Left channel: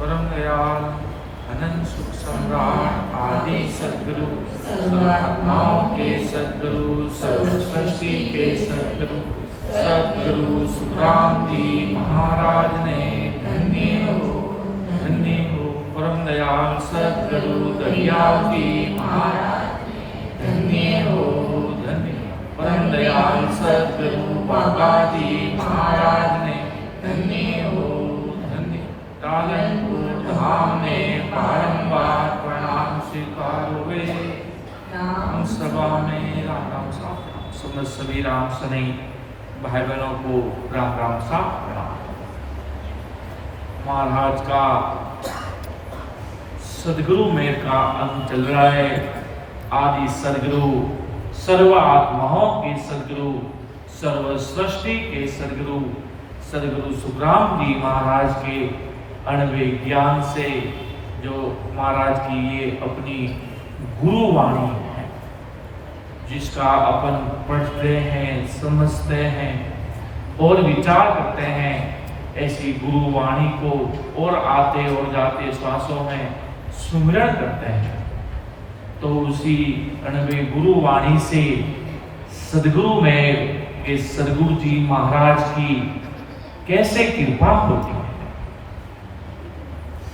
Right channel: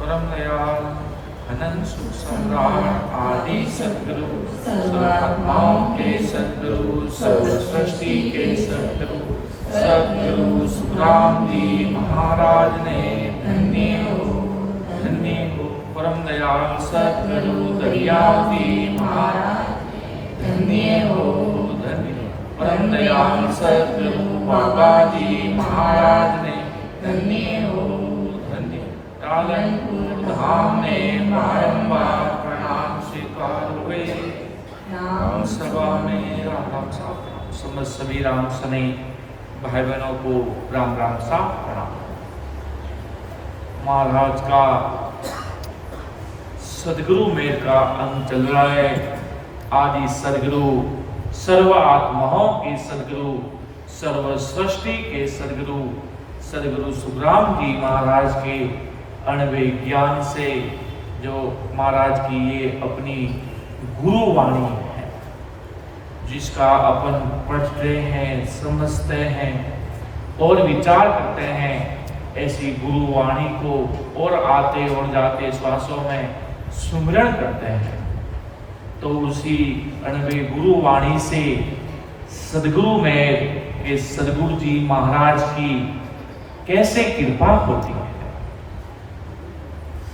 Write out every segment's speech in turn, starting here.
परम दयाल अनंत सुख सम्राट आदि सद्गुरु सर्वात्माओं के सद्गुरु सर्व सृष्टि के सद्गुरु सद्गुरु सुखराम जी महाराज ने धन्य हो परम दयाल सद्गुरु दरियाव जी महाराज धन्य हो परम दयाल सद्गुरु बाबा जी महाराज ने धन्य हो पालनपुर धाम ने बारंबार प्रणाम स्वीकार हुए। राम सभा में राम राम साहब समस्त सभी राम सने भाई बहनों को राम राम साहब प्रणाम। महाराज का सदगुरु मेर का अंग चल रहा है। आदि सदगुरु सर्व आत्माओं के सदगुरु सर्व सृष्टि के सदगुरु सदगुरु सुखराम जी महाराज के अणवे ज्ञान से जो महाराज की ये अपनी गुरु वाणी है जिसका अपन पढ़ते हैं समझते हैं और विचार करते हैं, ऐसी गुरु वाणी को और आते और जाते श्वासों में सुमिरन करते हैं तो उसी अणवे गुरु वाणी से सदगुरु में के सदगुरु जी महाराज की कैसे कृपा होती है,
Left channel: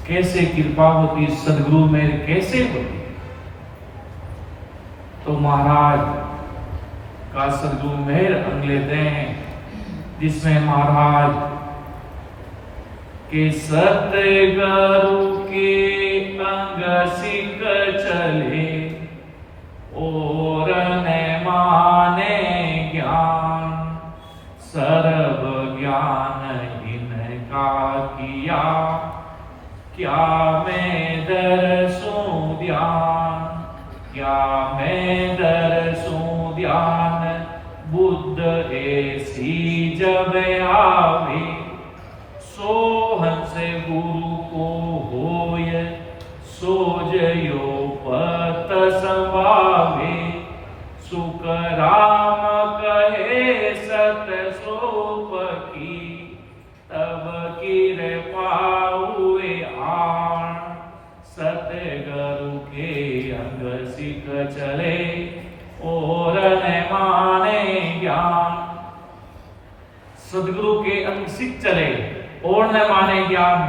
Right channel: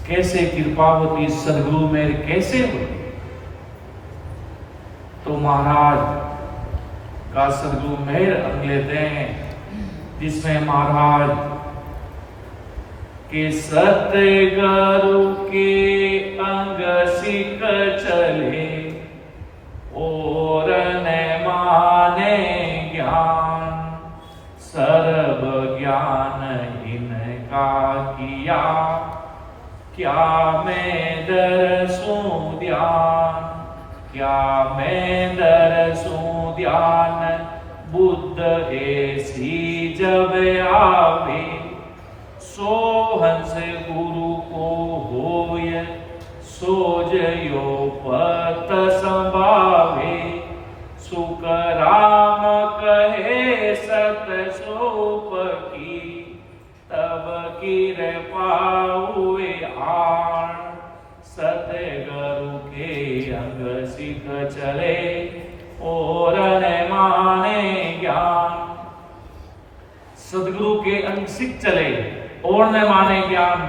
कैसे कृपा होती सदगुरु में कैसे होती। तो महाराज का सदगुरु मेहर अंग लेते हैं जिसमें महाराज के सतगुरु के अंग सिक चले और न माने ज्ञान सर्व ज्ञान इनका किया क्या मैं दरसूं ध्यान, क्या मैं दरसूं ध्यान बुद्ध ऐसी जब आवे सोहंस गुरु को होय सोजयो पत संभावे सुख राम कहे सत सोप की तब कृपा हुए आण सतगुरु के अंग सिख चले और न माने ज्ञान। सदगुरु के अंग सिख चले और न माने ज्ञान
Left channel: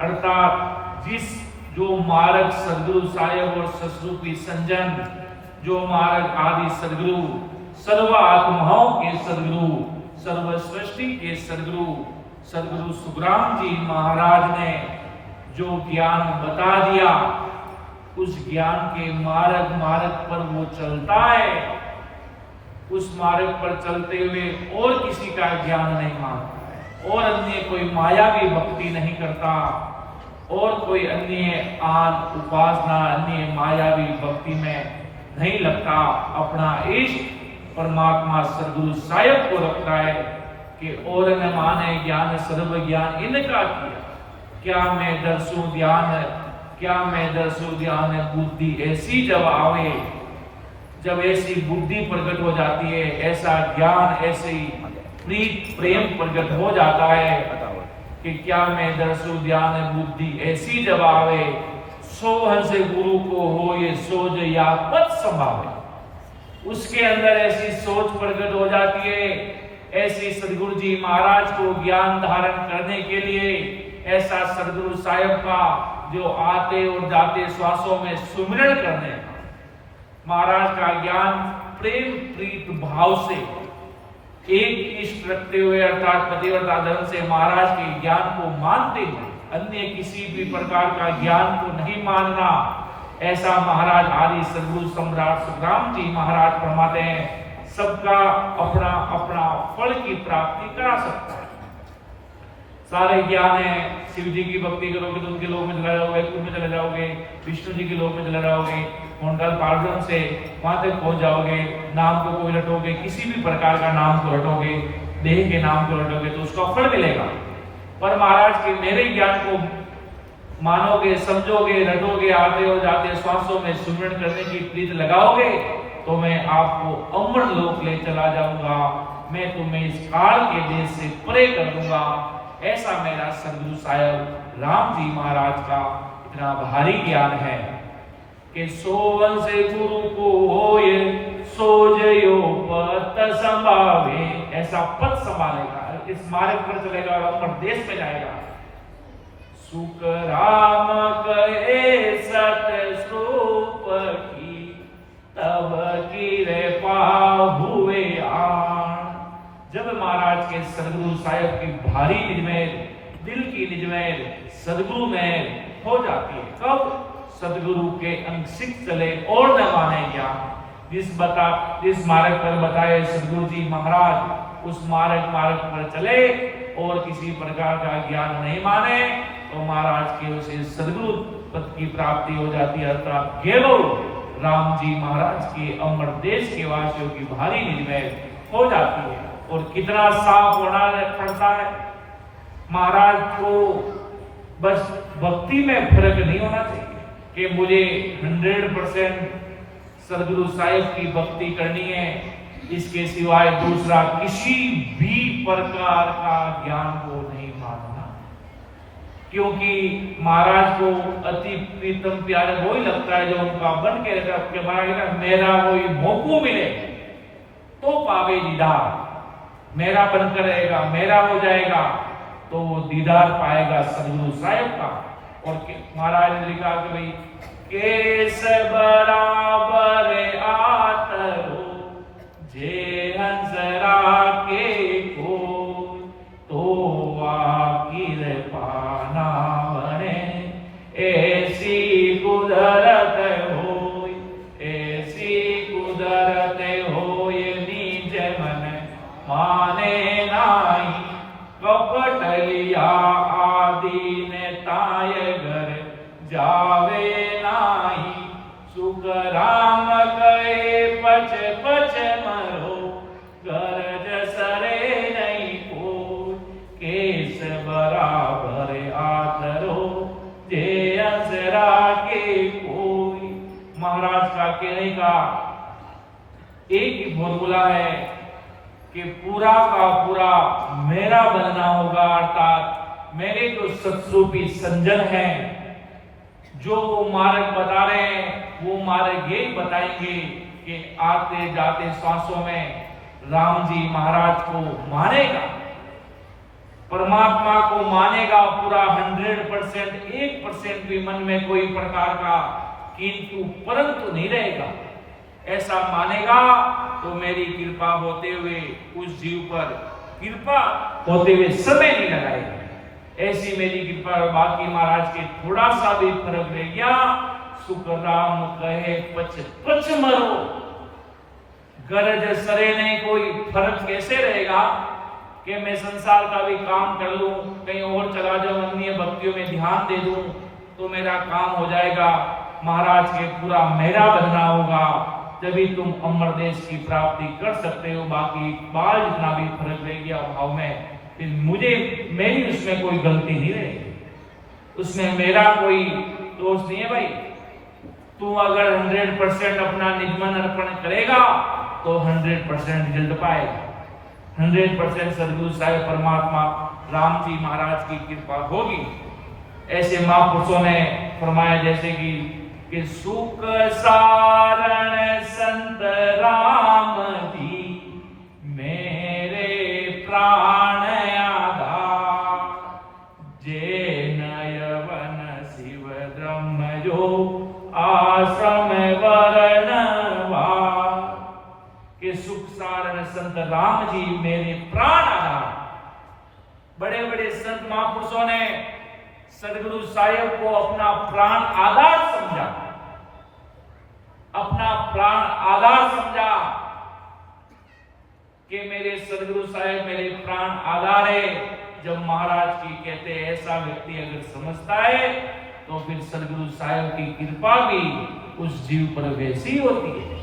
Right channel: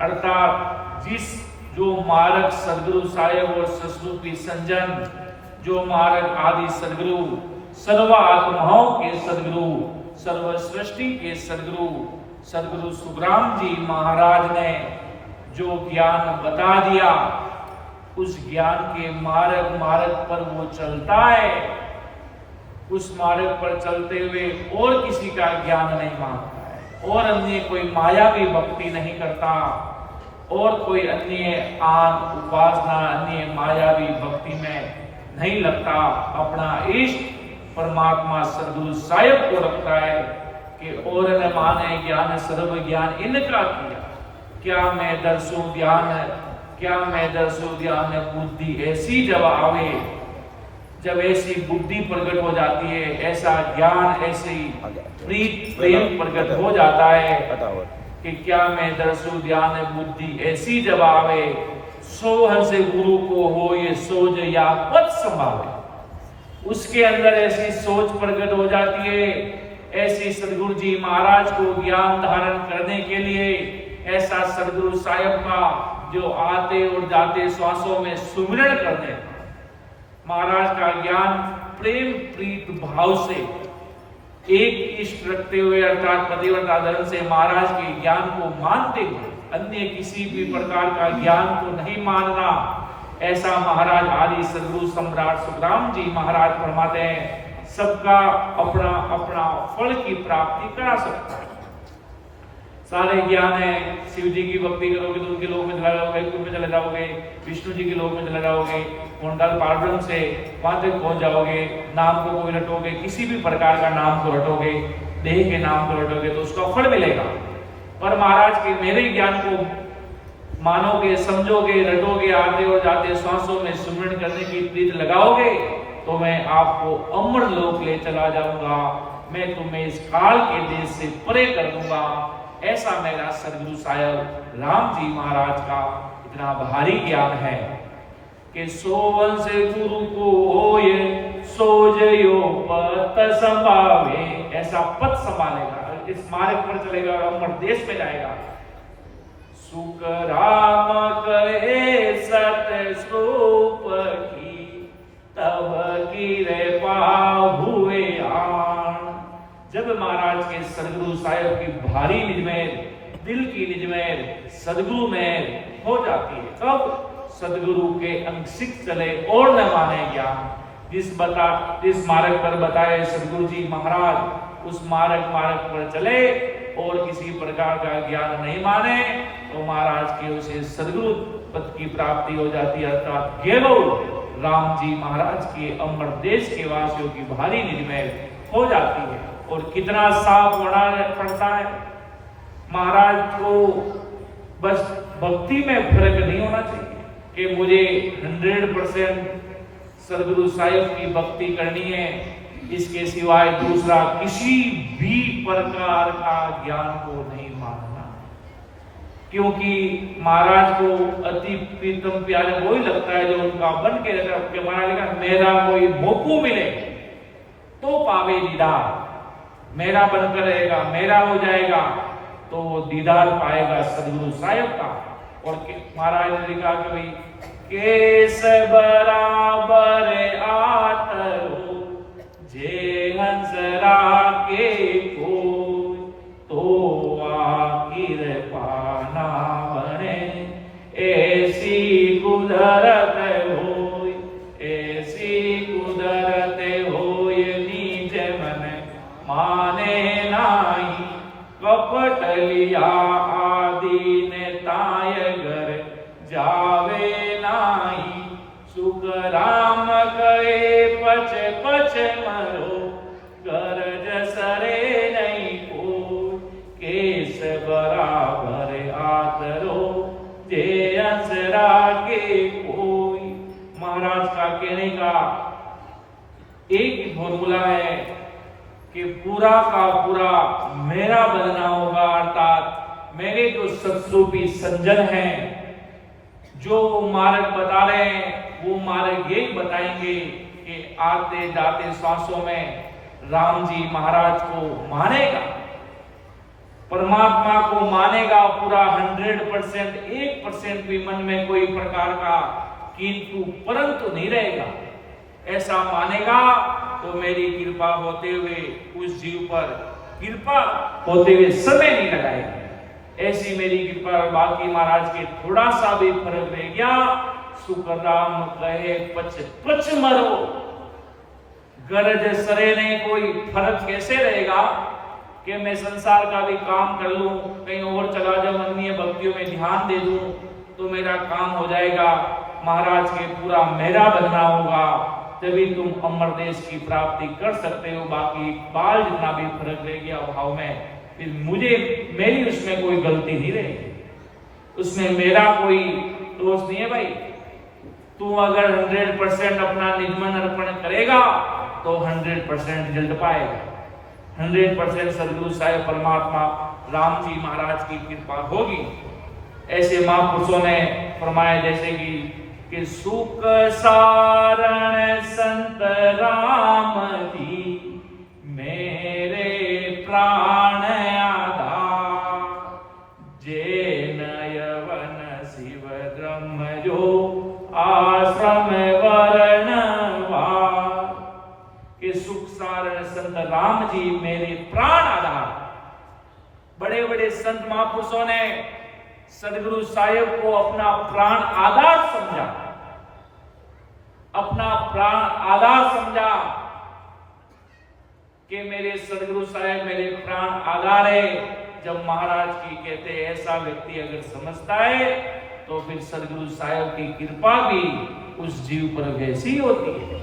अर्थात जिस जो मार्ग सदगुरु साहेब और ससरूपी संजन जो मार्ग आदि सदगुरु सर्व आत्माओं के सदगुरु सर्व सृष्टि के सदगुरु सदगुरु सुखराम जी महाराज ने जो ज्ञान बता दिया उस ज्ञान के मार्ग पर वो चलता है, उस मार्ग पर चलते हुए और किसी का ज्ञान नहीं मांगता है और अन्य कोई मायावी भक्ति नहीं करता और कोई अन्य आन उपासना अन्य मायावी भक्ति में नहीं लगता। अपना इष्ट परमात्मा सदगुरु साहेब को रखता है कि और न माने ज्ञान सर्व ज्ञान इनका किया क्या मैं दर्शो ध्यान, क्या मैं दर्शो ध्यान बुद्धि ऐसी जब आवे जब ऐसी बुद्धि प्रकट हो जाती है ऐसा ज्ञान ऐसे प्रीत प्रेम प्रकट हो जाता है कि क्या मैं दर्शो ध्यान बुद्धि ऐसी जब आवे सोहन से गुरु को हो ये सोच या पद संभावे। उसके अंदर ऐसी सोच प्रकट हो जाती है, ऐसी सदगुरु जी महाराज को ज्ञान धारण करने के लिए ऐसा सदगुरु साहेब का जो आते और जाते श्वासों में सुमिरन करने महाराज का ज्ञान प्रेम प्रीत भाव से एक इष्ट रखते हुए अर्थात पतिव्रता धर्म से महाराज के ज्ञान को मानते हुए अन्य किसी भी प्रकार का ज्ञान को नहीं मानना, ऐसा महाराज आदि सदगुरु सम्राट सुखराम जी महाराज फरमाते हैं सबका अपना अपना फल की प्राप्ति करा सकता है। सारे ज्ञान है, शिव जी की भक्ति करोगे तो उनके लोक में चला जाओगे, कुल में चले जाओगे, विष्णु जी के लोक में चले जाओगे, उनका पार्वण से वहां तक पहुंच जाओगे। नाम को कोई रटोगे, किसी भी प्रकार का नाम को रटोगे, देह के नाम को रटोगे तो उसका फल मिलेगा। पर महाराज के मेरे ज्ञान को मानोगे, समझोगे, रटोगे, आते और जाते श्वासों में सुमिरन करने की प्रीत लगाओगे तो मैं आपको अमर लोक ले चला जाऊंगा, मैं तुम्हें इस काल के देश से परे कर दूंगा। ऐसा मेरा सदगुरु साहिब राम जी महाराज का इतना भारी ज्ञान है कि सोवन से गुरु को होए सो जयो पत संभावे। ऐसा पद संभालेगा, इस मार्ग पर चलेगा और प्रदेश में जाएगा। सुख राम करे सत स्वरूप की तब की रे हुए आन। जब महाराज के सदगुरु साहिब की भारी निजमेर, दिल की निजमेर सदगुरु में हो जाती है। कब? सदगुरु के अंशिक चले और न माने ज्ञान। जिस मार्ग पर बताए सदगुरु जी महाराज, उस मार्ग पर चले और किसी प्रकार का ज्ञान नहीं माने तो महाराज के उसे सदगुरु पद की प्राप्ति हो जाती है। अर्थात गेलो राम जी महाराज के अमर देश के वासियों की भारी निज में हो जाती है। और कितना साफ होना पड़ता है महाराज को। बस भक्ति में फर्क नहीं होना चाहिए कि मुझे 100% सदगुरु साहिब की भक्ति करनी है, इसके सिवाय दूसरा किसी भी प्रकार का ज्ञान को नहीं मानना। क्योंकि महाराज को अति प्रीतम प्यारे वही लगता है जो उनका बन के महाराज मेरा कोई मोको मिले तो पावे दीदार, मेरा बनकर रहेगा, मेरा हो जाएगा तो वो दीदार पाएगा सदगुरु साहिब का। और महाराज ने लिखा कि भाई केस बराबर आतरो जे हंसरा के को तो आखिर पाना बने ऐसी कुदरत होय, ऐसी कुदरत होय निज मन माने नाई। कपट लिया आदि ने ताय घर जावे नाई। सुख राम गए पच पच मरो गरज सरे नहीं को। केस बराबर आतरो जे असरा के कोई। महाराज का कहने का एक ही फॉर्मूला है कि पूरा का पूरा मेरा बनना होगा। अर्थात मेरे जो सत्स्वरूपी संजन हैं, जो वो मार्ग बता रहे हैं, वो मार्ग यही बताएंगे कि आते जाते सांसों में राम जी महाराज को मानेगा, परमात्मा को मानेगा पूरा 100%, 1% भी मन में कोई प्रकार का किंतु परंतु नहीं रहेगा। ऐसा मानेगा तो मेरी कृपा होते हुए उस जीव पर कृपा होते हुए समय नहीं लगाएगी। ऐसी मेरी कृपा। बाकी महाराज के थोड़ा सा भी फर्क रह गया, सुख राम कहे पच पच मरो गरज सरे नहीं। कोई फर्क कैसे रहेगा कि मैं संसार का भी काम कर लूं, कहीं और चला जाऊं, अन्य भक्तियों में ध्यान दे दूं तो मेरा काम हो जाएगा। महाराज के पूरा मेरा बनना होगा, तभी तुम अमर देश की प्राप्ति कर सकते हो। बाकी बाल जितना भी फर्क रह गया भाव में, फिर मुझे मेरी उसमें कोई गलती नहीं रहेगी, उसमें मेरा कोई दोष नहीं है। भाई तू अगर 100% अपना निजमन अर्पण करेगा तो 100% रिजल्ट पाएगा। 100% सदगुरु साहिब परमात्मा राम जी महाराज की कृपा होगी। ऐसे महापुरुषों ने फरमाया जैसे कि सुख सारण संत राम जी मेरे प्राण आधार। जे नयवन शिव ब्रह्म जो आश्रम वर्णवार। के सुख सारण संत राम जी मेरे प्राण आधार। बड़े बड़े संत महापुरुषों ने सदगुरु साहिब को अपना प्राण आधार समझा, अपना प्राण आधार समझा कि मेरे सदगुरु साहिब मेरे प्राण आधार है। जब महाराज की कहते हैं ऐसा व्यक्ति अगर समझता है तो फिर सदगुरु साहिब की कृपा भी उस जीव पर वैसी होती है।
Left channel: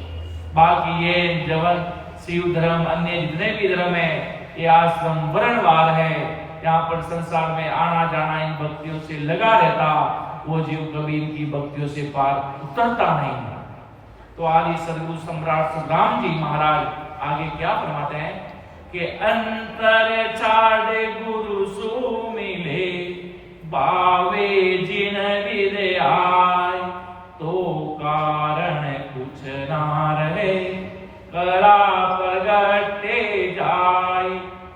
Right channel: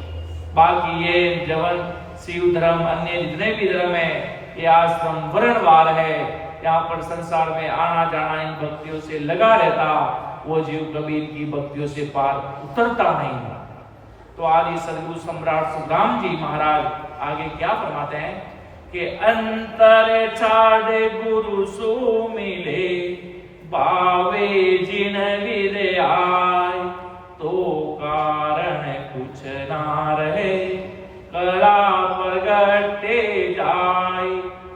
बाकी ये जवन शिव धर्म अन्य जितने भी धर्म है ये आश्रम वर्णवार है, यहाँ पर संसार में आना जाना इन भक्तियों से लगा रहता, वो जीव कभी इनकी भक्तियों से पार उतरता नहीं। तो आदि सदगुरु सम्राट सुखराम जी महाराज आगे क्या फरमाते हैं કે અંતર છાડે ગુરુ સુ મિલે બાવે જીન વિદ્યાય તો કારણ कुछ ना रहे कला प्रगटे जाय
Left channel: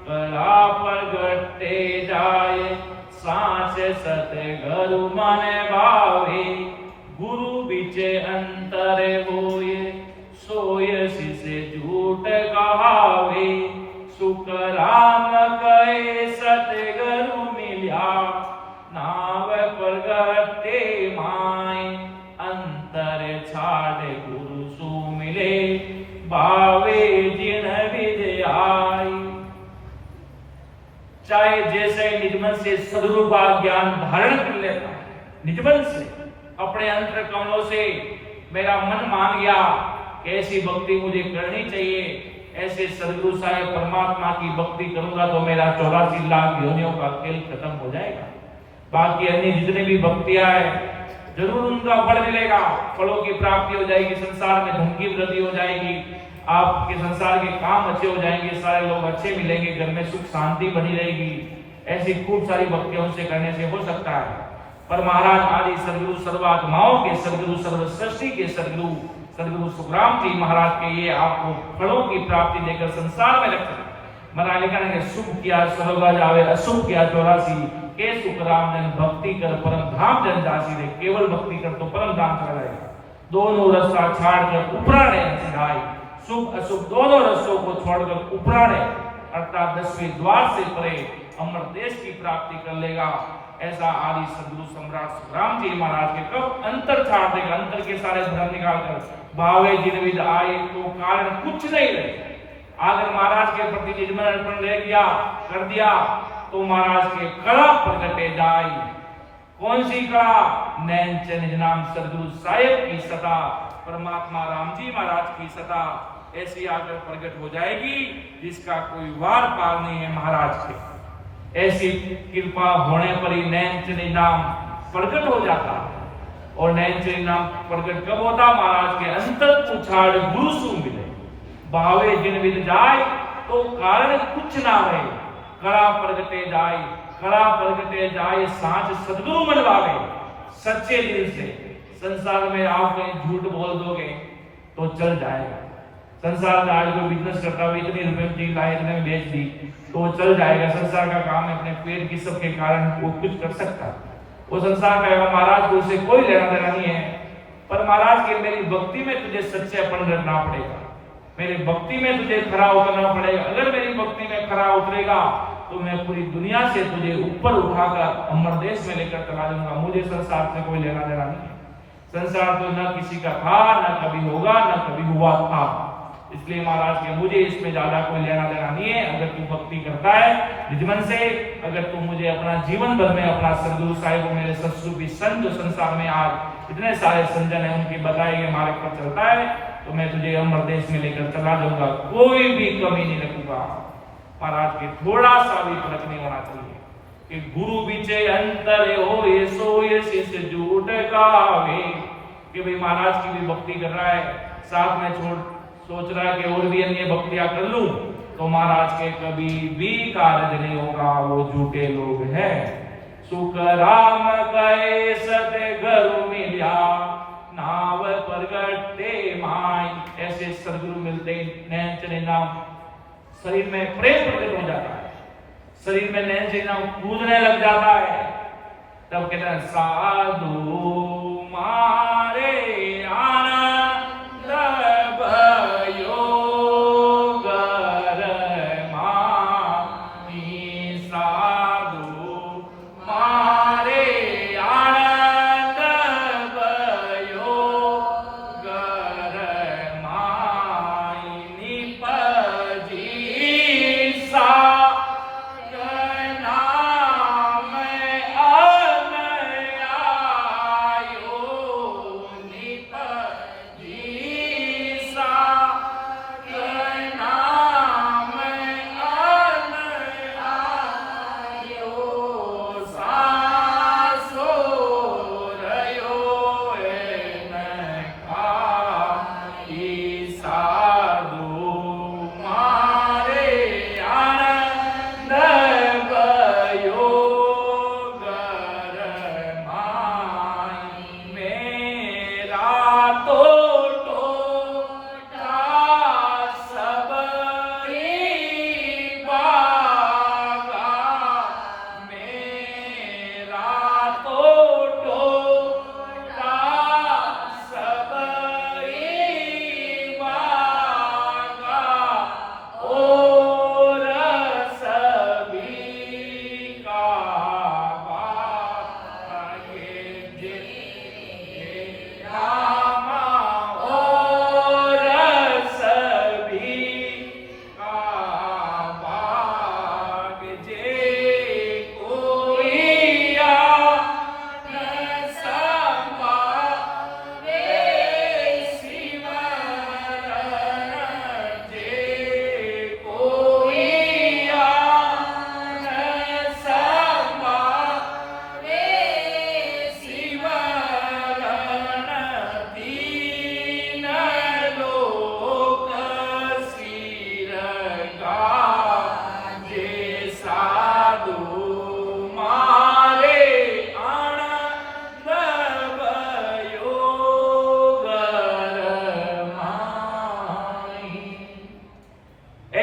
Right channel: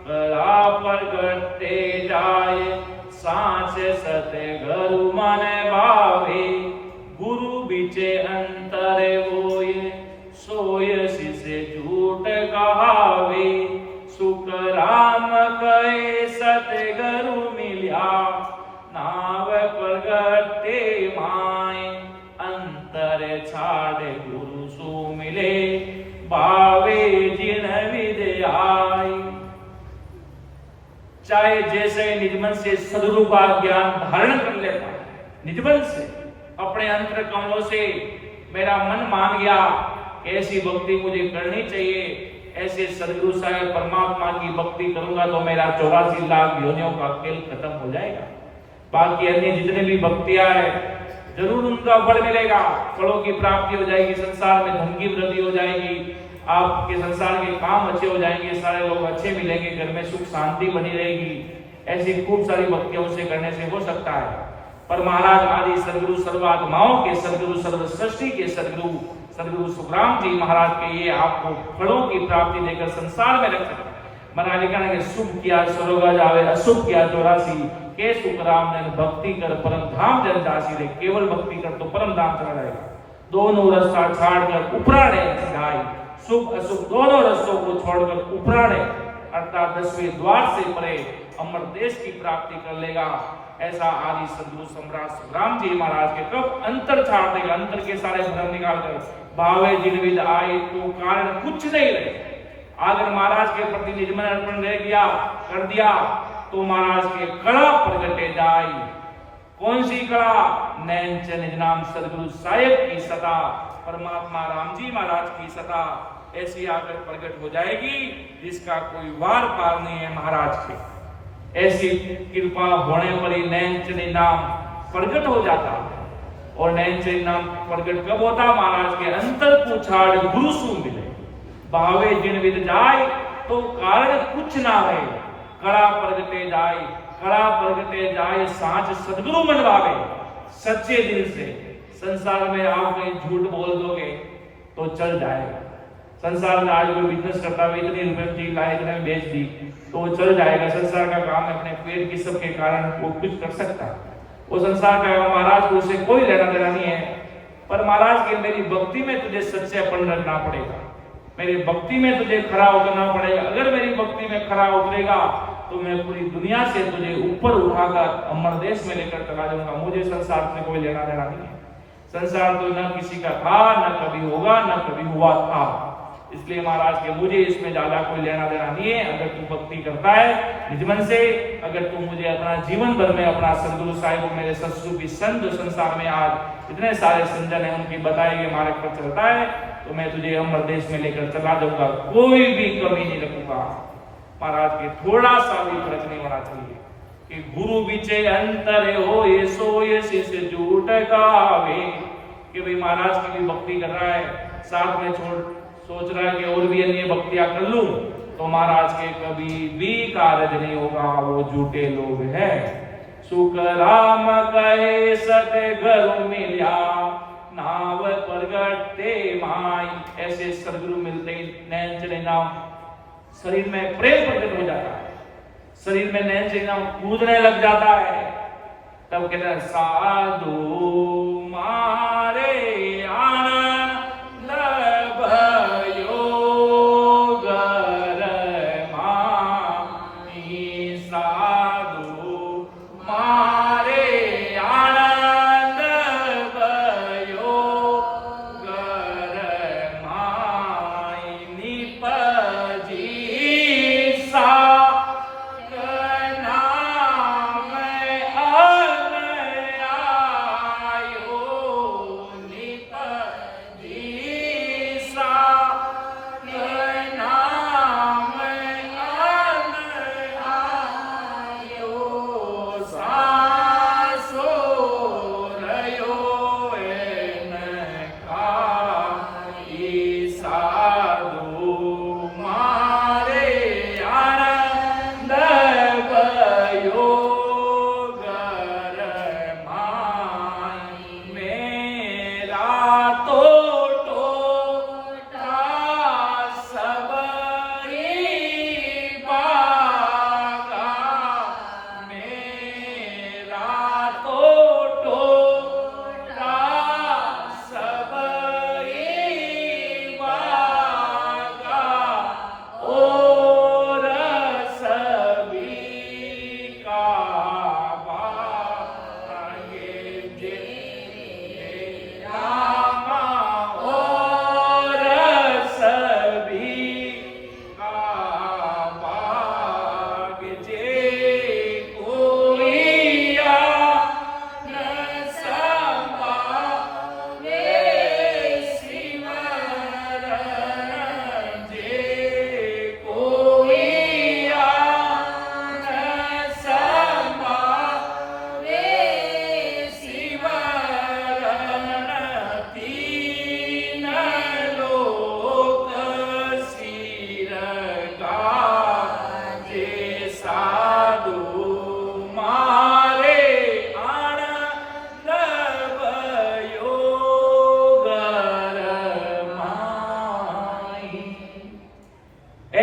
कला प्रगटे जाय साच सत्य गुरु मन भावे गुरु बीचे अंतरे होय सोय शिष्य झूठ कहावे सुख राम कहे सतगुरु मिल्या नाव प्रगटे माय अंतर छाड़ गुरु सु मिले भावे जिन विद्याय। चाहे जैसे निजमन से सदगुरु का ज्ञान धारण कर लेता है, निजमन से अपने अंतर कमलों से मेरा मन मान गया ऐसी भक्ति मुझे करनी चाहिए, ऐसे सदगुरु साहेब परमात्मा की भक्ति करूंगा तो मेरा 84 लाख योनियों का खेल खत्म हो जाएगा। बाकी अन्य जितने भी भक्तियां है जरूर उनका फल मिलेगा, फलों की प्राप्ति हो जाएगी, संसार में धन की वृद्धि हो जाएगी, आपके संसार के काम अच्छे हो जाएंगे, सारे लोग अच्छे मिलेंगे, घर में सुख शांति बनी रहेगी। ऐसी खूब सारी भक्तियों से करने से हो सकता है। पर महाराज आदि सदगुरु सर्वात्माओं के सदगुरु सर्व सृष्टि के सदगुरु सुखराम जी महाराज के ये आपको फलों की प्राप्ति देकर संसार में रख सकते। महाराज लिखा है कि सुख किया स्वर्ग जावे अशुभ किया 84 के सुखराम ने भक्ति कर परम धाम जन जासी रे, केवल भक्ति कर तो परम धाम चला जाएगा। दोनों रास्ता छाड़कर उपराणे सिधाई, सुख अशुभ दोनों रस्तों को छोड़कर उपराणे अर्थात 10वें द्वार से परे अमर देश की प्राप्ति कर लेगा। ऐसा आदि सदगुरु सम्राट सुखराम जी महाराज के कब अंतर छाड़ देगा, अंतर के सारे भ्रम निकालकर भावे जिन विद आए तो कारण कुछ नहीं रहे। अगर महाराज के प्रति निजमन अर्पण रह गया कर दिया तो महाराज के कला प्रगटे जाए। कौन सी कला? नैन निज नाम सदगुरु साहिब की सता, परमात्मा राम जी महाराज की सता ऐसी आकर प्रकट हो जाएगी जिसका कोई वार पार नहीं है महाराज के। ऐसी कृपा होने पर ही नैन नाम प्रकट हो जाता है। और नैन नाम प्रकट कब होता? महाराज के अंतर को छाड़ गुरु सु मिले भावे जिन विद जाय तो कारण कुछ ना रहे कड़ा प्रगटे जाय, कड़ा प्रगटे जाय सांच सदगुरु मनवावे। सच्चे दिल से संसार में आप कहीं झूठ बोल दोगे तो चल जाएगा। संसार में आज कोई बिजनेस करता है, इतनी रुपए में चीज लाए, इतने में बेच दी तो वो चल जाएगा। संसार का काम है, अपने पेट की सब के कारण वो कुछ कर सकता है, वो संसार का महाराज को उससे कोई लेना देना नहीं है। पर महाराज के मेरी भक्ति में तुझे सच्चेपन रखना पड़ेगा, मेरी भक्ति में तुझे खरा उतरना पड़ेगा। अगर मेरी भक्ति में खरा उतरेगा तो मैं पूरी दुनिया से तुझे ऊपर उठाकर अमर देश में लेकर चला जाऊंगा। मुझे संसार से कोई लेना देना नहीं है। संसार तो न किसी का था, न कभी होगा, न कभी हुआ था। इसलिए महाराज के मुझे इसमें ज्यादा कोई लेना देना नहीं है। अगर तू भक्ति करता है निजमन से, अगर तू मुझे अपना जीवन भर में अपना सदगुरु साहिब को मेरे सत्सु की संत जो संसार में आज इतने सारे संजन है उनके बताए गए मार्ग पर चलता है तो मैं तुझे अमर देश में लेकर चला जाऊंगा, कोई भी कमी नहीं रखूंगा। महाराज के थोड़ा सा भी फर्क नहीं होना चाहिए कि गुरु बीचे अंतर हो ये सोए शिष्य झूठ गावे। कि भाई महाराज की भी भक्ति कर रहा है, साथ में सोच रहा है कि और भी अन्य भक्तियां कर लूं तो महाराज के कभी भी कार्य नहीं होगा, वो झूठे लोग हैं। सुख राम कहे सतगुरु मिल्या नाव प्रगटे माई। ऐसे सदगुरु मिलते नैन चले नाम शरीर में प्रेम प्रकट हो जाता है, शरीर में नैन चले नाम कूदने लग जाता है। तब कहते हैं साधु मारे आनंद भयो गर माही। साधु मारे आनंद भयो गर माही। निपजी सा नाम आयो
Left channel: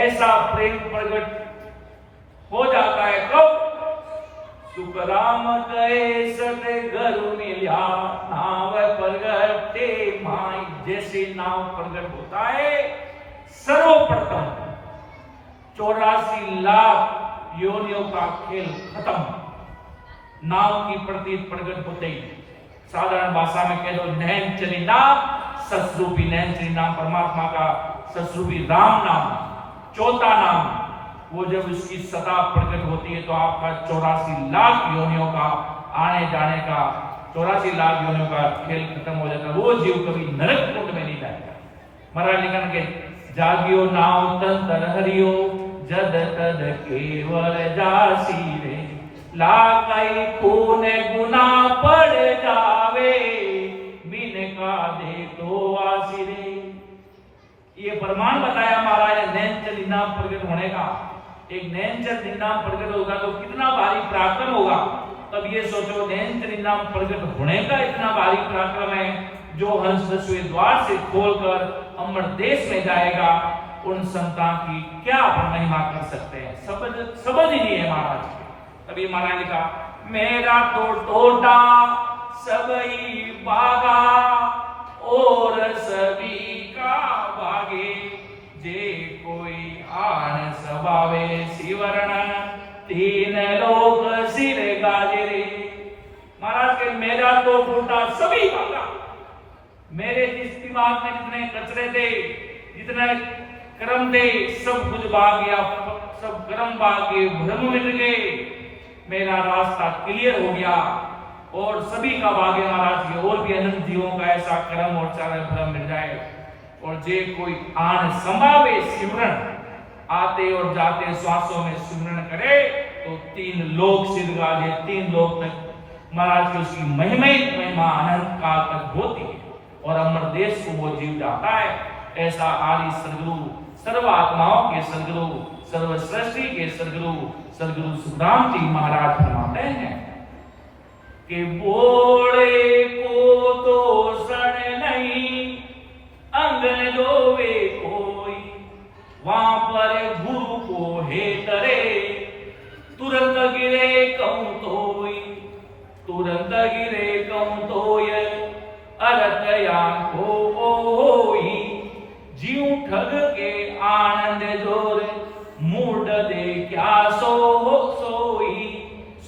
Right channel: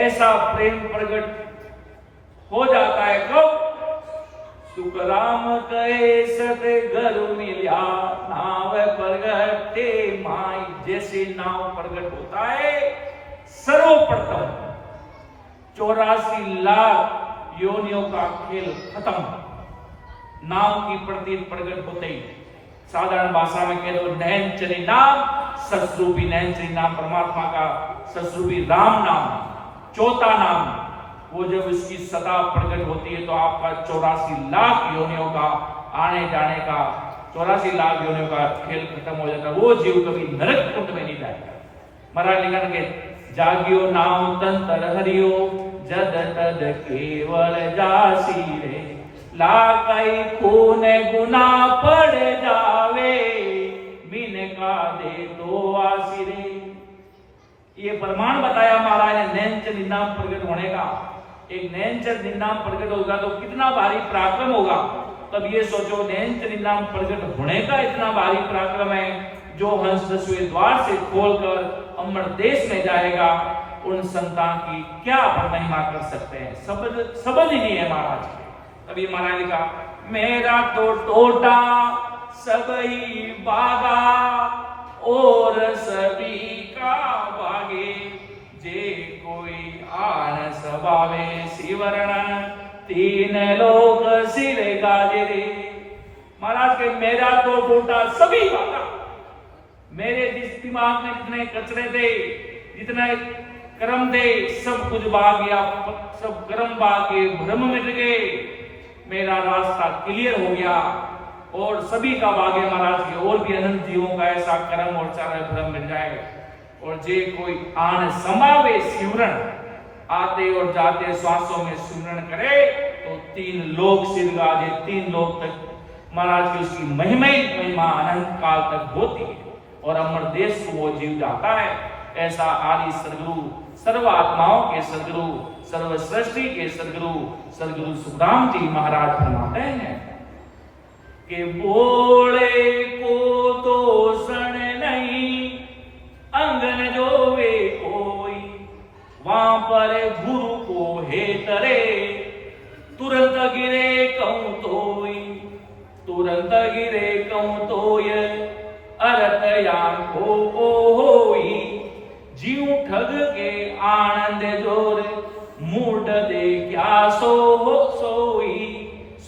ऐसा प्रेम प्रकट हो जाता है कब? सुखराम कहे सब घर मिल्या नाव प्रगटे माई। जैसे नाव प्रकट होता है सर्वप्रथम 84 लाख योनियों का खेल खत्म। नाव की प्रतीत प्रकट होते ही साधारण भाषा में कह दो नैन चली नाम, ससरूपी नैन चली नाम परमात्मा का ससरूपी राम नाम, चौथा नाम वो जब इसकी सदा प्रकट होती है तो आपका 84 लाख योनियों का आने जाने का 84 लाख योनियों का खेल खत्म हो जाता है। वो जीव कभी नरक कुंड में नहीं जाएगा। महाराज लिखन के जागियो नाम तंत्र हरियो जद तद केवल जासी रे लाकाई खून गुना पड़ जावे बिन का दे तो आसी रे। ये प्रमाण बताया महाराज ने नैनचर निनाम प्रकट होने का। एक नैनचर निनाम प्रकट होगा तो कितना भारी पराक्रम होगा। तब ये सोचो नैनचर निनाम प्रकट होने का इतना भारी पराक्रम है जो हंस दसवें द्वार से खोलकर अमर देश में जाएगा। उन संतान की क्या अपन महिमा कर सकते हैं, शब्द ही नहीं है महाराज के। तभी महाराज ने कहा मेरा तो टोटा सबई बागा और सभी का बागे जे कोई आन सबावे शिवरण तीन लोक सिर गाजे रे। महाराज के मेरा तो टोटा सभी बागा। मेरे जिस दिमाग में जितने कचरे थे जितने कर्म थे सब कुछ भाग गया, सब कर्म भाग गए, भ्रम मिट गए, मेरा रास्ता क्लियर हो गया और सभी का भाग्य महाराज के और भी अनंत जीवों का ऐसा कर्म और चारे भ्रम मिल जाए। और जे कोई आन समावे सिमरण आते और जाते श्वासों में सिमरण करे तो तीन लोक सिर गाजे, तीन लोक तक महाराज की उसकी महिमा अनंत काल तक होती है और अमर देश को वो जीव जाता है। ऐसा आदि सदगुरु सर्व आत्माओं के सदगुरु सर्व सृष्टि के सदगुरु सुखराम जी महाराज फरमाते हैं कि बोले को दोषण नहीं अंगन जोवे कोई वहां पर गुरु को हे तरे तुरंत गिरे कहूं तोई, तुरंत गिरे कहूं तोय अरत यान को होई जीव ठग के आनंद जोर मूड दे क्या सोई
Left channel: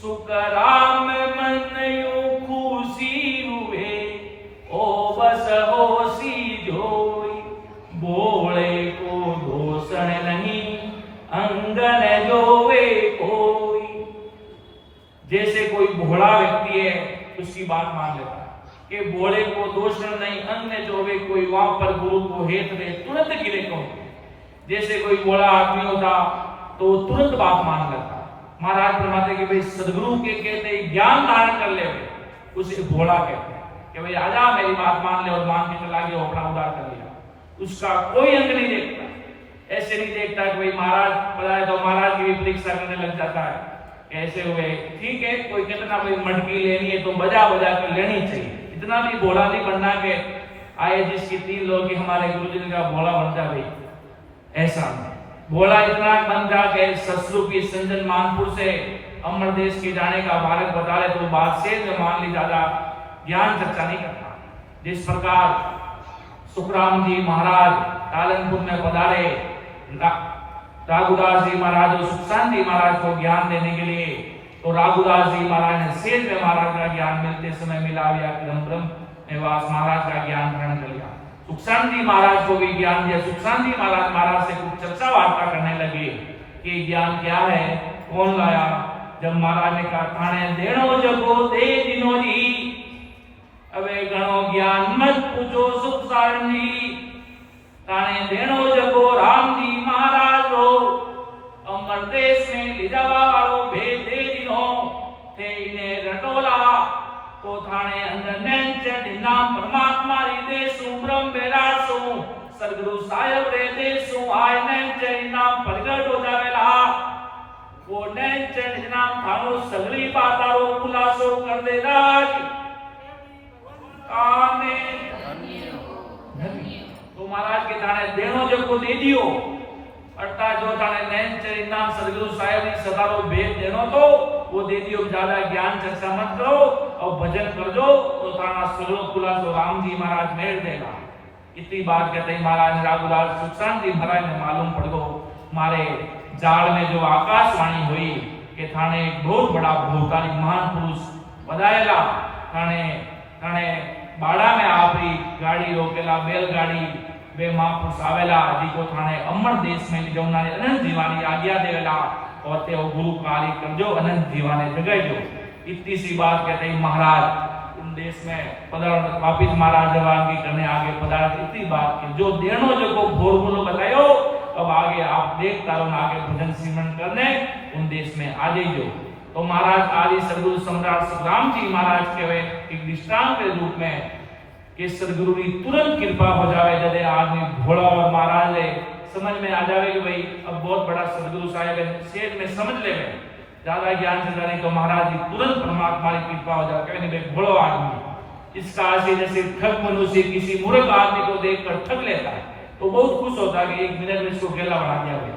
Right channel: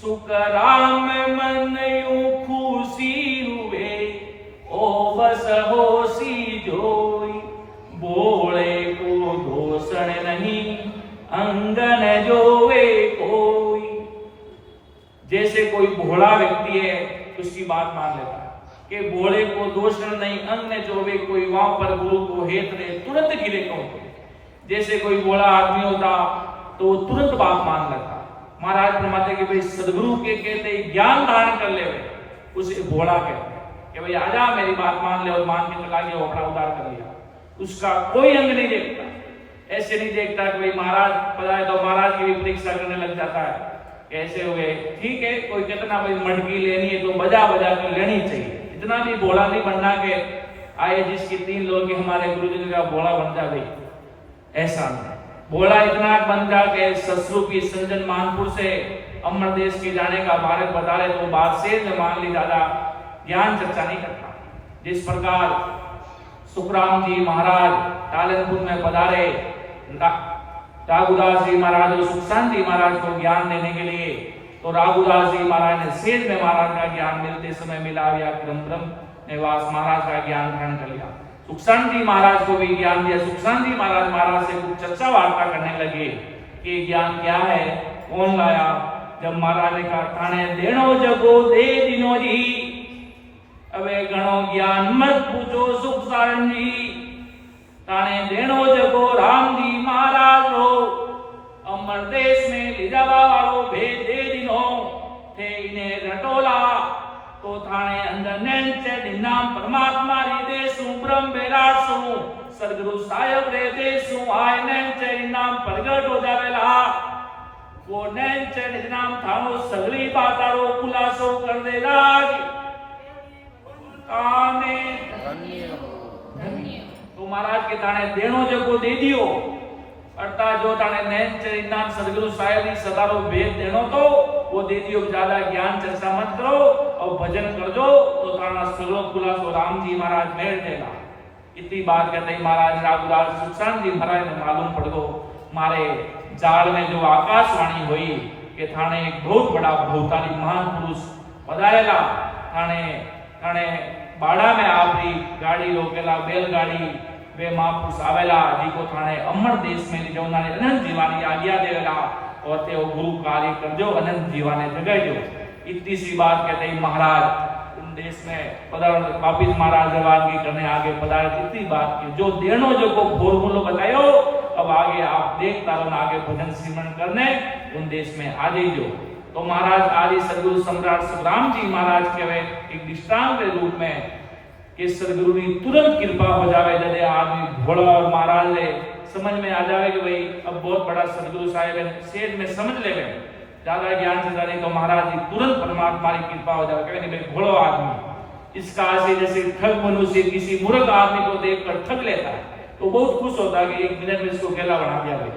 सुख राम मन यूं खुशी हुए ओ बस होसी जोई बोले को दोषण नहीं अंगन जोवे कोई। जैसे कोई भोला व्यक्ति है उसकी बात मान लेता है कि भोले को दोषण नहीं अंगन जोवे कोई वहां पर गुरु को हेत दे तुरंत गिरे कौन। जैसे कोई भोला आदमी होता तो तुरंत बात मान लेता। महाराज फरमाते कि भाई सदगुरु के कहते ज्ञान धारण कर ले उसे भोला कहते हैं कि भाई आजा मेरी बात मान ले और मान के चला गया अपना उद्धार कर लिया। उसका कोई अंग नहीं देखता, ऐसे नहीं देखता कि भाई महाराज बताए तो महाराज की भी परीक्षा करने लग जाता है कैसे हुए? ठीक है, कोई कहता ना भाई मटकी लेनी है तो बजा बजा कर लेनी चाहिए, इतना भी भोला नहीं बनना के आए जिसकी 3 लोग के हमारे गुरु जी का भोला बन जा भाई, ऐसा नहीं। भोला इतना बन जा के ससुर की संजन मानपुर से अमर देश के जाने का भारत बता रहे तो बात से मान ली, ज्यादा ज्ञान चर्चा नहीं करता। जिस प्रकार सुखराम जी महाराज कालनपुर में पधारे, राघुदास जी महाराज और सुखशांत जी महाराज को ज्ञान देने के लिए, तो राघुदास जी महाराज ने शेष में महाराज का ज्ञान मिलते समय मिला दिया, ब्रह्म निवास महाराज का ज्ञान ग्रहण कर लिया। सुखशांत जी महाराज को भी ज्ञान दिया। सुखशांत जी महाराज से कुछ चर्चा वार्ता करने लगे कि ज्ञान क्या है, कौन लाया। जब महाराज ने कहा थाने देनो जगो दे दिनो जी, अबे गणो ज्ञान मत पूछो सुखशांत जी, थाने देनो जगो राम जी महाराज रो, अमर देश में ले जावा वालो भेज दे दिनो थे इन्हें रटोला, तो थाने अंदर नेंचे नाम परमात्मा री देसु ब्रह्म बेरासु सदगुरु साहेब रे देसु आय नेंचे नाम प्रगट हो जावेला, वो नेंचे नाम थानो सगली बातारो खुलासो कर देगा। आमीन। तो महाराज के ताने देनो जको दे दियो, अर्थात जो ताने नेंचे नाम सदगुरु साहेब री सदारो भेद देनो तो वो दे दियो। ज्यादा ज्ञान चर्चा मत करो और भजन कर दो तो ताना सगलो खुलासो राम जी महाराज मेल देगा। इतनी बात कहते ही महाराज राघुदास सुखशांत जी महाराज ने मालूम पड़ गो मारे जाल में जो आकाशवाणी हुई कि थाने एक बहुत बड़ा भूतानी महान पुरुष पधारेला, थाने थाने बाड़ा में आपरी गाड़ी रोकेला बैलगाड़ी वे महापुरुष आवेला जीको थाने अमर देश में जवनाने अनंत जीवानी आज्ञा देवेला और ते गुरु कार्य करजो अनंत जीवाने जगाइजो। इतनी सी बात कहते ही महाराज उन देश में पधार वापिस महाराज जवान की करने आगे पधार। इतनी बात की जो देनो जो को भोर बोलो बतायो, अब आगे आप देखता रहो आगे भजन सिमरन करने उन देश में आ जाइजो। तो महाराज आदि सदगुरु सम्राट सुखराम जी महाराज के वे एक दृष्टांत के रूप में कि सदगुरु की तुरंत कृपा हो जावे, जदे आदमी भोला और महाराज ले समझ में आ जावे कि भाई अब बहुत बड़ा सदगुरु साहेब है, सेठ में समझ ले में ज्यादा ज्ञान चलता नहीं तो महाराज जी तुरंत परमात्मा की कृपा हो जावे। कहने भाई भोला आदमी इसका ऐसे जैसे ठग मनुष्य किसी मूर्ख आदमी को देखकर ठग लेता है तो बहुत खुश होता है कि 1 मिनट में इसको गेला बना दिया भाई,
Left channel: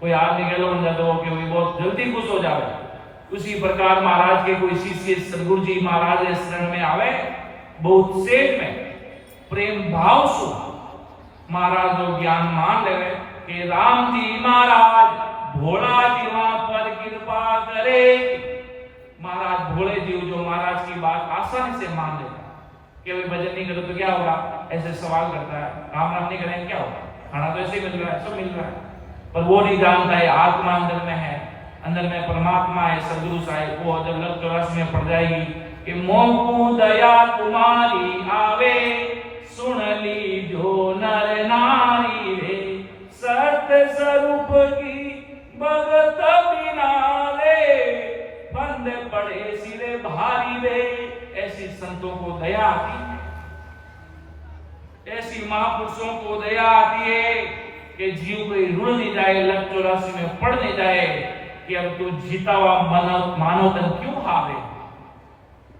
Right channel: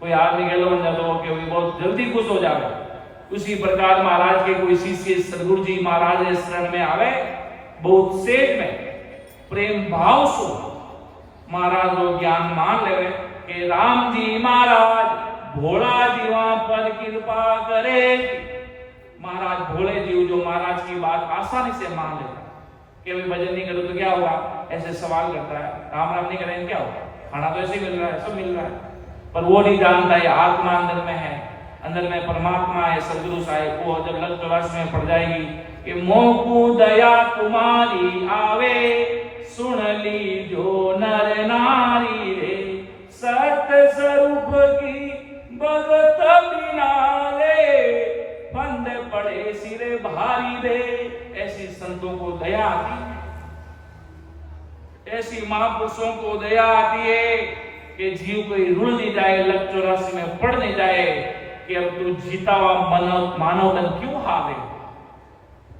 कोई आदमी गेलो बन जाता हो कि बहुत जल्दी खुश हो जावे। उसी प्रकार महाराज के कोई शिष्य सदगुरु जी महाराज के शरण में आवे, बहुत सेठ में प्रेम भाव सु महाराज को ज्ञान मान लेवे कि राम जी महाराज भोला जी वहां पर कृपा करे। महाराज भोले जीव जो महाराज की बात आसानी से मान लेता कि भाई भजन नहीं करो तो क्या होगा, ऐसे सवाल करता है, राम राम नहीं करेंगे क्या होगा, खाना तो ऐसे मिल रहा है, सब मिल रहा है, पर वो नहीं जानता है आत्मा अंदर में है, अंदर में परमात्मा है सदगुरु साहेब। वो जब लग चौरास में पड़ जाएगी कि मोहकू दया तुम्हारी आवे, सुन ली जो नर नारी रे, सत्य स्वरूप की भगत बिना रे, बंद पड़े सिरे भारी रे। ऐसी संतों को दया आती है, ऐसी महापुरुषों को दया आती है कि जीव कोई रुल नहीं जाए, लग चौरासी में पड़ नहीं जाए कि अब तू जीता हुआ मानव तन क्यों हारे,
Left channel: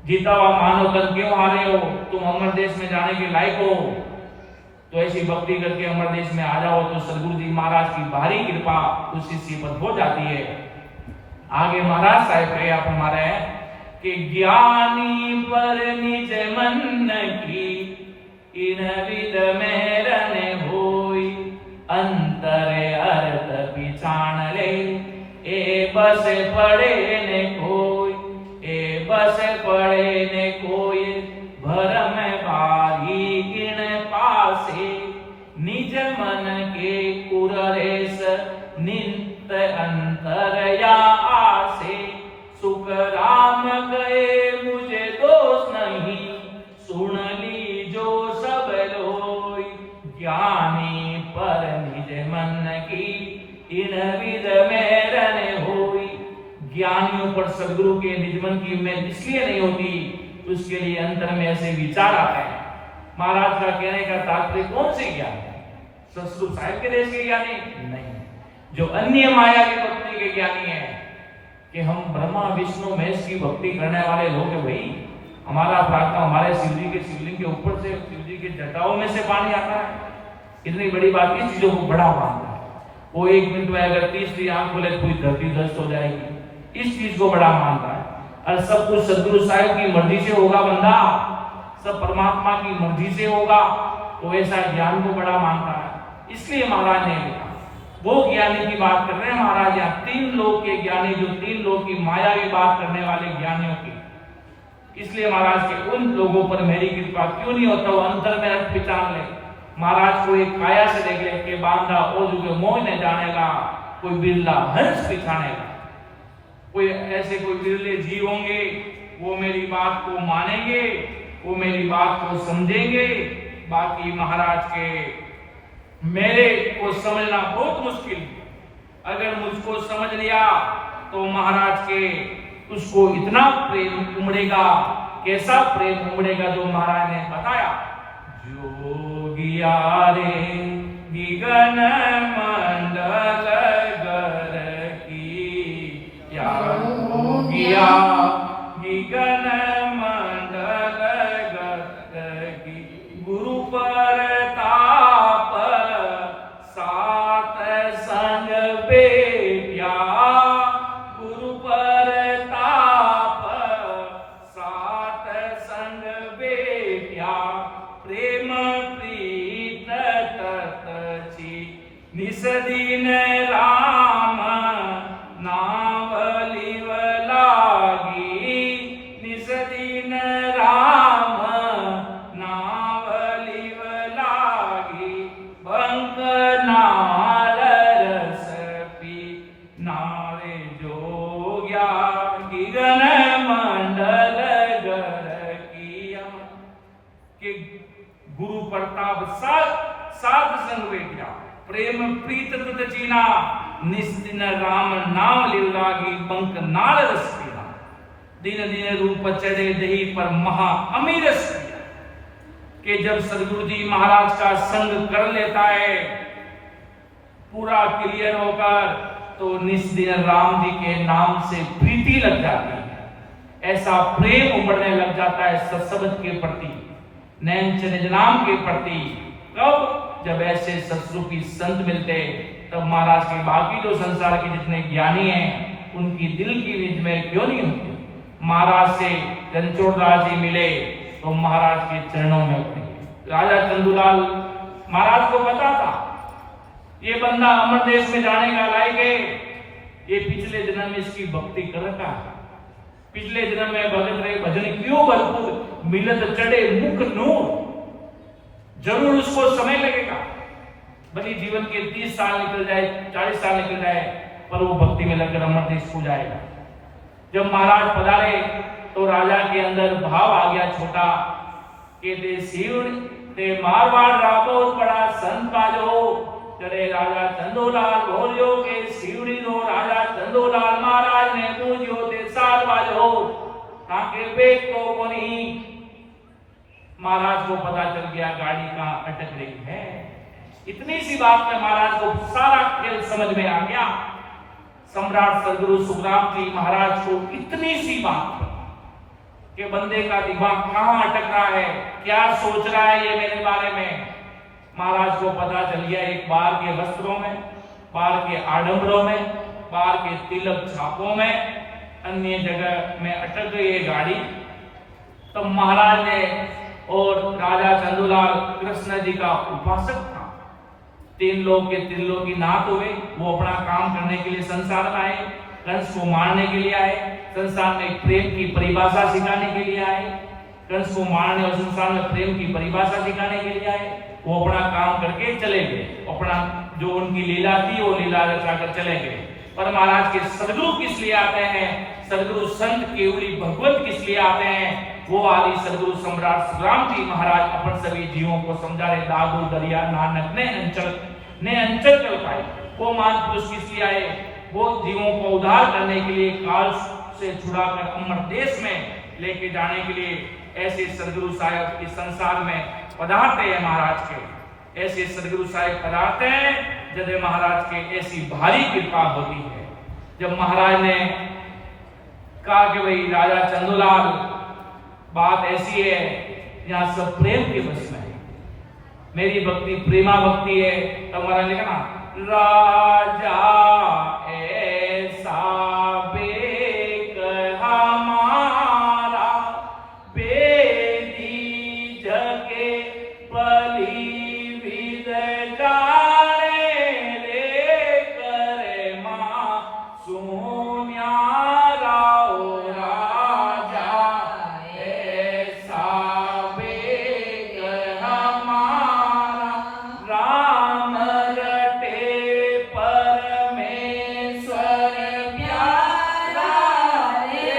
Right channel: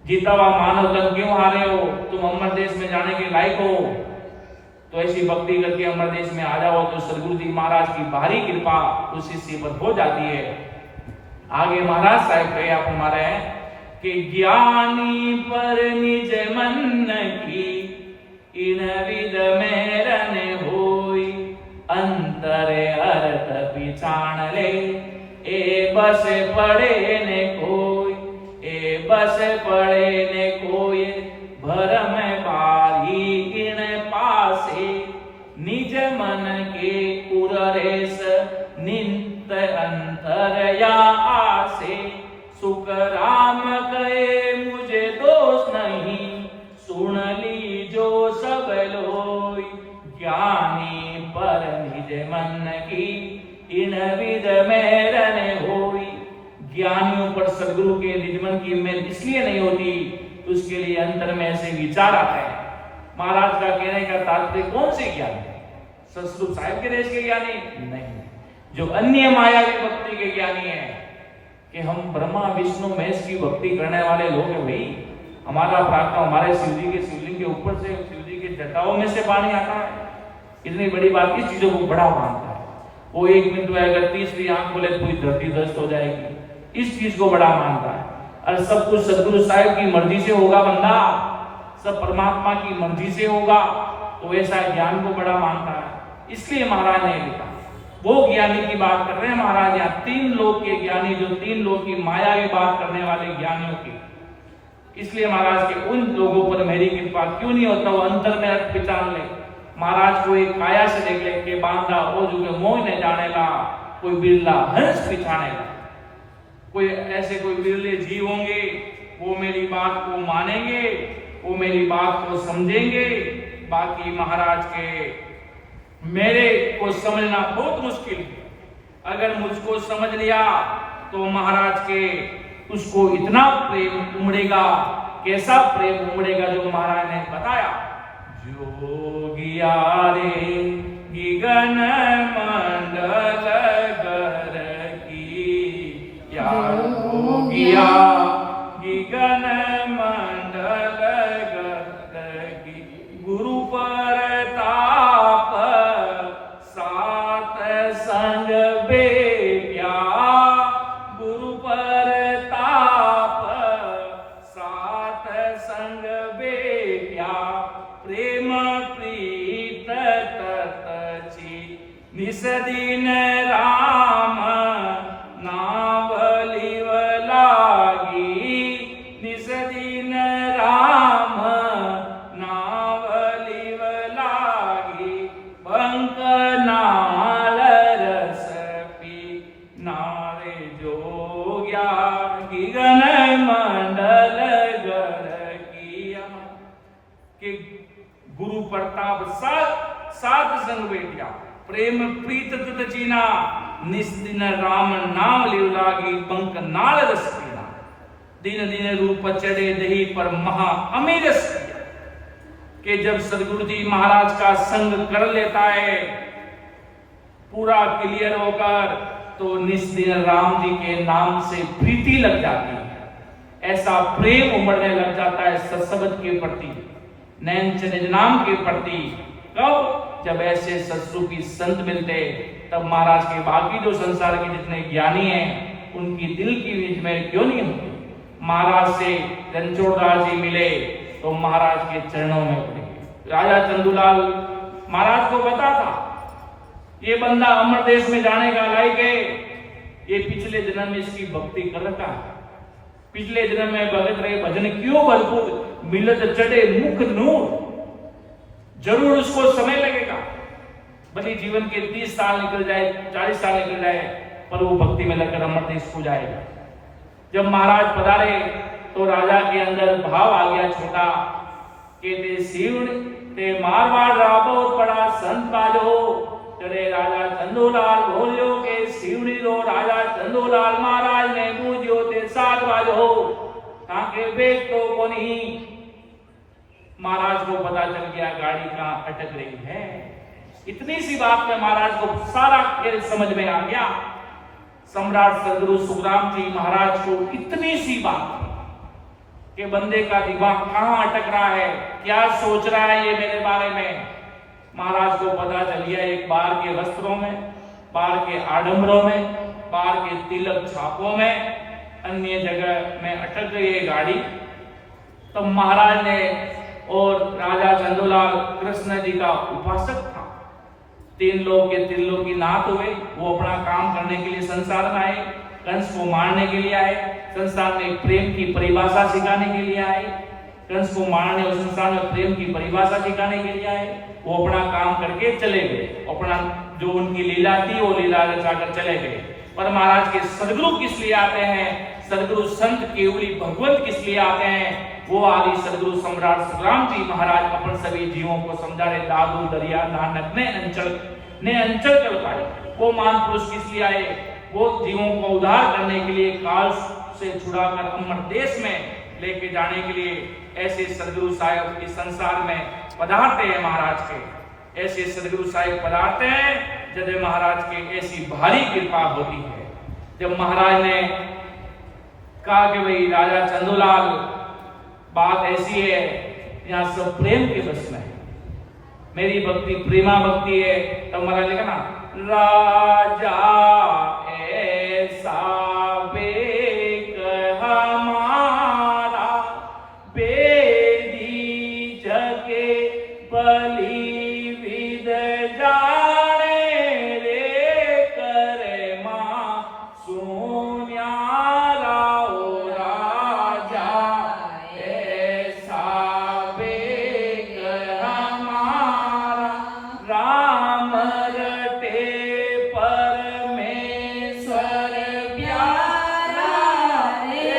जीता हुआ मानव तन क्यों हारे हो, तुम अमर देश में जाने के लायक हो। तो ऐसी भक्ति करके अमर देश में आ जाओ तो सदगुरु जी महाराज की भारी कृपा उसी से पर हो जाती है। आगे महाराज साहब कहे आप हमारे कि ज्ञानी पर निज मन की इन विद मेरन होई, अंतर अर्थ पिछाण ले ए बस पड़े ने कोई, ए बस पड़े ने कोई, भरम बारी गिण पासे, निज मन के उरेस नित अंतर या आसे। सुख राम गए मुझे दोष नहीं, सुन ली जो सब लोई, ज्ञानी पर निज मन की इन विद मेरन होई। ज्ञानियों पर सदगुरु के निज मन की मेल इसलिए नहीं होती, उसके लिए अंतर में ऐसे विचार आते हैं। महाराज का कहने का तात्पर्य कौन से ज्ञान है? ससुर साहिब के देश के ज्ञानी नहीं, जो अन्य माया की भक्ति के ज्ञानी है कि हम ब्रह्मा विष्णु महेश की भक्ति करने वाले लोग हैं भाई। हमारा प्रार्थना हमारे शिव जी के शिवलिंग के ऊपर से, शिव जी के जटाओं में से पानी आता है। इतनी बड़ी बात, इस चीजों को बड़ा मानता है। वो 1 मिनट में अगर तीसरी आंख खोले तो पूरी धरती ध्वस्त हो जाएगी, इस चीज को बड़ा मानता है। और सब कुछ सदगुरु साहिब की मर्जी से होगा बंदा, सब परमात्मा की मर्जी से होगा, तो ऐसा ज्ञान को बड़ा मानता है। इसलिए महाराज ने लिखा, वो ज्ञानी की बात कर रहे हैं महाराज यहाँ, 3 लोक के ज्ञानी, जो 3 लोक की माया की बात करने वाले ज्ञानियों की। इसलिए महाराज के उन लोगों पर मेरी कृपा क्यों नहीं होता, वो अंतर में रख पहचान ले। महाराज को एक काया से देख ले के बांधा ओ जो मोह न जानेगा, कोई बिरला हंस पिछानेगा। कोई ऐसे कोई बिरले जीव होंगे, वो मेरी बात को मानेंगे, वो मेरी बात को समझेंगे। बाकी महाराज के मेरे को समझना बहुत मुश्किल है। अगर मुझको समझ लिया तो महाराज के उसको इतना प्रेम उमड़ेगा, कैसा प्रेम उमड़ेगा जो महाराज ने बताया। जोगिया रे गगन मंडल गर की, या जोगिया गगन मंडल गर की, गुरु परताप सात संग बेट्या, गुरु परताप सात संग बेट्या, प्रेम प्रीत ततची निस दिन राम नावलिव लागी, निस दिन राम नावलिव लागी, बंक नाल रस पी नारे जोग्या, गगन मंडल गर किया। कि गुरु प्रताप सात संग बेटिया, प्रेम प्रीत तत चीना, निस्दिन राम नाम लिव लागी, बंक नाल रस पीना, दिन दिन रूप चढ़े दही पर महा अमीर रस पिया। कि जब सदगुरु जी महाराज का संग कर लेता है पूरा क्लियर होकर, तो निस्दिन राम जी के नाम से प्रीति लग जाती है, ऐसा प्रेम उमड़ने लग जाता है सत्संग के प्रति, नैन निज नाम के प्रति। कब? जब ऐसे सत्स्वरूपी संत मिलते, तब महाराज के बाकी जो संसार के जितने ज्ञानी हैं उनकी दिल की विजमेर क्यों नहीं होती। महाराज से रणछोड़दास जी मिले तो महाराज के चरणों में पड़े। राजा चंदूलाल महाराज को पता था ये बंदा अमर देश में जाने का लायक है, ये पिछले जन्म में इसकी भक्ति कर रखा है, पिछले जन्म में भगत रहे, भजन क्यों भरपूर, मिलत चढ़े मुख नूर। जरूर उसको समय लगेगा, भले जीवन के 30 साल निकल जाए, 40 साल निकल जाए, पर वो भक्ति में लगकर अमर देश को जाएगा। जब महाराज पधारे तो राजा के अंदर भाव आ गया छोटा, कहते शिव ते मारवाड़ राबोत बड़ा संत बाजो, करे राजा चंदोलाल बोलियो के शिवनी रो, राजा चंदोलाल महाराज ने पूजियो ते साथ बाजो, ताके बेट तो कोनी। महाराज को पता चल गया गाड़ी कहां अटक रही है। इतनी सी बात में महाराज को सारा खेल समझ में आ गया। सम्राट सदगुरु सुखराम जी महाराज को इतनी सी बात कि बंदे का दिमाग कहां अटक रहा है, क्या सोच रहा है ये मेरे बारे में, महाराज को पता चल गया। एक बार के वस्त्रों में, बार के आडंबरों में, बार के तिलक छापों में, अन्य जगह में अटक गई ये गाड़ी। तब महाराज ने, और राजा चंदूलाल कृष्ण जी का उपासक था, 3 लोग के त्रिलोकी नाथ हुए, वो अपना काम करने के लिए संसार में आए, कंस को मारने के लिए आए, संसार में प्रेम की परिभाषा सिखाने के लिए आए, कंस को मारने और संसार में प्रेम की परिभाषा सिखाने के लिए आए। वो अपना काम करके चले गए, अपना जो उनकी लीला थी वो लीला रचाकर चले गए। पर महाराज के सदगुरु किस लिए आते हैं, सदगुरु संत केवली भगवत किस लिए आते हैं, वो आदि सदगुरु सम्राट सुखराम जी महाराज अपन सभी जीवों को समझा रहे। दादू दरिया नानक ने अंचल चल पाए। वो महापुरुष किस लिए आए, वो जीवों को उद्धार करने के लिए, काल से छुड़ाकर अमर देश में लेके जाने के लिए ऐसे सदगुरु साहिब इस संसार में पधारते हैं। महाराज के ऐसे सदगुरु साहिब पधारते हैं जब महाराज के ऐसी भारी कृपा होती है। जब महाराज ने कहा कि भाई राजा चंदूलाल, बात ऐसी है, यहाँ सब प्रेम के बस में है, मेरी भक्ति प्रेमा भक्ति है। तब महाराज ने कहा ना, राजा ऐसा बेक हमारा, बेदी जगे बलि विद जाने रे, करे मां सुन्यारा ओ राजा ऐसा बेक हमारा, राम रटे परमेश्वर प्यारा रे,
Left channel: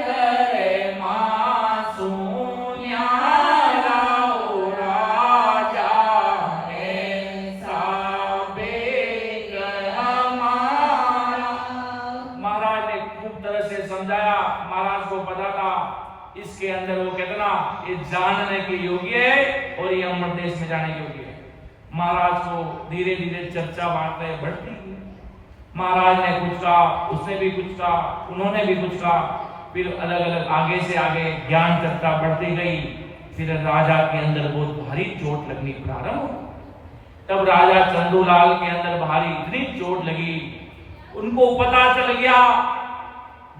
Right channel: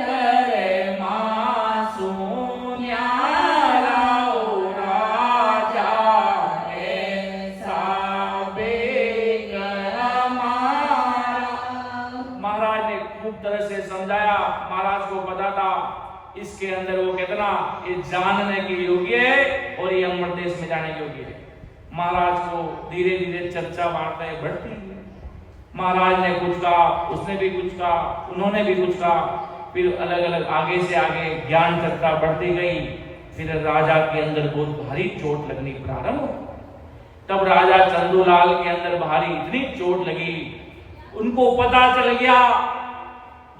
करे मां सुन्यारा ओ राजा ऐसा बेक हमारा। महाराज ने खूब तरह से समझाया। महाराज को पता था इसके अंदर वो कितना ये जानने के योग्य है और ये अमर देश में जाने योग्य है। महाराज को धीरे धीरे चर्चा बातें बढ़ती है। महाराज ने कुछ कहा, उसने भी कुछ कहा, उन्होंने भी कुछ कहा, फिर अलग अलग आगे से आगे ज्ञान चर्चा बढ़ती गई। फिर राजा के अंदर बहुत भारी चोट लगनी प्रारंभ हो। तब राजा चंदूलाल के अंदर भारी इतनी चोट लगी, उनको पता चल गया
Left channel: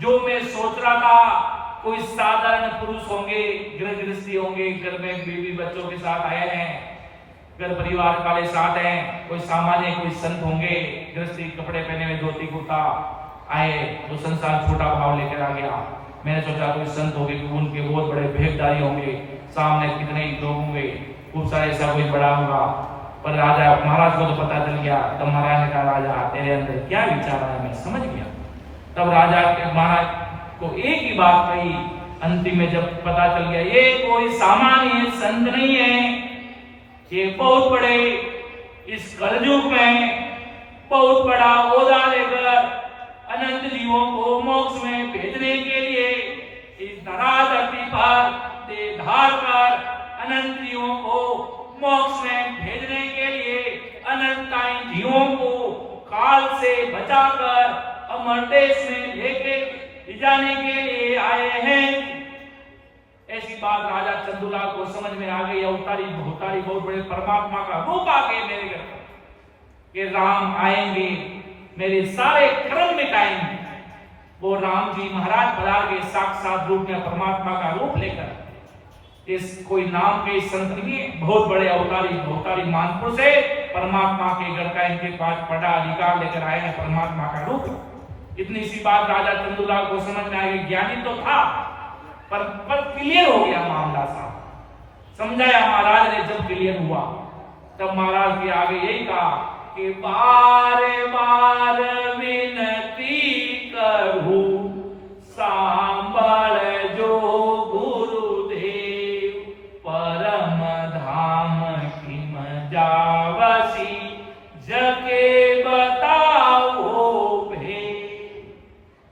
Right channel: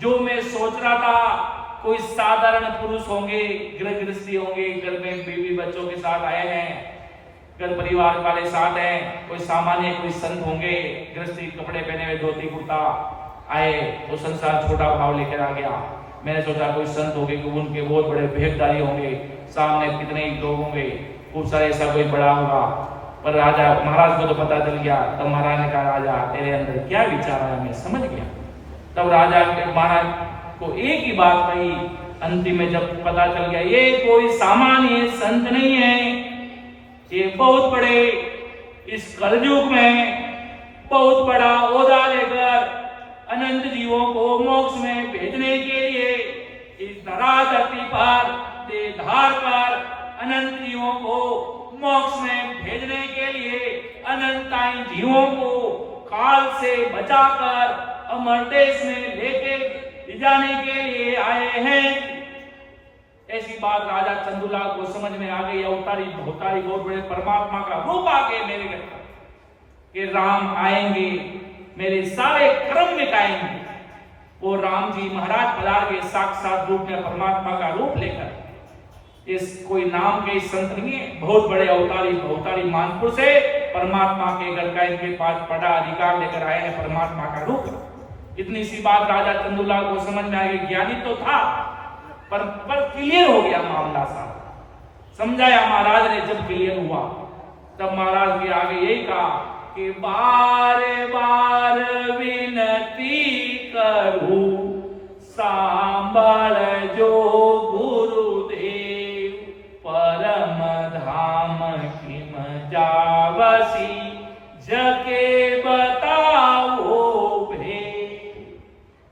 जो मैं सोच रहा था कोई साधारण पुरुष होंगे, गृह गृहस्थी होंगे, घर में बीवी बच्चों के साथ आए हैं, घर परिवार वाले साथ हैं, कोई सामान्य कोई संत होंगे, गृहस्थी कपड़े पहने हुए धोती कुर्ता आए तो संसार छोटा भाव लेकर आ गया। मैंने सोचा कोई संत होंगे, उनके बहुत बड़े भेदधारी होंगे, सामने कितने ही लोग होंगे, खूब सारे ऐसा कोई बड़ा होगा। पर राजा महाराज को तो पता चल गया। तब महाराज ने कहा, राजा तेरे अंदर क्या विचार है, मैं समझ गया। तब राजा के महाराज को एक ही बात कही, अंतिम में जब पता चल गया ये कोई सामान्य संत नहीं है, ये बहुत बड़े इस कलयुग में बहुत बड़ा ओहदा लेकर अनंत जीवों को मोक्ष में भेजने के लिए इस धरा धरती पर धार कर अनंत जीवों को मोक्ष में भेजने के लिए अनंताई जीवों को काल से बचाकर अमर देश में लेके जाने के लिए आए हैं। ऐसी बात राजा चंदूलाल को समझ में आ गई। अवतारी भवतारी बहुत बड़े परमात्मा का रूप आके मेरे घर कि राम आएंगे, मेरे सारे कर्म मिटाएंगे। वो राम जी महाराज पधार के साक्षात रूप में परमात्मा का रूप लेकर, इस कोई नाम के संत नहीं है, बहुत बड़े अवतारी भवतारी मानपुर से परमात्मा के घर का इनके पास बड़ा अधिकार लेकर आए हैं परमात्मा का रूप। इतनी सी बात राजा चंदूलाल को समझ में आई। ज्ञानी तो था पर क्लियर हो गया मामला सा, समझाया महाराज ने। जब क्लियर हुआ तब महाराज के आगे यही कहा कि बार बार विनती करूं, सांबल जो गुरुदेव, परम धाम किम जावसी, जगे बताओ भेद।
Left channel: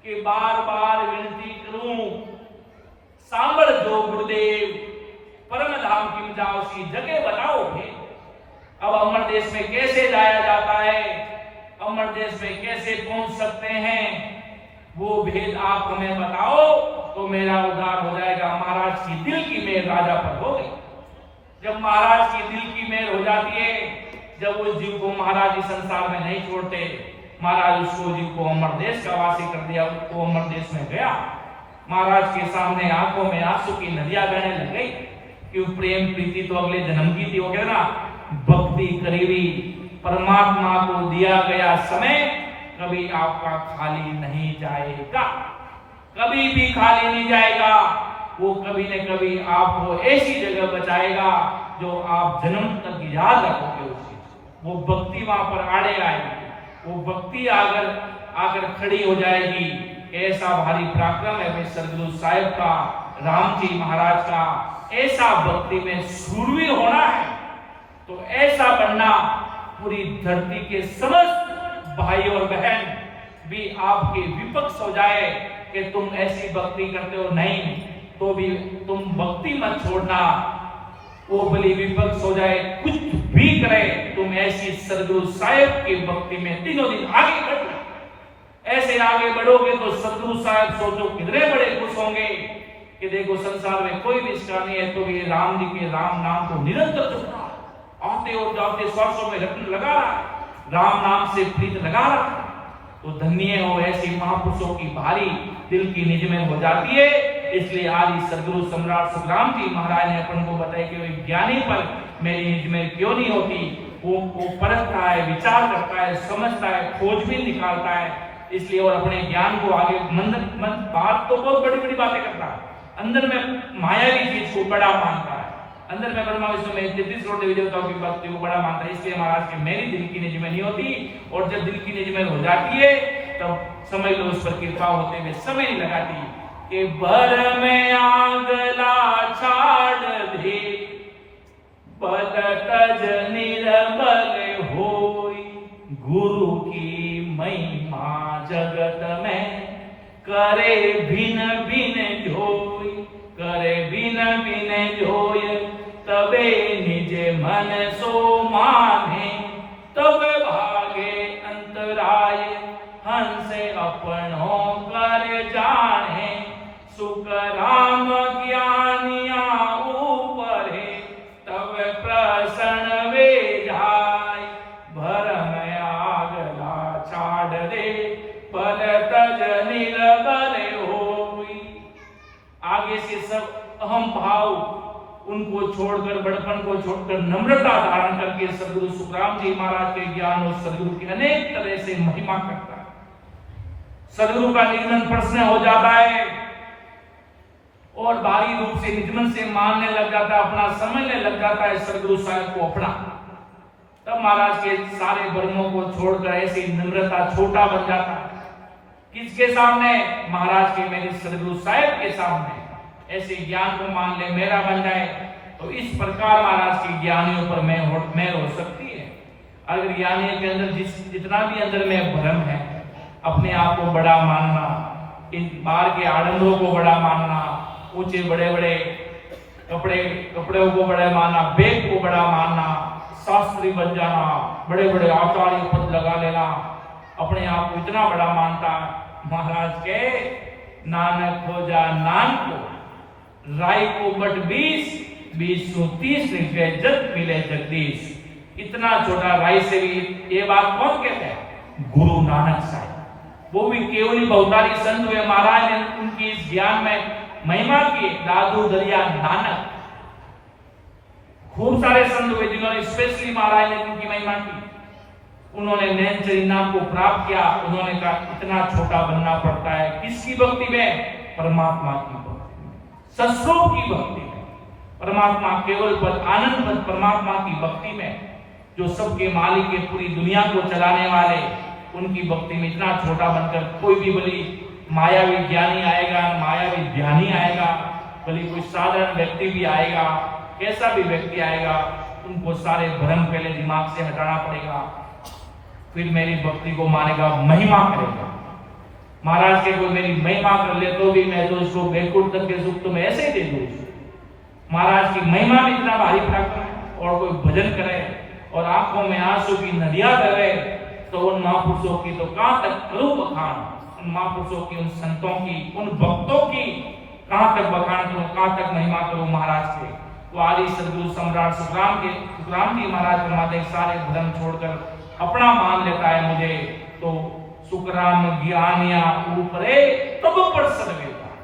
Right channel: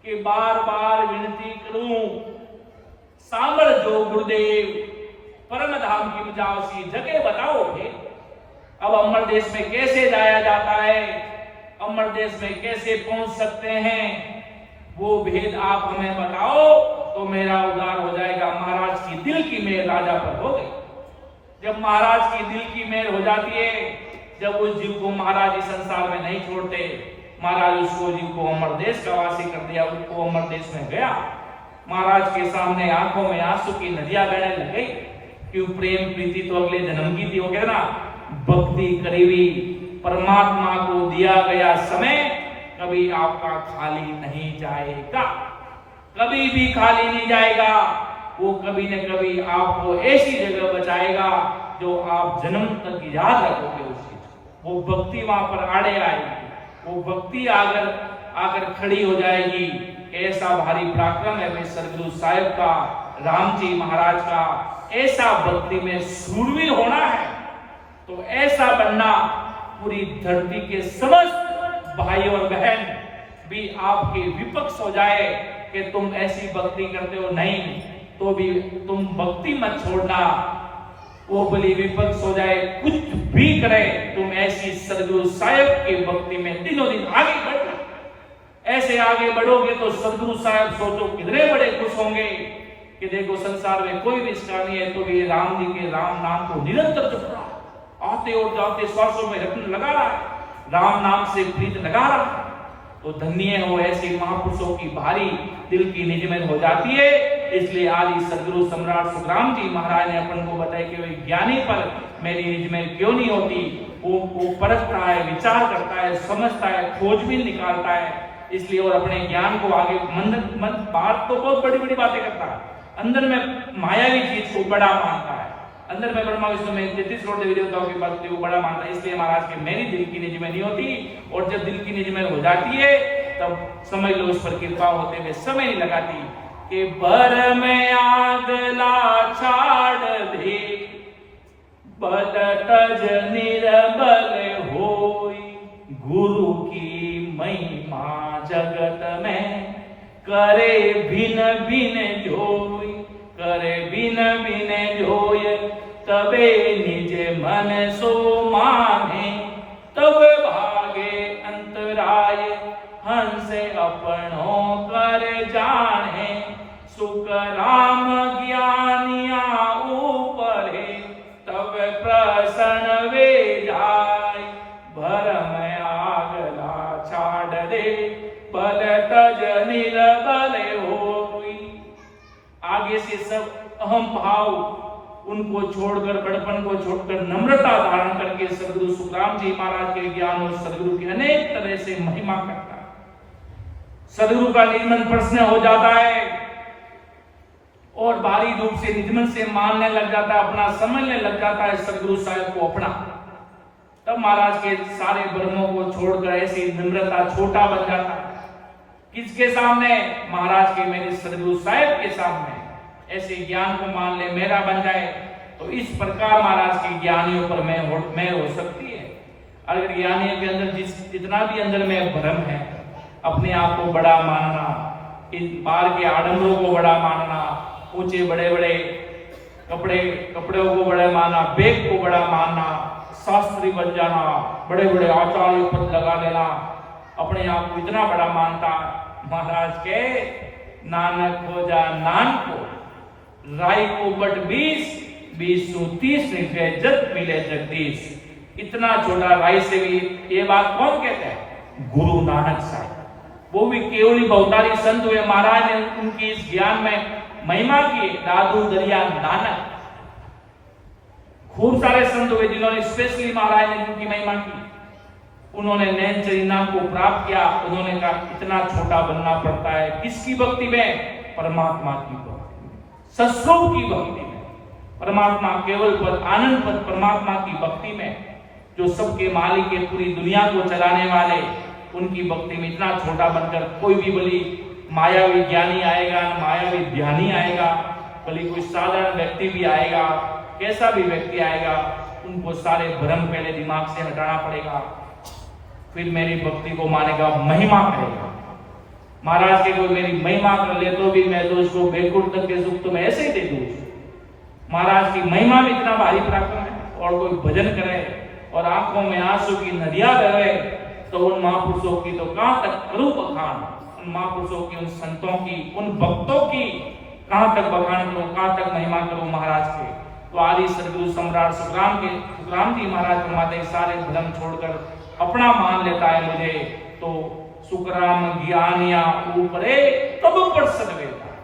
कि बार बार विनती करूं, सांबल जो गुरुदेव, परम धाम किम जावसी, जगे बताओ भेद। अब अमर देश में कैसे जाया जाता है, अमर देश में कैसे पहुंच सकते हैं, वो भेद आप हमें बताओ तो मेरा उद्धार हो जाएगा। महाराज की दिल की मेहर राजा पर हो गई। जब महाराज की दिल की मेहर हो जाती है, जब उस जीव को महाराज इस संसार में नहीं छोड़ते, महाराज उसको जीव को अमर देश का वासी कर दिया। उसको अमर देश में गया, महाराज के सामने आंखों में आंसू की नदियां बहने लग गई। क्यों? प्रेम प्रीति तो अगले जन्म की थी। हो गया ना, भक्ति करीबी परमात्मा को दिया गया समय कभी आपका खाली नहीं जाएगा, कभी भी खाली नहीं जाएगा। वो कभी न कभी आपको ऐसी जगह बचाएगा जो आप जन्म तक याद रखोगे उस चीज। वो भक्ति वहां पर आड़े आएगी, वो भक्ति आकर खड़ी हो जाएगी। ऐसा भारी पराक्रम है भाई सरगुरु साहिब का, राम जी महाराज का। ऐसा भक्ति में सूरवीर होना है तो ऐसा बनना, पूरी धरती के समस्त भाई और बहन भी आपके विपक्ष हो जाए कि तुम ऐसी भक्ति करते हो, नहीं तो भी तुम भक्ति मत छोड़ना। वो भली विपक्ष हो जाए, कुछ भी करे, तुम ऐसी सदगुरु साहिब की भक्ति में दिनों दिन आगे बढ़ना। ऐसे आगे बढ़ोगे तो सदगुरु साहब सोचो कितने बड़े खुश होंगे कि देखो संसार में कोई भी इसका नहीं है तो ये राम जी के राम नाम को निरंतर जप रहा है, आते और जाते श्वासों में रत्न लगा रहा है, राम नाम से प्रीत लगा रहा है। तो धन्य हो ऐसे महापुरुषों की भारी दिल की निज में हो जाती है। इसलिए आदि सदगुरु सम्राट सुखराम जी महाराज ने अपन को बताया कि वही ज्ञानी पर मेरी निज में क्यों नहीं होती। वो परखता है, विचार करता है, समझता है, खोजबीन निकालता है। इसलिए और अपने ज्ञान को आगे मन बात तो बहुत बड़ी बड़ी बातें करता है, अंदर में मायावी चीज को बड़ा मानता है, अंदर में ब्रह्मा विष्णु में 33 करोड़ देवी देवताओं की बात को बड़ा मानता है। इसलिए महाराज की मेरी दिल की निज में नहीं होती, और जब दिल की निज में हो जाती है तब समझ लो उस पर कृपा होते हुए समय नहीं लगाती कि बर में आगला छाड़ दे बदतज निर्बल होई, गुरु की महिमा जगत में करे भिन भिन जोई, करे भिन भिन जोय तबे निज मन सो माने, तब भागे अंतराय हंसे अपनों कर जाने, सुख राम ज्ञानिया ऊपरे तब प्रसन्न वे जाय, भरम आगला छाड़ दे बल तज निर्बल होई। आगे से सब अहम भाव उनको छोड़कर, बड़पन को छोड़कर नम्रता धारण करके सदगुरु सुखराम जी महाराज के ज्ञान और सदगुरु की अनेक तरह से महिमा करता है। सदगुरु का निजमन प्रश्न हो जाता है और भारी रूप से निजमन से मानने लग जाता है, अपना समझने लग जाता है सदगुरु साहब को अपना। तब महाराज के सारे भ्रमों को छोड़कर ऐसी नम्रता छोटा बन जाता है। किसके सामने? महाराज के मेरे सदगुरु साहब के सामने। ऐसे ज्ञान को मान ले, मेरा बन जाए, तो इस प्रकार महाराज के ज्ञानियों पर मेल हो सकती है। अगर ज्ञानियों के अंदर जितना भी अंदर में भ्रम है, अपने आप को बड़ा मानना, इन बाहर के आडंबरों को बड़ा मानना, ऊंचे बड़े बड़े कपड़ों को बड़ा मानना, बेग को बड़ा मानना, शास्त्री बन जाना, बड़े बड़े आचार्य पद लगा लेना, अपने आप को इतना बड़ा मानता। महाराज के नानक हो जा नान को, राय को बट 20 सु 30 लिखे जग मिले जगदीश। इतना छोटा राय से भी ये बात कौन कहते हैं? गुरु नानक साहब। वो भी केवली बहुतारी संत हुए, महाराज ने उनकी इस ज्ञान में महिमा की। दादू दरिया नानक, खूब सारे संत हुए जिन्होंने स्पेशली महाराज ने उनकी महिमा की। उन्होंने नैनचरी नाम को प्राप्त किया। उन्होंने कहा इतना छोटा बनना पड़ता है। किसकी भक्ति में? परमात्मा की भक्ति में, सस्वरूप की भक्ति में, परमात्मा केवल पद आनंद पद परमात्मा की भक्ति में, जो सबके मालिक है, पूरी दुनिया को चलाने वाले, उनकी भक्ति में इतना छोटा बनकर कोई भी बोली मायावी ज्ञानी आएगा, मायावी ध्यानी आएगा, बोली कोई साधारण व्यक्ति भी आएगा, कैसा भी व्यक्ति आएगा, उनको सारे भ्रम पहले दिमाग से हटाना पड़ेगा, फिर मेरी भक्ति को मानेगा, महिमा करेगा। महाराज के कोई मेरी महिमा कर ले तो भी मैं तो उसको बैकुंठ तक के सुख तो मैं ऐसे ही दे दूं। महाराज की महिमा में इतना भारी पराक्रम है। और कोई भजन करे और आंखों में आंसू की नदियां बहे, तो उन महापुरुषों की तो कहां तक करूं बखान, उन महापुरुषों की, उन संतों की, उन भक्तों की कहां तक बखान करूं, कहां तक महिमा करूं महाराज के। तो आदि सदगुरु सम्राट सुखराम जी महाराज फरमाते सारे भ्रम छोड़कर अपना मान लेता है मुझे, तो सुखराम ज्ञानिया ऊपरे तब प्रसन्न मिलता है,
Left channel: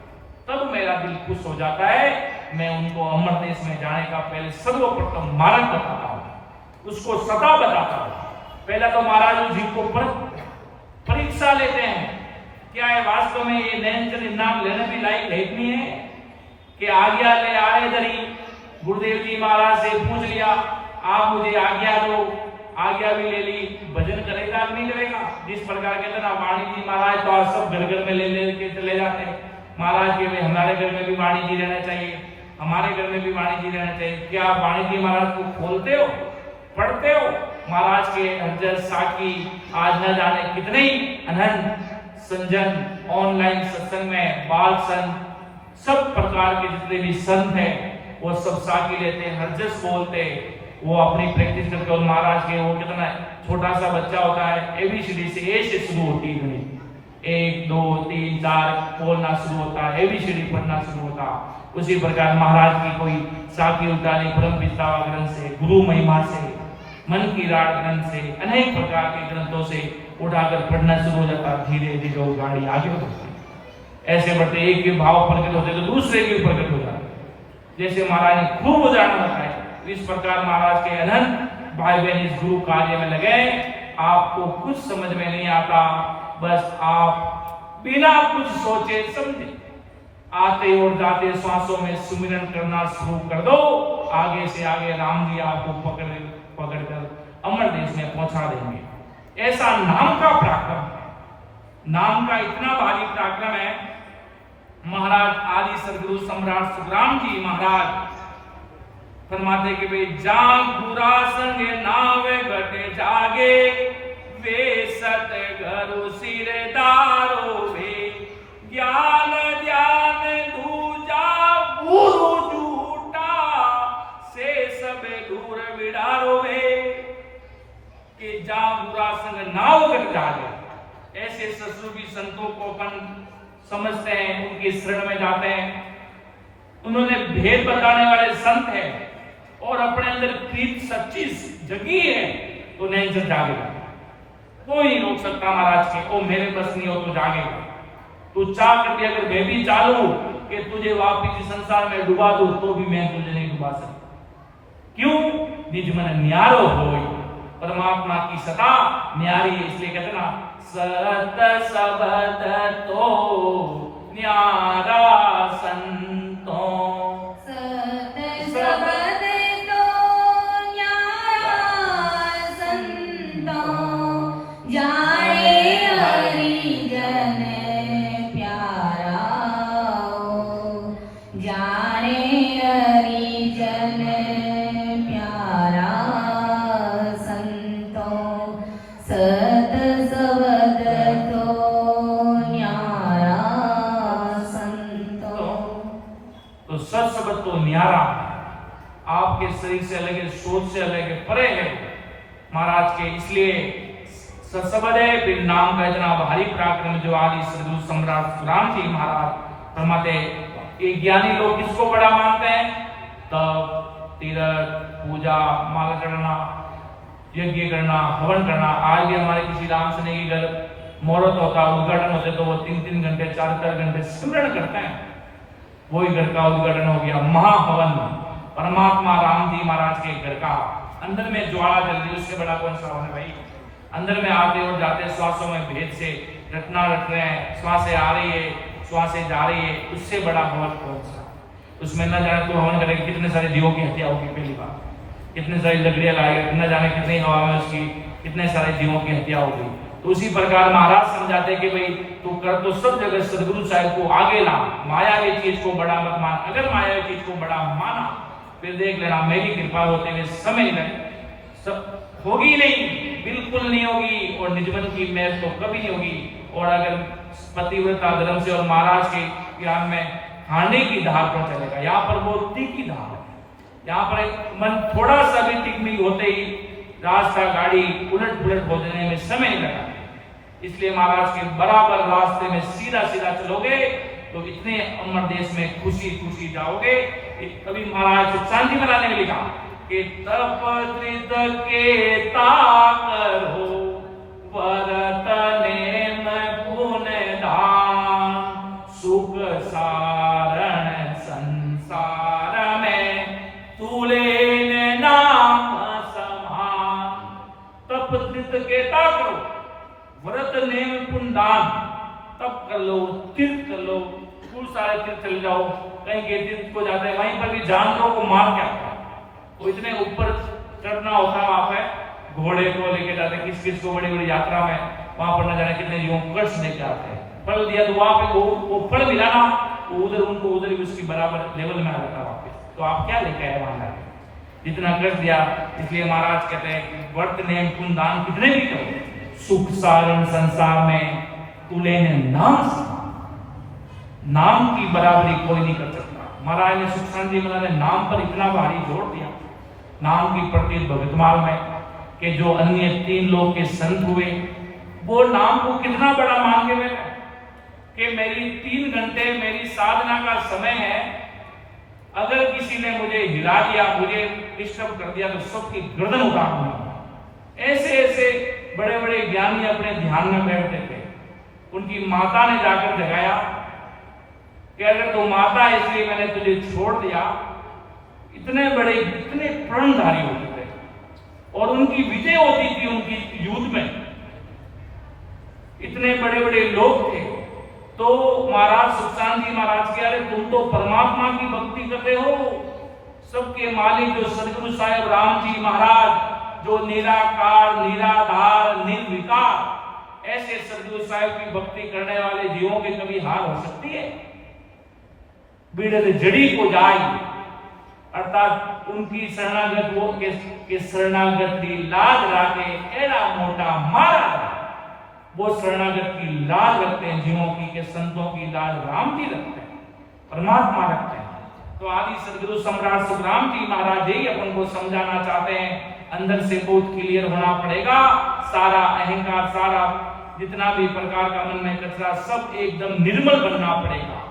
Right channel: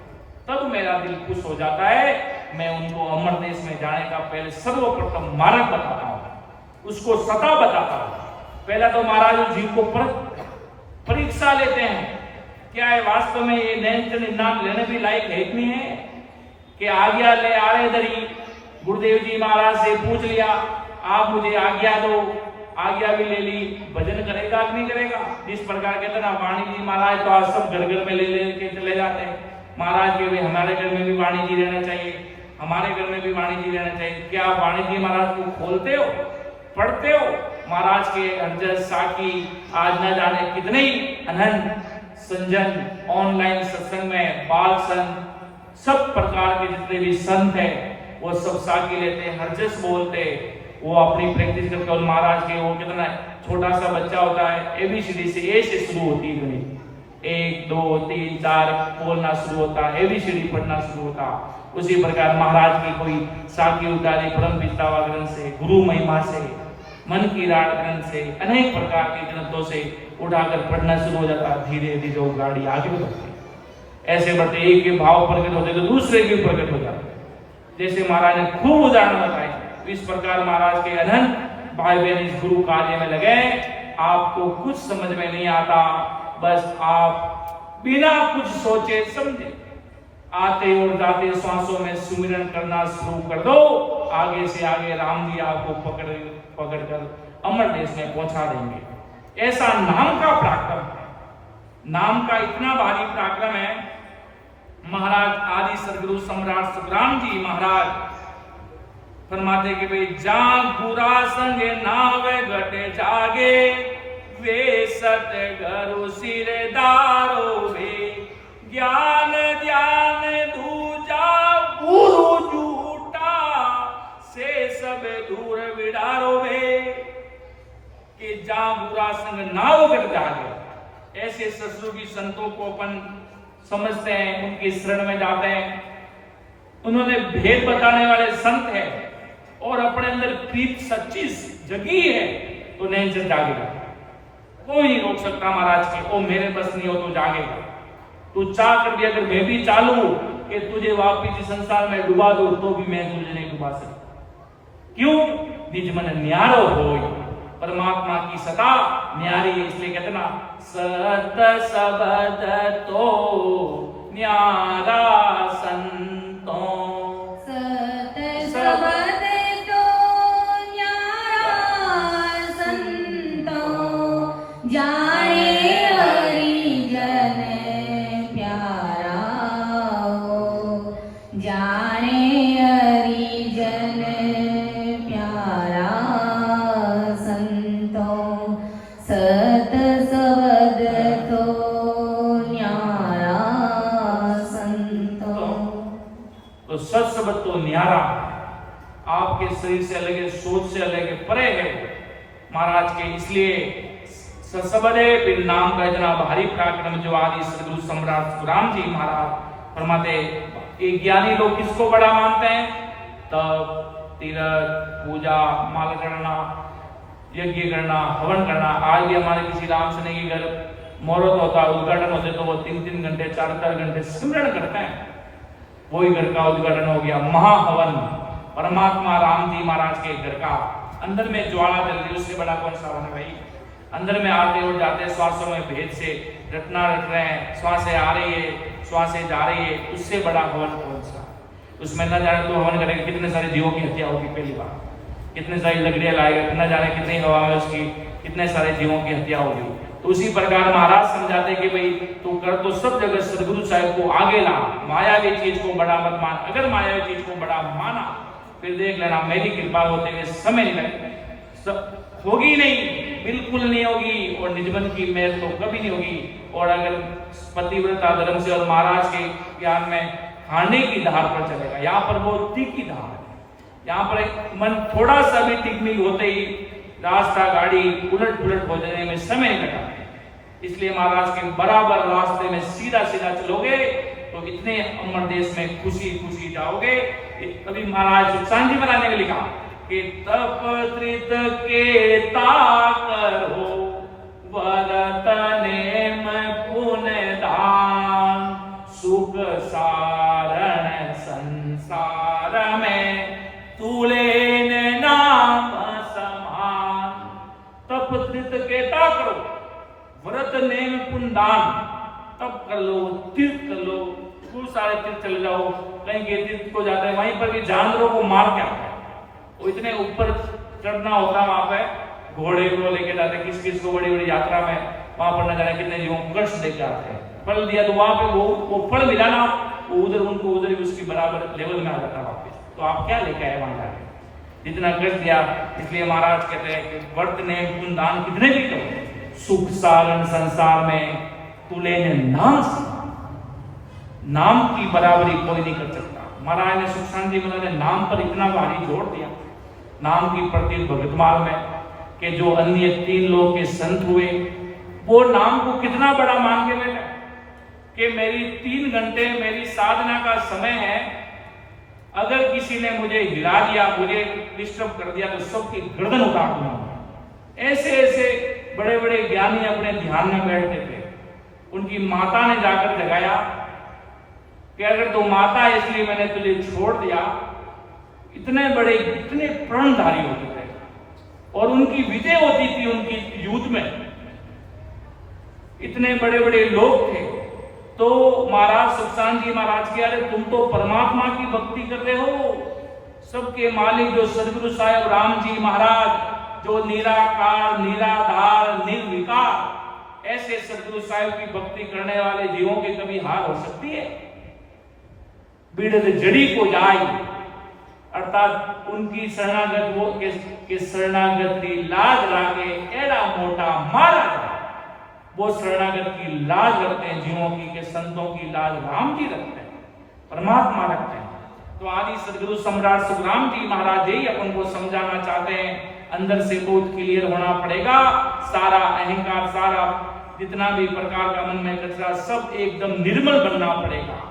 तब मेरा दिल खुश हो जाता है। मैं उनको अमर देश में जाने का पहले सर्वप्रथम मार्ग बताता हूँ, उसको सता बताता हूँ। पहला तो महाराज जी को परीक्षा लेते हैं, क्या है वास्तव में ये नैनचरी नाम लेने भी लायक है नहीं है कि आज्ञा ले आए दरी। गुरुदेव जी महाराज से पूछ लिया, आप मुझे आज्ञा दो, आज्ञा भी ले ली, भजन करेगा कि नहीं करेगा? जिस प्रकार के अंदर वाणी जी महाराज तो आज सब घर घर में ले के चले जाते हैं। महाराज के भी हमारे घर में भी वाणी जी रहना चाहिए, हमारे घर में भी वाणी जी रहना चाहिए। क्या आप वाणी जी महाराज को खोलते हो, पढ़ते हो? महाराज के अर्जन साकी आज न जाने कितने ही अनंत संजन ऑनलाइन सत्संग में बाल संत, सब प्रकार के जितने भी संत है वो सब साकी लेते हैं, हरजस बोलते, वो अपनी प्रैक्टिस करके। और महाराज के वो कितना छोटा सा बच्चा होता है, एबीसीडी से ए से शुरू होती है बनी, 1 2 3 4 बोलना शुरू होता, ABCD पढ़ना शुरू होता। उसी प्रकार महाराज की कोई साखी उतारी परम पितावा ग्रंथ से, गुरु महिमा से, मन की राड ग्रंथ से, अनेक प्रकार के ग्रंथों से उठाकर पढ़ना शुरू हो जाता। धीरे धीरे वो गाड़ी आगे बढ़ती, ऐसे बढ़ते एक के भाव प्रकट होते तो दूसरे भी प्रकट हो जाते। जैसे महाराज ने खूब उदाहरण बताए, तो इस प्रकार महाराज के अनंत भाई बहन इस गुरु कार्य में लगे। आपको कुछ समझ में नहीं आता, बस आप बिना कुछ सोचे समझे आते और जाते श्वासों में सुमिरन करना शुरू कर दो। आगे से आगे राम जी आपको पकड़कर अमर देश में पहुंचा देंगे। ऐसा नाम का पराक्रम है, नाम का इतना भारी पराक्रम है। महाराज आदि सदगुरु सम्राट सुखराम जी महाराज फरमाते कि वे जागुरा संगे नावे घटे जागे, वे सत घरु सिरदारो वे, ज्ञान ध्यान दूजा गुरु झूठा, से सब दूर विडारो वे। कि जागुरा संग नाव घट जागे, ऐसे ससुर संतों को अपन समझते हैं, उनकी शरण में जाते हैं। उन्होंने भेद बताने वाले संत हैं और अपने अंदर प्रीत सच्ची जगी है, तो नहीं जागेगा। कोई नहीं रोक सकता महाराज के, ओ मेरे बस नहीं हो तो जागेगा। तू चाह कर दिया, अगर मैं भी चालू कि तुझे वापिस इस संसार में डुबा दो, तो भी मैं तुझे नहीं डुबा सकता। क्यों? निज मन न्यारो होय, परमात्मा की सता न्यारी है। इसलिए कहते ना, सत सबद तो न्यारा संतो, सत सबद तो न्यारा संतो, जाने हरि जन प्यारा हो, जाने हरि जन प्यारा संतो, सत सबद तो न्यारा संतो। तो सत सबद तो न्यारा, आपके शरीर से अलग है, सोच से अलग है, परे है महाराज के। इसलिए सत्सबद है, फिर नाम का इतना भारी पराक्रम जो आदि सदगुरु सम्राट सुखराम जी महाराज फरमाते। एक ज्ञानी लोग किसको बड़ा मानते हैं? तब तीर्थ पूजा, माला चढ़ना, यज्ञ करना, हवन करना। आज भी हमारे किसी राम सने के घर मुहूर्त होता, उद्घाटन होते, तो वो 3-3 घंटे 4-4 घंटे सिमरन करते हैं। वही घर का उद्घाटन हो गया, महाहवन, परमात्मा राम जी महाराज के घर का। अंदर में ज्वाला जल रही, उससे बड़ा कौन सा हवन है भाई? अंदर में आते और जाते श्वासों में भेद से रटना रट रहे हैं, श्वासें आ रही है, श्वासें जा रही है, उससे बड़ा हवन कौन सा? उसमें न जाने तो हवन करेगा कितने सारे जीवों की हत्या होगी, पहली बार कितने सारी लकड़ियां लाएगा, न जाने कितनी हवा में उसकी कितने सारे जीवों की हत्या होगी। तो उसी प्रकार महाराज समझाते कि भाई तू कर तो सब जगह सदगुरु साहिब को आगे ला, माया की चीज को बड़ा मत मान। अगर माया की चीज को बड़ा माना, फिर देख लेना मेरी कृपा होते हुए समय नहीं लगे, सब होगी नहीं, बिल्कुल नहीं होगी। और निजमन की मेहर तो कभी नहीं होगी। और अगर पतिव्रता धर्म से और महाराज के ज्ञान में खाने की धार पर चलेगा, यहाँ पर वो तीखी धार है। यहाँ पर मन थोड़ा सा भी टिकमिक होते ही रास्ता गाड़ी उलट पुलट हो जाने में समय नहीं लगा। इसलिए महाराज के बराबर रास्ते में सीधा सीधा चलोगे तो इतने अमर देश में खुशी खुशी जाओगे। कभी महाराज सुखशांति महाराज ने लिखा कि तप त्रित के ताकरो वरतने में पुण्य दान, सुख सारण संसार में तुले नाम समान। तप त्रित के ताकरो, व्रत नेम पुण्य दान, तप कर लो, तीर्थ कर लो, खूब सारे तीर्थ चले जाओ। कहीं के तीर्थ को जाते हैं, वहीं पर भी जानवरों को मार के आते हैं। वो इतने ऊपर चढ़ना होता है, वहां पे घोड़े को लेके जाते, किस किस को बड़ी बड़ी यात्रा में वहां पर न जाने कितने जीवों को कष्ट देके आते हैं। फल दिया तो वहां पे वो फल मिला ना, वो उधर उनको उधर ही उसकी बराबर लेवल में आ जाता वापस। तो आप क्या लेके आए वहां जाके? जितना कष्ट दिया। इसलिए महाराज कहते हैं कि व्रत नेम पुण्य दान कितने भी करो, सुख सारण संसार में तुले ने नाम की बराबरी कोई नहीं कर सकता। महाराज ने सुखशांति जी ने नाम पर इतना भारी जोर दिया, नाम की प्रति भगतमाल में, कि जो अन्य 3 लोग के संत हुए वो नाम को कितना बड़ा मान के बैठे। कि मेरी 3 घंटे मेरी साधना का समय है, अगर किसी ने मुझे हिला दिया, मुझे डिस्टर्ब कर दिया तो सबकी गर्दन उतार दूंगा। ऐसे ऐसे बड़े बड़े ज्ञानी अपने ध्यान में बैठते थे। उनकी माता ने जाकर जगाया कि अगर तू माता है इसलिए मैंने तुझे छोड़ दिया। इतने बड़े, इतने प्रणधारी होते थे और उनकी विजय होती थी उनकी युद्ध में, इतने बड़े बड़े लोग थे। तो महाराज सुखचांद जी महाराज के, अरे तुम तो परमात्मा की भक्ति कर रहे हो, सबके मालिक जो सदगुरु साहेब राम जी महाराज, जो निराकार निराधार निर्विकार, ऐसे सदगुरु साहिब की भक्ति करने वाले जीवों की कभी हार हो सकती है? बिड़ल जड़ी को जाई, अर्थात उनकी शरणागत वो के शरणागत की लाज राखे एड़ा मोटा मारा जाए। वो शरणागत की लाज रखते हैं जीवों की, के संतों की लाज राम जी रखते हैं, परमात्मा रखते हैं। तो आदि सदगुरु सम्राट सुखराम जी महाराज जी अपन को समझाना चाहते हैं, अंदर से बहुत क्लियर होना पड़ेगा। सारा अहंकार, सारा जितना भी प्रकार का मन में कचरा, सब एकदम निर्मल बनना पड़ेगा।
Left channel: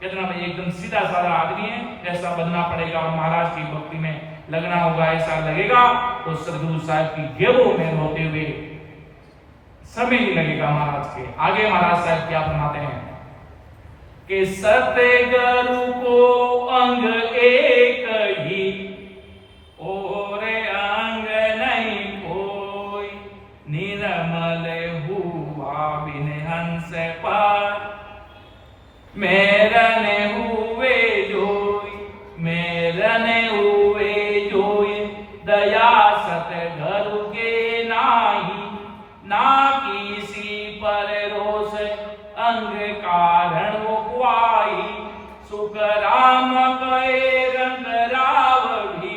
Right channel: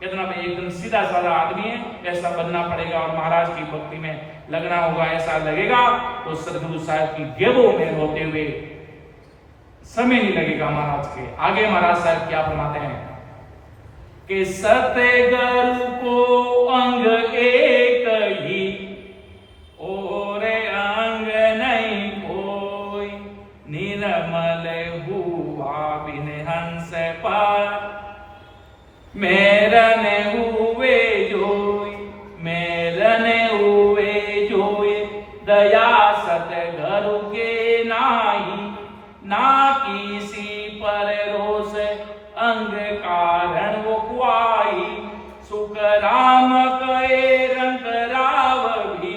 कितना भाई एकदम सीधा साधा आदमी है ऐसा बनना पड़ेगा और महाराज की भक्ति में लगना होगा। ऐसा लगेगा तो सदगुरु साहब की गेबों में होते हुए समय नहीं लगेगा महाराज के। आगे महाराज साहब क्या फरमाते हैं कि सतगुरु को अंग एक ही और अंग नहीं कोई, निर्मल हुआ बिन हंस पर मेरने हुए जोई, मेरने हुए जोई, दया सतगुरु के नाही, ना किसी पर रोष अंग कारण वो कुआई, सुख राम कहे रंग राव भी,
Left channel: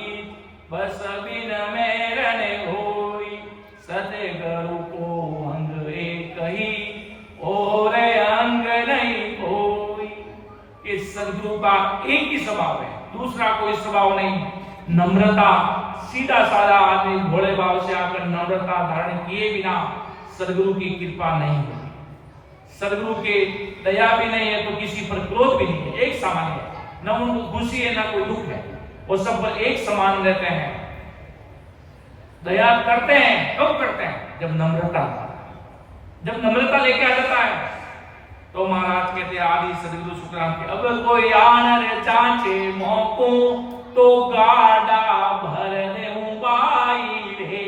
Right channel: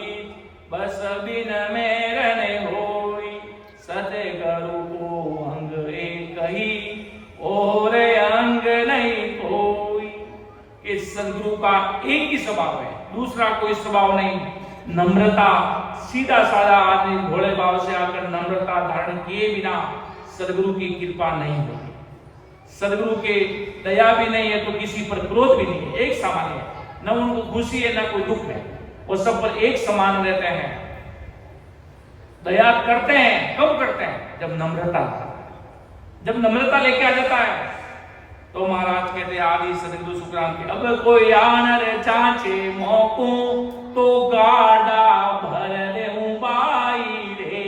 बस बिन मेरने होई, सतगुरु को अंग एक ही और अंग नहीं कोई। इस सदगुरु का एक ही स्वभाव है, दूसरा कोई स्वभाव नहीं। नम्रता, सीधा साधा आदमी भोले भाव से आकर नम्रता धारण किए बिना सदगुरु की कृपा नहीं होगी। सदगुरु के दया भी नहीं है तो किसी पर क्रोध भी नहीं है, एक सामान्य है, न उनको खुशी है न कोई दुख है, वो सब पर एक समान रहते हैं। दया करते हैं, कब करते हैं? जब नम्रता लेके आ जाता है। तो महाराज कहते आदि सदगुरु सुखराम के, अब कोई आनर चाचे मौको तो गाड़ा भर दे बाई रे।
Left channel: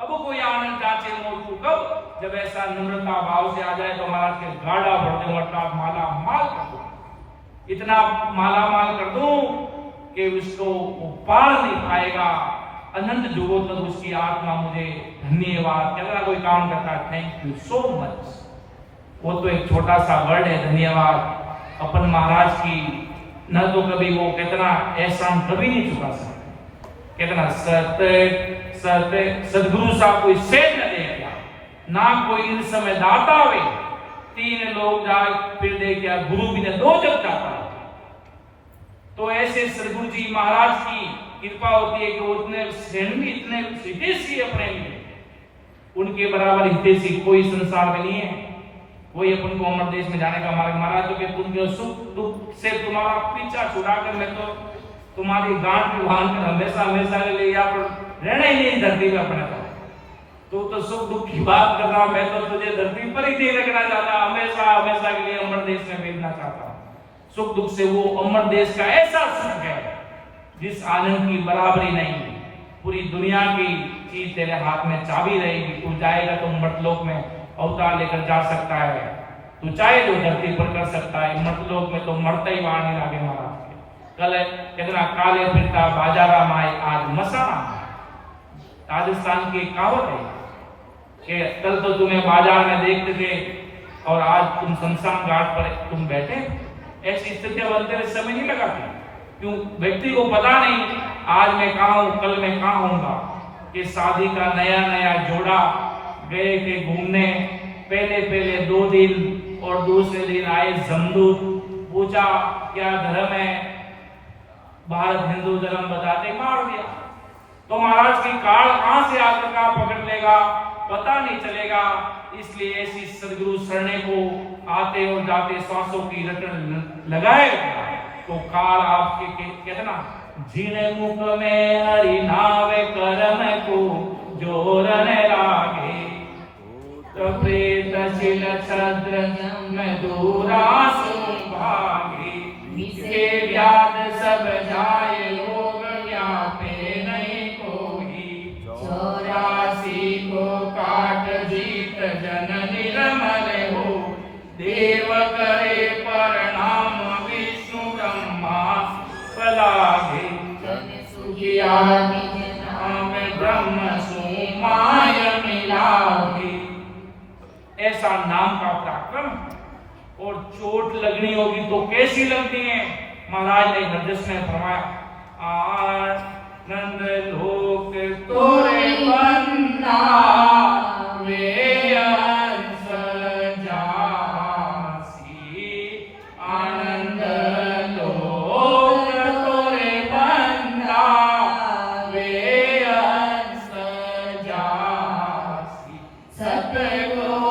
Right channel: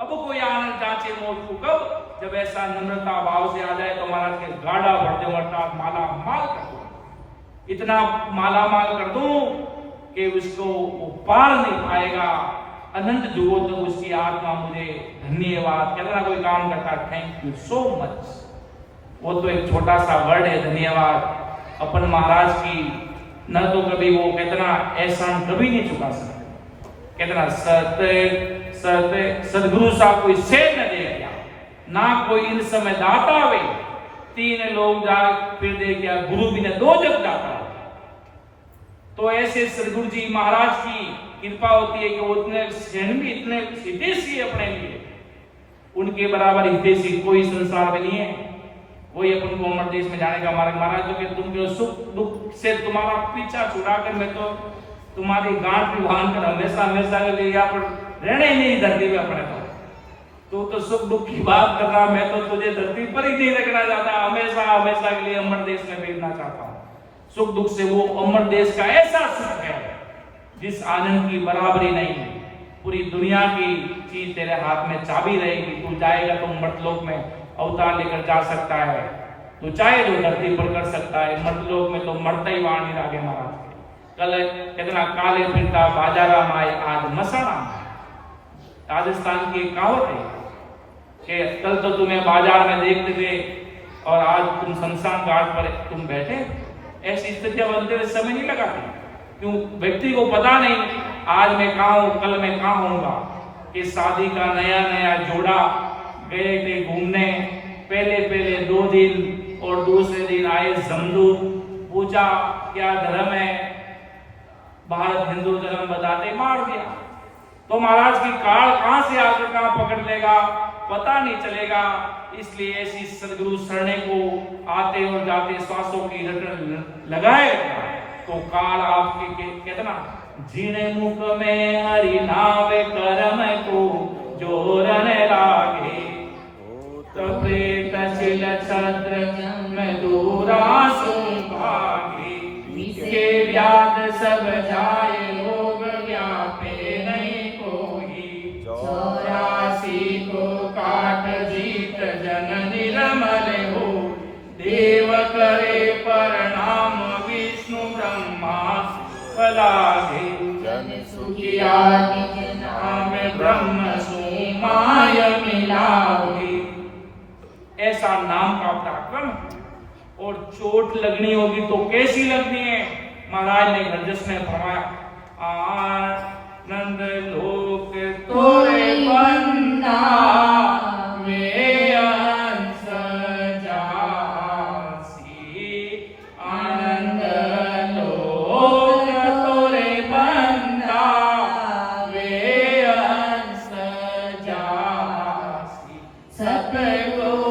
अब कोई आनंद चाचे मौको कब? जब ऐसा नम्रता भाव से आ जाए तो महाराज के गाड़ा भर दे, अर्थात माला माल कर दो, इतना माला माल कर दो कि उसको पार नहीं पाएगा। अनंत जुगों तक उसकी आत्मा मुझे धन्यवाद, कितना कोई काम करता, थैंक यू सो मच। वो तो एक छोटा सा वर्ड है धन्यवाद। अपन महाराज की न तो कभी वो कितना एहसान कभी नहीं चुका सकते, कितना सदगुरु साहब कोई सेठ न देगा, ना कोई इन समय दाता वे, 3 लोग जाए फिर दे क्या गुरु भी ने 2 जग जाता है। तो ऐसे सदगुरु जी महाराज की कृपा होती है कि वो इतने स्वयं भी इतने हितेशी अपने लिए, उनके बराबर हितेशी कोई संसार में नहीं है। वही अपन को अमर देश में जाने का मार्ग। महाराज तो कि तुमके सुख दुख से तुम्हारा पीछा छुड़ाकर मैं तो तुम्हारी गांठ भी बांध कर हमेशा हमेशा के लिए यहाँ पर रहने ही नहीं धरती में अपने तो सुख दुख की बात कर रहा, मैं तो तुझे धरती पर ही नहीं रखना चाहता, हमेशा हमेशा के लिए अमर देश में भेजना चाहता हूँ। सुख दुख से वो अमर देश का ऐसा सुख है जिस आनंद की बराबरी नहीं। पूरी दुनिया की चीज तेरे हाथ में चाबी रहेगी, तू जाएगा तो मर्तलोक में अवतार लेकर जा सकता है, तू चाहे तो धरती पर कर सकता है, मर्तलोक में तो मरता ही वहां नहीं लागे। महाराज कल कितना काले फिरता बाजारा माए आज मसाना। राजस्थान की कहावत है कि कल तो तुम्हें बाजार में देखते थे और आज तुम शमशान घाट पर तुम बैठे। ऐसी स्थितियां बनते हुए समय नहीं लगाती, क्यों? व्यक्ति को पता नहीं आज मैं कहाँ हूँ, कल मैं कहाँ होऊंगा। कि शादी का नया नया जोड़ा गए थे घूमने, पहले 2 दिन और दूसरे दिन आए जमदूत, पूछा क्या धर्म है, भारत हिंदू धर्म बताते मार दिया। तो महाराज की काल कहां से आकर कहां पकड़ लेगा पता नहीं चलेगा। इसलिए ऐसी सदगुरु शरणे को आते और जाते श्वासों की रटन लगाए तो काल आपके कहते ना जिने मुख में हरि नावे कर्म को जोरने लागे तो प्रेत छिल छद्र में दूरा सुभागे इसके व्याध सब जाए लोग व्यापे नहीं कोई 84 को काट जीत जन निर्मल हो देव करे प्रणाम विष्णु ब्रह्मा फलागे सुखिया नाम ब्रह्म सुमाय मिलागे। ऐसा नाम का पराक्रम और चोट लगनी होगी तो कैसी लगनी है। महाराज ने हरजस में फरमाया आनंद लोक तोरे बंदा वे अंश जासी आनंद लोक तोरे बंदा वे अंश जासी सतगुरु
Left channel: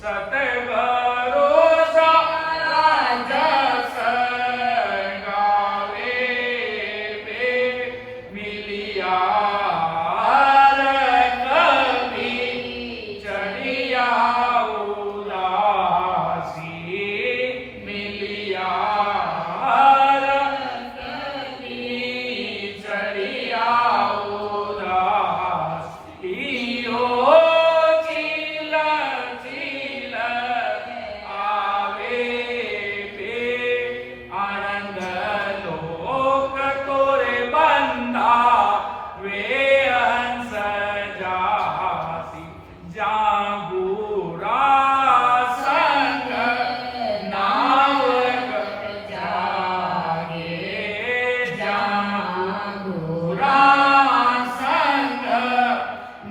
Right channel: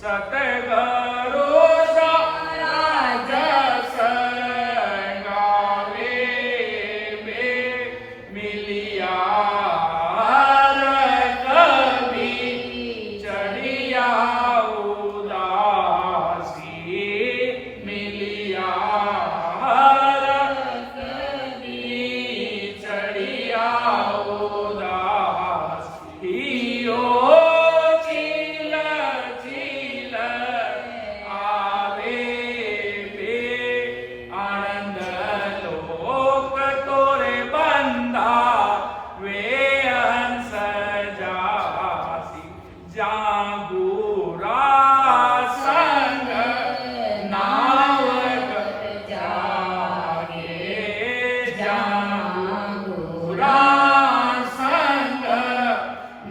सतगुरु जस गावे वे मिलिया कवि चढ़िया उदासी मिलिया चढ़िया उदासी ओ चील चील आवे बे आनंद लोक तोरे बंदा वे हंस जासी जागुरा संग नावक जागे जागुरा संग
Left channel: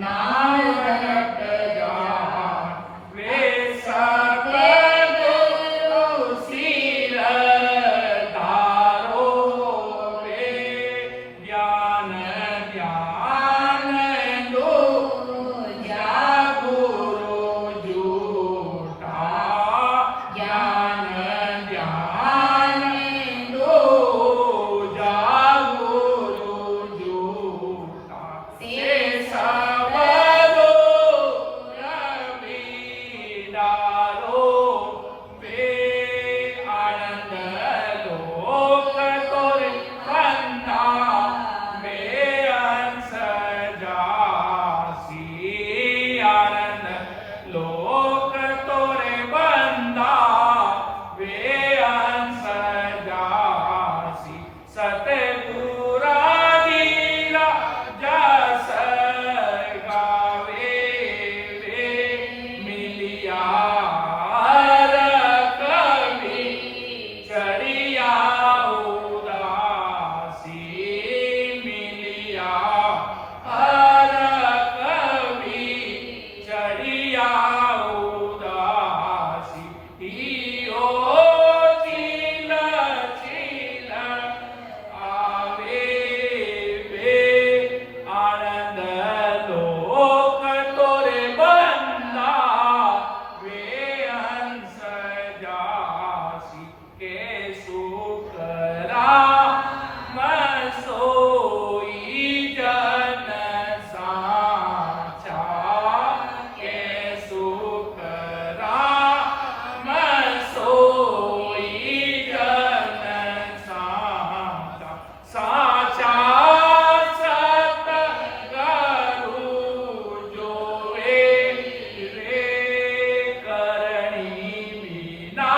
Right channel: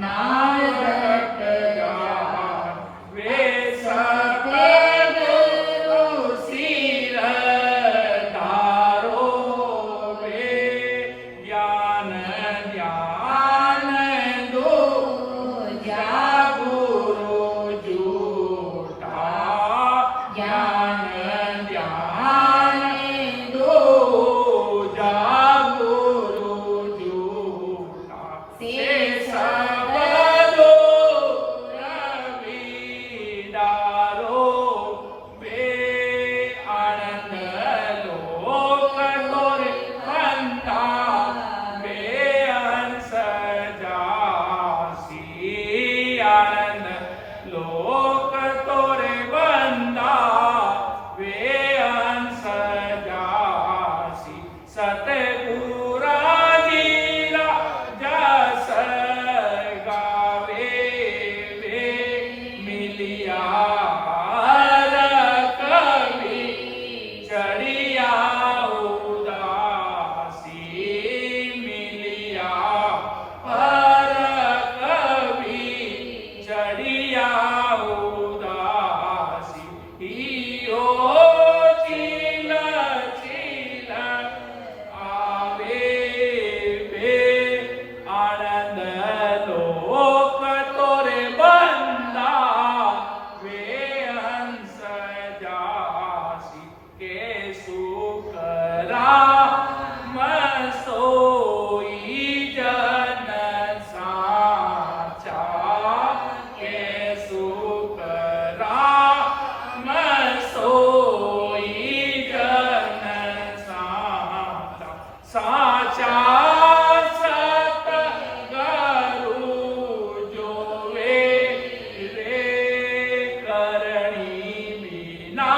नावक जाग वे सतगुरु सिर धारो वे ज्ञान ध्यान दो जागुरु जूठा ज्ञान ध्यान दो जागुरु जूठा से सबरो रविदारो वे आनंद लोक तोरे बंदा वे हंस जासी आनंद लोक तोरे बंदा वे हंस जासी सतगुरा जीला जस गावे वे मिलिया कवि चढ़िया उदासी मिलिया हर कवि चढ़िया उदासी ओ चील चील आवे बे आनंद लोक तोरे बंदा वे हंस जासी के सुकरा सोई जन साचा के सुकरा सोई जन साचा साचा सतगुरु जो रे करणी बिना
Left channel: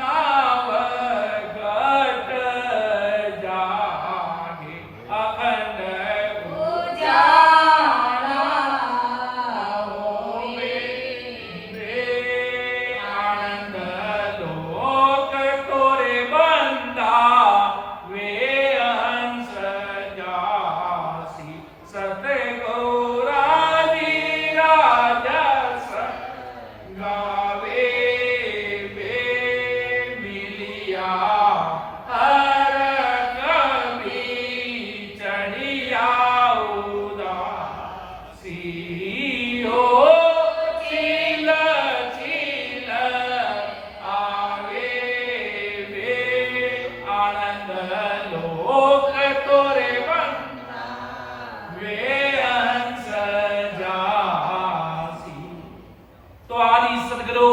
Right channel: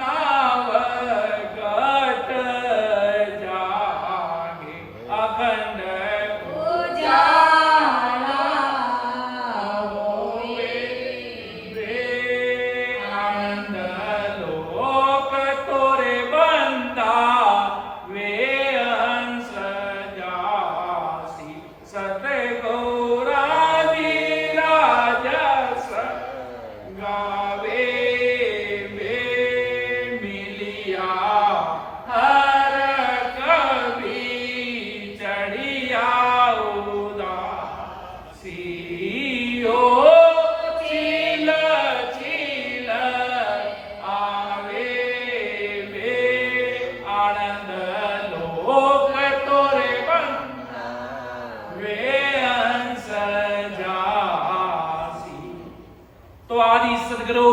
नावगत जागे अखंड उजाला होवे वे आनंद लोक तोरे बंदा वे हंस जासी सतगुरा विराजस गावे वे मिलिया हर कवि चढ़िया उदासी हो चील चील आवे वे आनंद लोक तोरे बंदा वे हंस जासी। तो आदि सदगुरु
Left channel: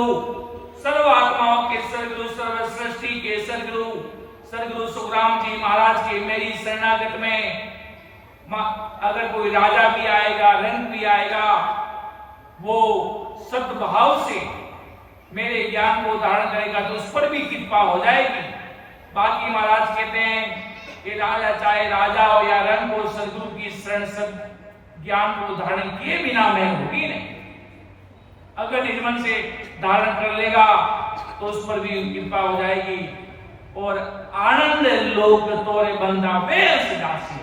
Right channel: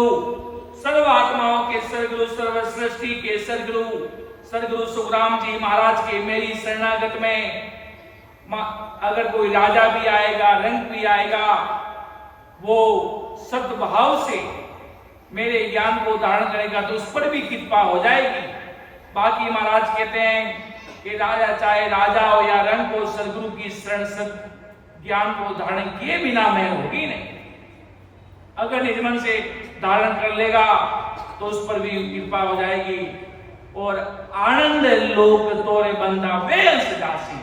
सर्व आत्माओं के सदगुरु सर्व सृष्टि के सदगुरु सदगुरु सुखराम जी महाराज के मेरी शरणागत में अगर कोई राजा भी आएगा रंग भी आएगा वो सद्भाव से मेरे ज्ञान को धारण करेगा तो उस पर भी कृपा हो जाएगी। बाकी महाराज कहते हैं कि राजा चाहे राजा हो या रंग हो सदगुरु की शरण सद ज्ञान को धारण किए बिना मैं होगी नहीं। अगर निज मन से धारण कर लेगा तो उस पर भी कृपा हो जाएगी। और आनंद लोक तोरे बंदा वे हंस जासी,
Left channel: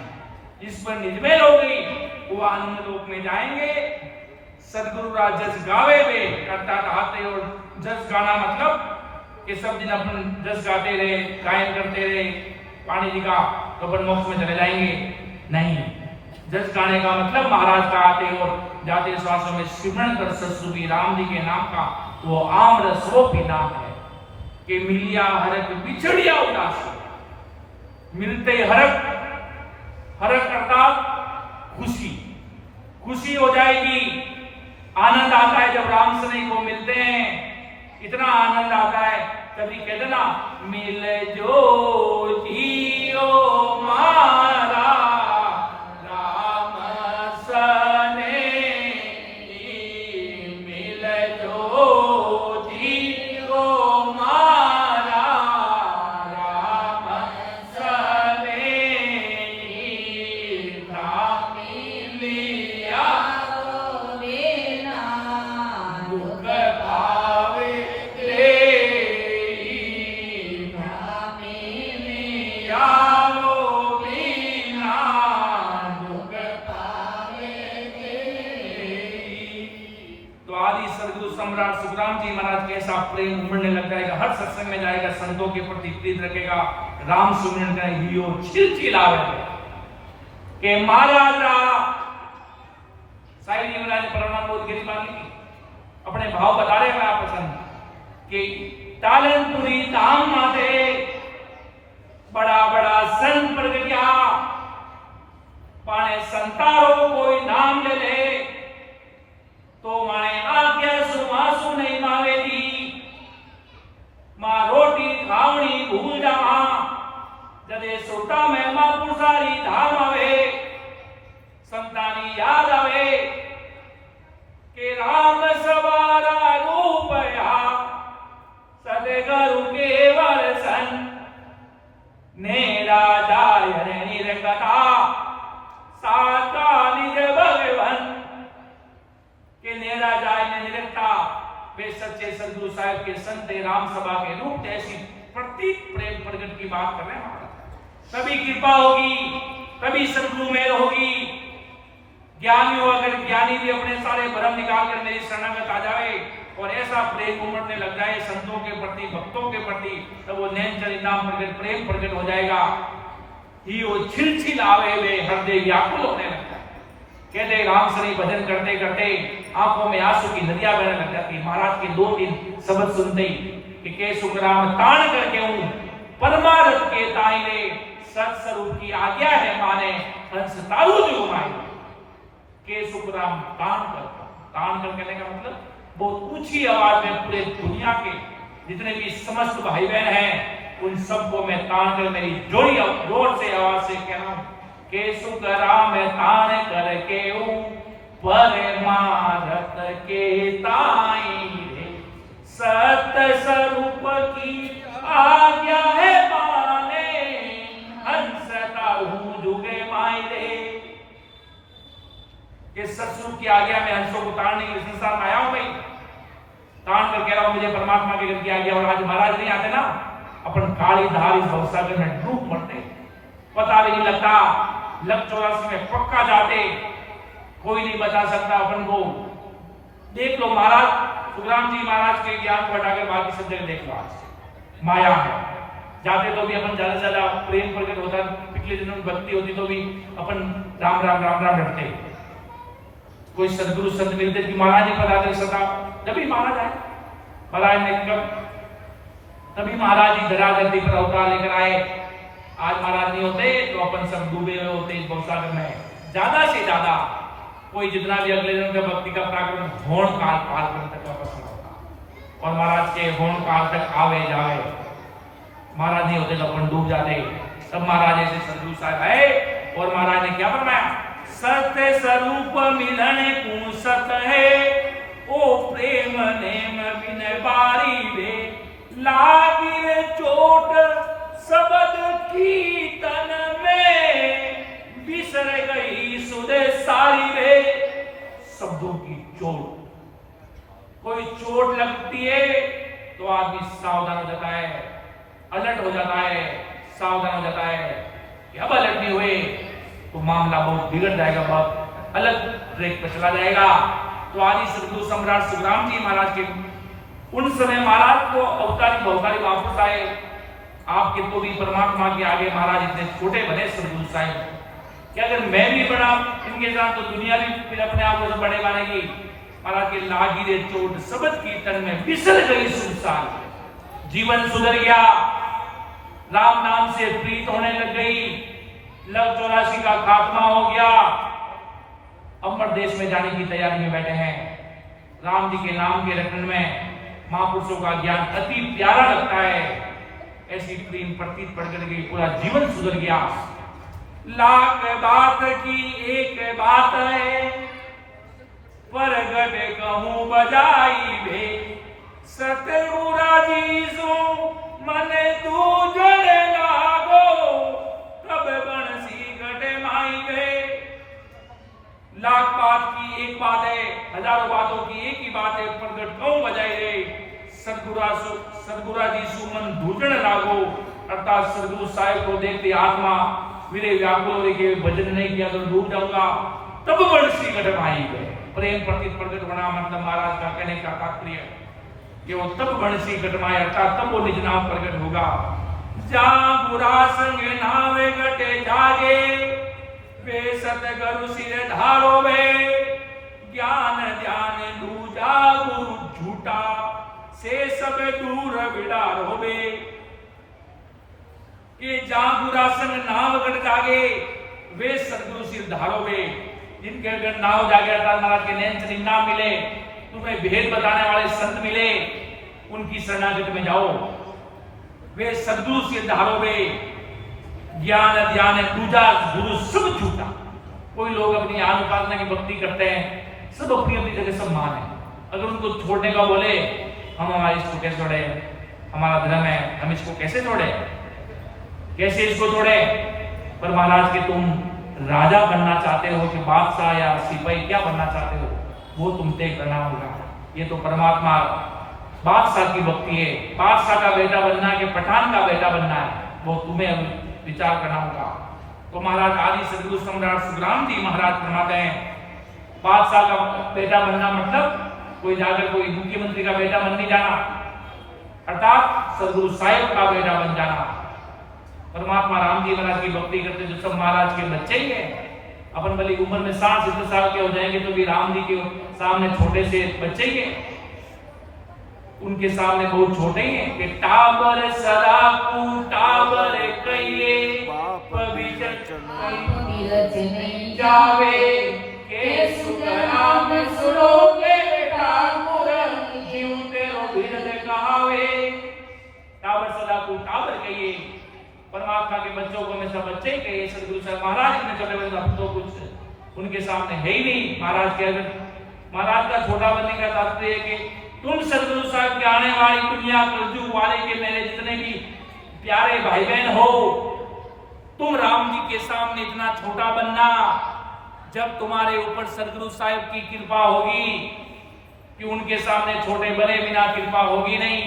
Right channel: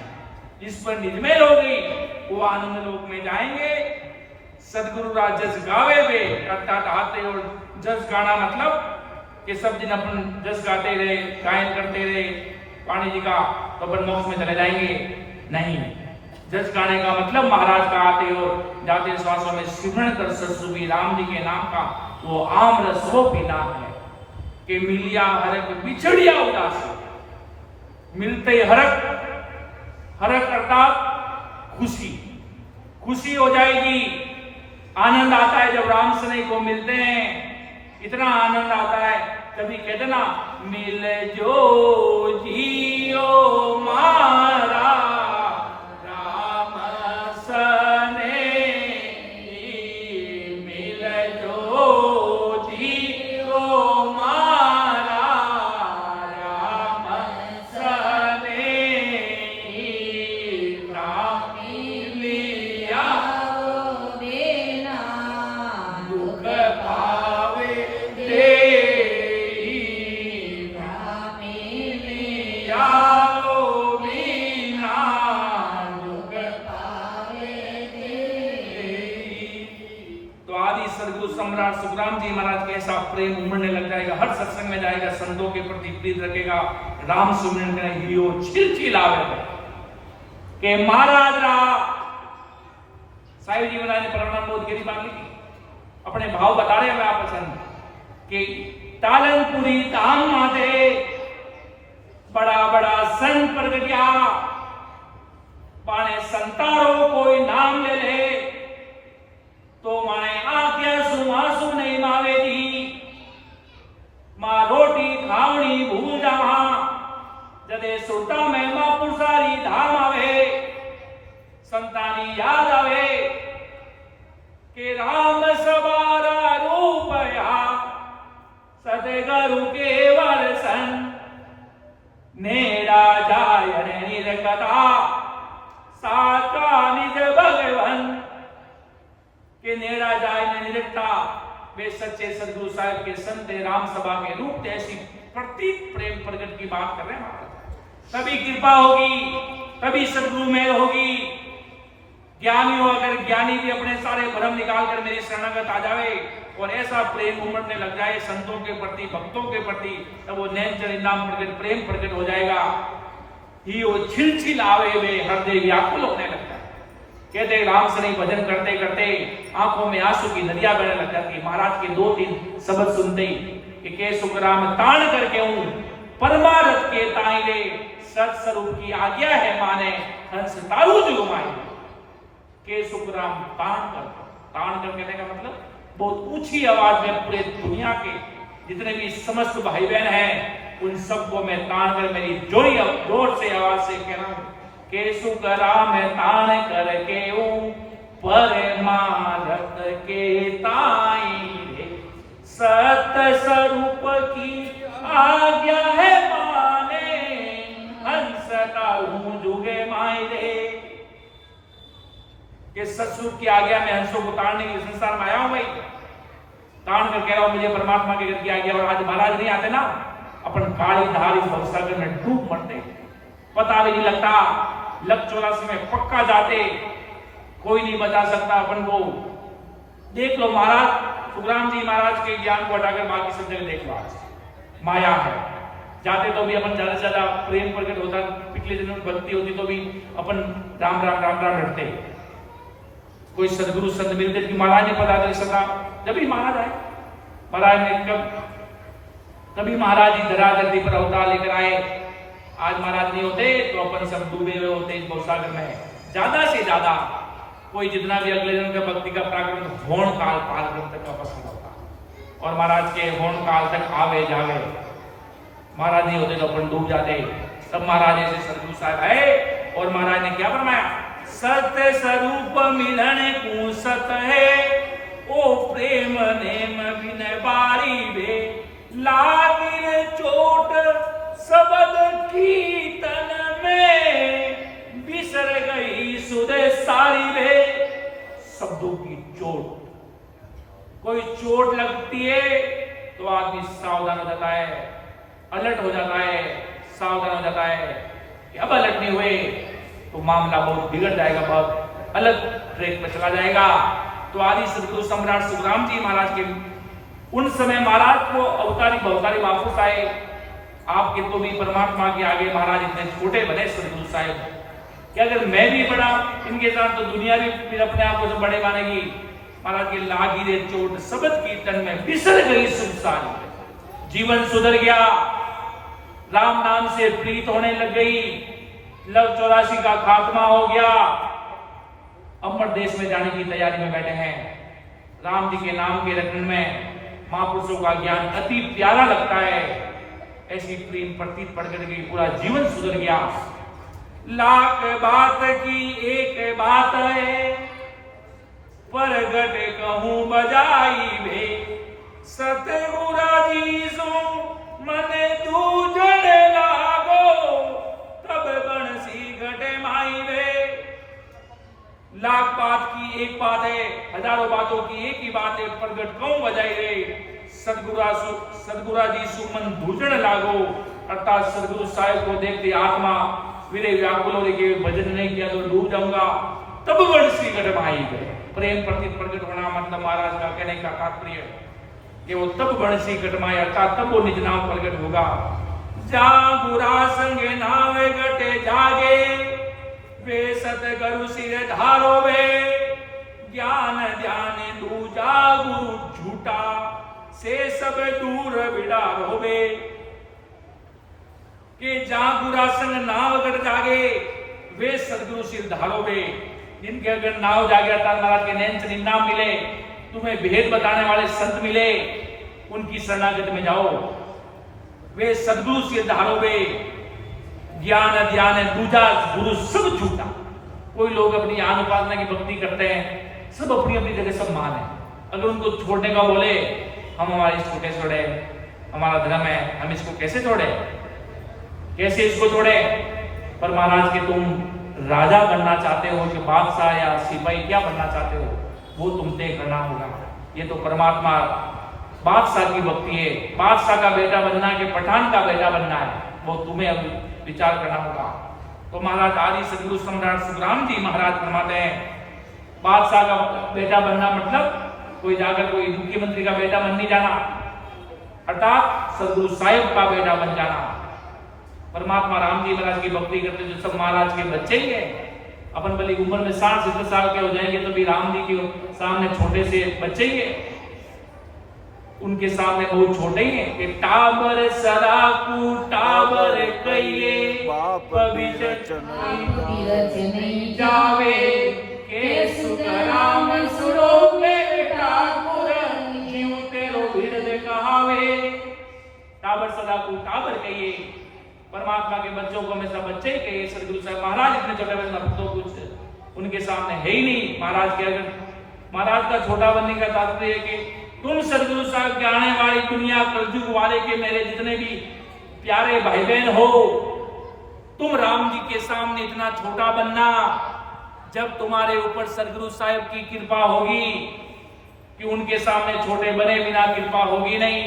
जिस पर निज में लोगी वो आनंद लोक में जाएंगे। सदगुरु का जस गावे वे अर्थात आते और जस गाना मतलब कि सब दिन अपन जस गाते रहे गायन करते रहे पाणी जी का तो अपन मोक्ष में चले जाएंगे नहीं। जचकाने का मतलब महाराज का आते और जाते श्वासों में सिमरण कर ससुबी राम जी के नाम का वो आम्र स्वरूपी नाम है कि मिलिया हरक बिछड़िया उदास, मिलते हरक, हरक अर्थात खुशी, खुशी हो जाएगी। आनंद आता है जब राम स्नेह को मिलते हैं, इतना आनंद आता है। कभी कहते ना, मिल जो जियो मारा राम स्नेह, मिल जो जियो मारा राम स्नेह, लिया दुख भावे सम्राट सुखराम जी महाराज के ऐसा प्रेम उमड़ने लग जाएगा, हर सत्संग में जाएगा, संतों के प्रति प्रीत रखेगा, राम सुमिरन का हियो छिलछिलावे के महाराज साहिब जी महाराज ने प्रणाम बोध गिरी मांगी थी, अपने भाव बता रहे हैं आप पसंद कि तालनपुरी धाम माते बड़ा बड़ा सन प्रगटिया पाने संतारों कोई नाम ले ले तो माने आंखें सुमासु नहीं मावे दी, मां रोटी खावणी भूल जावा जदे सोटा में मां पुरसारी धाम आवे, संतानी याद आवे के राम सवारा रूपया सदगुरु केवल सन, नेरा जाय रे निरकथा साका निज भगवन, कि नेरा जाए न निरखता वे सच्चे सदगुरु साहिब के संत राम सभा के रूप ऐसी प्रतीक प्रेम प्रकट की बात कर रहे हैं महाराज। तभी कृपा होगी, तभी सदगुरु में होगी। ज्ञानी हो, अगर ज्ञानी भी अपने सारे भ्रम निकाल कर मेरी शरणागत आ जाए और ऐसा प्रेम उमड़ने लग जाए संतों के प्रति, भक्तों के प्रति, तब वो नैनचर नाम प्रकट प्रेम प्रकट हो जाएगा। ही वो छिलछिलावे वे हृदय व्याकुल होने लगता है। कहते राम श्री भजन करते करते आंखों में आंसू की नदियां बहने लग जाती। महाराज के 2-3 शब्द सुनते ही कि सुखराम तान करके हूं परमारथ के ताइले सत स्वरूप की आज्ञा है माने हंस तारू जुगमाए के सुखराम तान करता। तान कर कहने का मतलब बहुत ऊंची आवाज में पूरे दुनिया के जितने भी समस्त भाई बहन हैं उन सबको मैं तान कर मेरी जोर से आवाज से कह रहा हूं के सुखराम तान करके परमारथ के ताई रे सत स्वरूप की आज्ञा है माने हंस तारू जुगे माए रे। के सत्सुख की आज्ञा में हंसों को ताड़ने के संसार में आया हूं भाई, ताड़ कर कह रहा हूं मुझे परमात्मा के घर की आज्ञा। और आज महाराज नहीं आते ना, अपन काली धार इस भवसागर में डूब मरते, पता भी नहीं लगता। लग 84 में पक्का जाते, कोई नहीं बचा सकता अपन को। देख लो महाराज सुखराम जी महाराज के ज्ञान को हटाकर बाकी सब जगह देख लो, आज माया है। जाते तो भी अपन ज्यादा से ज्यादा प्रेम प्रकट होता, पिछले दिनों में भक्ति होती तो भी अपन राम राम राम राम रटते। कोई सदगुरु संत मिलते कि महाराज ने पता कर सका, जब भी महाराज आए, महाराज ने कब तभी महाराज जी धराधरती पर अवतार लेकर आए। आज महाराज नहीं होते तो अपन सब डूबे हुए होते इस भवसागर में। ज्यादा से ज्यादा कोई जितना भी अगले दिन का भक्ति का प्राक्रम होण काल पाल तक का पसंद होता, और महाराज के होण काल तक आवे जावे। महाराज नहीं होते तो अपन डूब जाते। तब महाराज ऐसे सदगुरु साहब आए और महाराज ने क्या फरमाया, सत्य स्वरूप मिलन को सत है ओ प्रेम नेम बिन बारी वे लागिर चोट शब्द कीर्तन में बिसर गई सुध सारी रे। शब्दों की चोट, कोई चोट लगती है तो आदमी सावधान हो जाता है, अलर्ट हो जाता है, सावधान हो जाता है कि अब अलर्ट नहीं हुए तो मामला बहुत बिगड़ जाएगा, बहुत अलग ट्रैक पर चला जाएगा। तो आदि सदगुरु सम्राट सुखराम जी महाराज के उन समय महाराज को अवतारी बहुतारी वापस आए। आपके तो भी परमात्मा के आगे महाराज इतने छोटे भले सदगुरु साहिब कि अगर मैं भी बढ़ा इनके साथ तो दुनिया भी फिर अपने आप को बड़े मानेगी। महाराज की लागी रे चोट शब्द कीर्तन में बिसर गई सुनसान, जीवन सुधर गया, राम नाम से प्रीत होने लग गई, लव 84 का खात्मा हो गया। अमर देश में जाने की तैयारी में बैठे हैं। राम जी के नाम के रखने में महापुरुषों का ज्ञान अति प्यारा लगता है। ऐसी प्रेम प्रतीत पड़ कर गई, पूरा जीवन सुधर गया। लाख बात की एक बात है, परगट कहूं बजाई भे, सतगुरा जी सो मन दूजण लागो, तब बंसी घटे माई भे। लाख बात की एक बात है, हजारों बातों की एक ही बात है, प्रगट कहूं बजाई रे, सतगुरा जी सु मन दूजण लागो। अर्थात सदगुरु साहिब को देखते आत्मा मेरे व्याकुल हो के भजन नहीं किया तो डूब जाऊंगा, तब बंसी घटे माई भे। प्रेम प्रतीत प्रगट होना मतलब महाराज का कहने का तात्पर्य कि वो तब बंसी घटमाए, अर्थात तब वो निज नाम प्रगट होगा। जागुरा संग नाम घटे जागे, वे सतगुरु सिर धारो वे, ज्ञान ध्यान दूजा गुरु झूठा, से सब दूर बिडारो वे। कि जागुरा संग नाम घट जागे, वे सतगुरु सिर धारो वे। जिनके अगर नाव जागे अर्थात महाराज के नैन चरित नाम मिले, तुम्हें भेद बताने वाले संत मिले, उनकी शरणागति में जाओ, वे सदगुरु से धारोगे। ज्ञान ध्यान दूजा गुरु सब झूठा। कोई लोग अपनी आन उपासना की भक्ति करते हैं, सब अपनी अपनी जगह सब मान है। अगर उनको छोड़ने का बोले, हम हमारे इसको कैसे छोड़े, हमारा धर्म है, हम इसको कैसे छोड़े, कैसे इसको छोड़े। पर महाराज के तुम राजा बनना चाहते हो कि बादशाह या सिपाही क्या बनना चाहते हो, वो तुम तय करना होगा। ये तो परमात्मा बादशाह की भक्ति है, बादशाह का बेटा बनना है कि पठान का बेटा बनना है, वो तुम्हें विचार करना होगा। तो महाराज आदि सदगुरु सम्राट सुखराम जी महाराज फरमाते हैं, बादशाह का बेटा बनना मतलब कोई जाकर कोई मुख्यमंत्री का बेटा बन नहीं जाना, अर्थात सदगुरु साहिब का बेटा बन जाना। परमात्मा राम जी महाराज की भक्ति करते जो सब महाराज के बच्चे ही है। अपन भली उम्र में 60-70 साल के हो जाएंगे तो भी राम जी के सामने छोटे से बच्चे ही है, उनके सामने बहुत छोटे ही है। कि टाबर सदा कु टाबर कहिए, पवित्र नहीं जावे, के सुख राम सुनोगे ठाकुर, जीव तेरो बिरद कहावे। टाबर सदा कु टाबर कहिए, परमात्मा के बच्चों को हमेशा बच्चे ही कहिए। सदगुरु साहब महाराज अपने छोटे बच्चों तो कुछ उनके सामने है ही नहीं। महाराज के अगर महाराज का छोटा बनने का तात्पर्य है कि तुम सदगुरु साहब के आने वाली दुनिया कलयुग वाले के मेरे जितने भी प्यारे भाई बहन हो, तुम राम जी के सामने इतना छोटा बनना, जब तुम्हारे ऊपर सदगुरु साहब की कृपा होगी कि उनके सामने छोटे बने बिना कृपा होगी नहीं।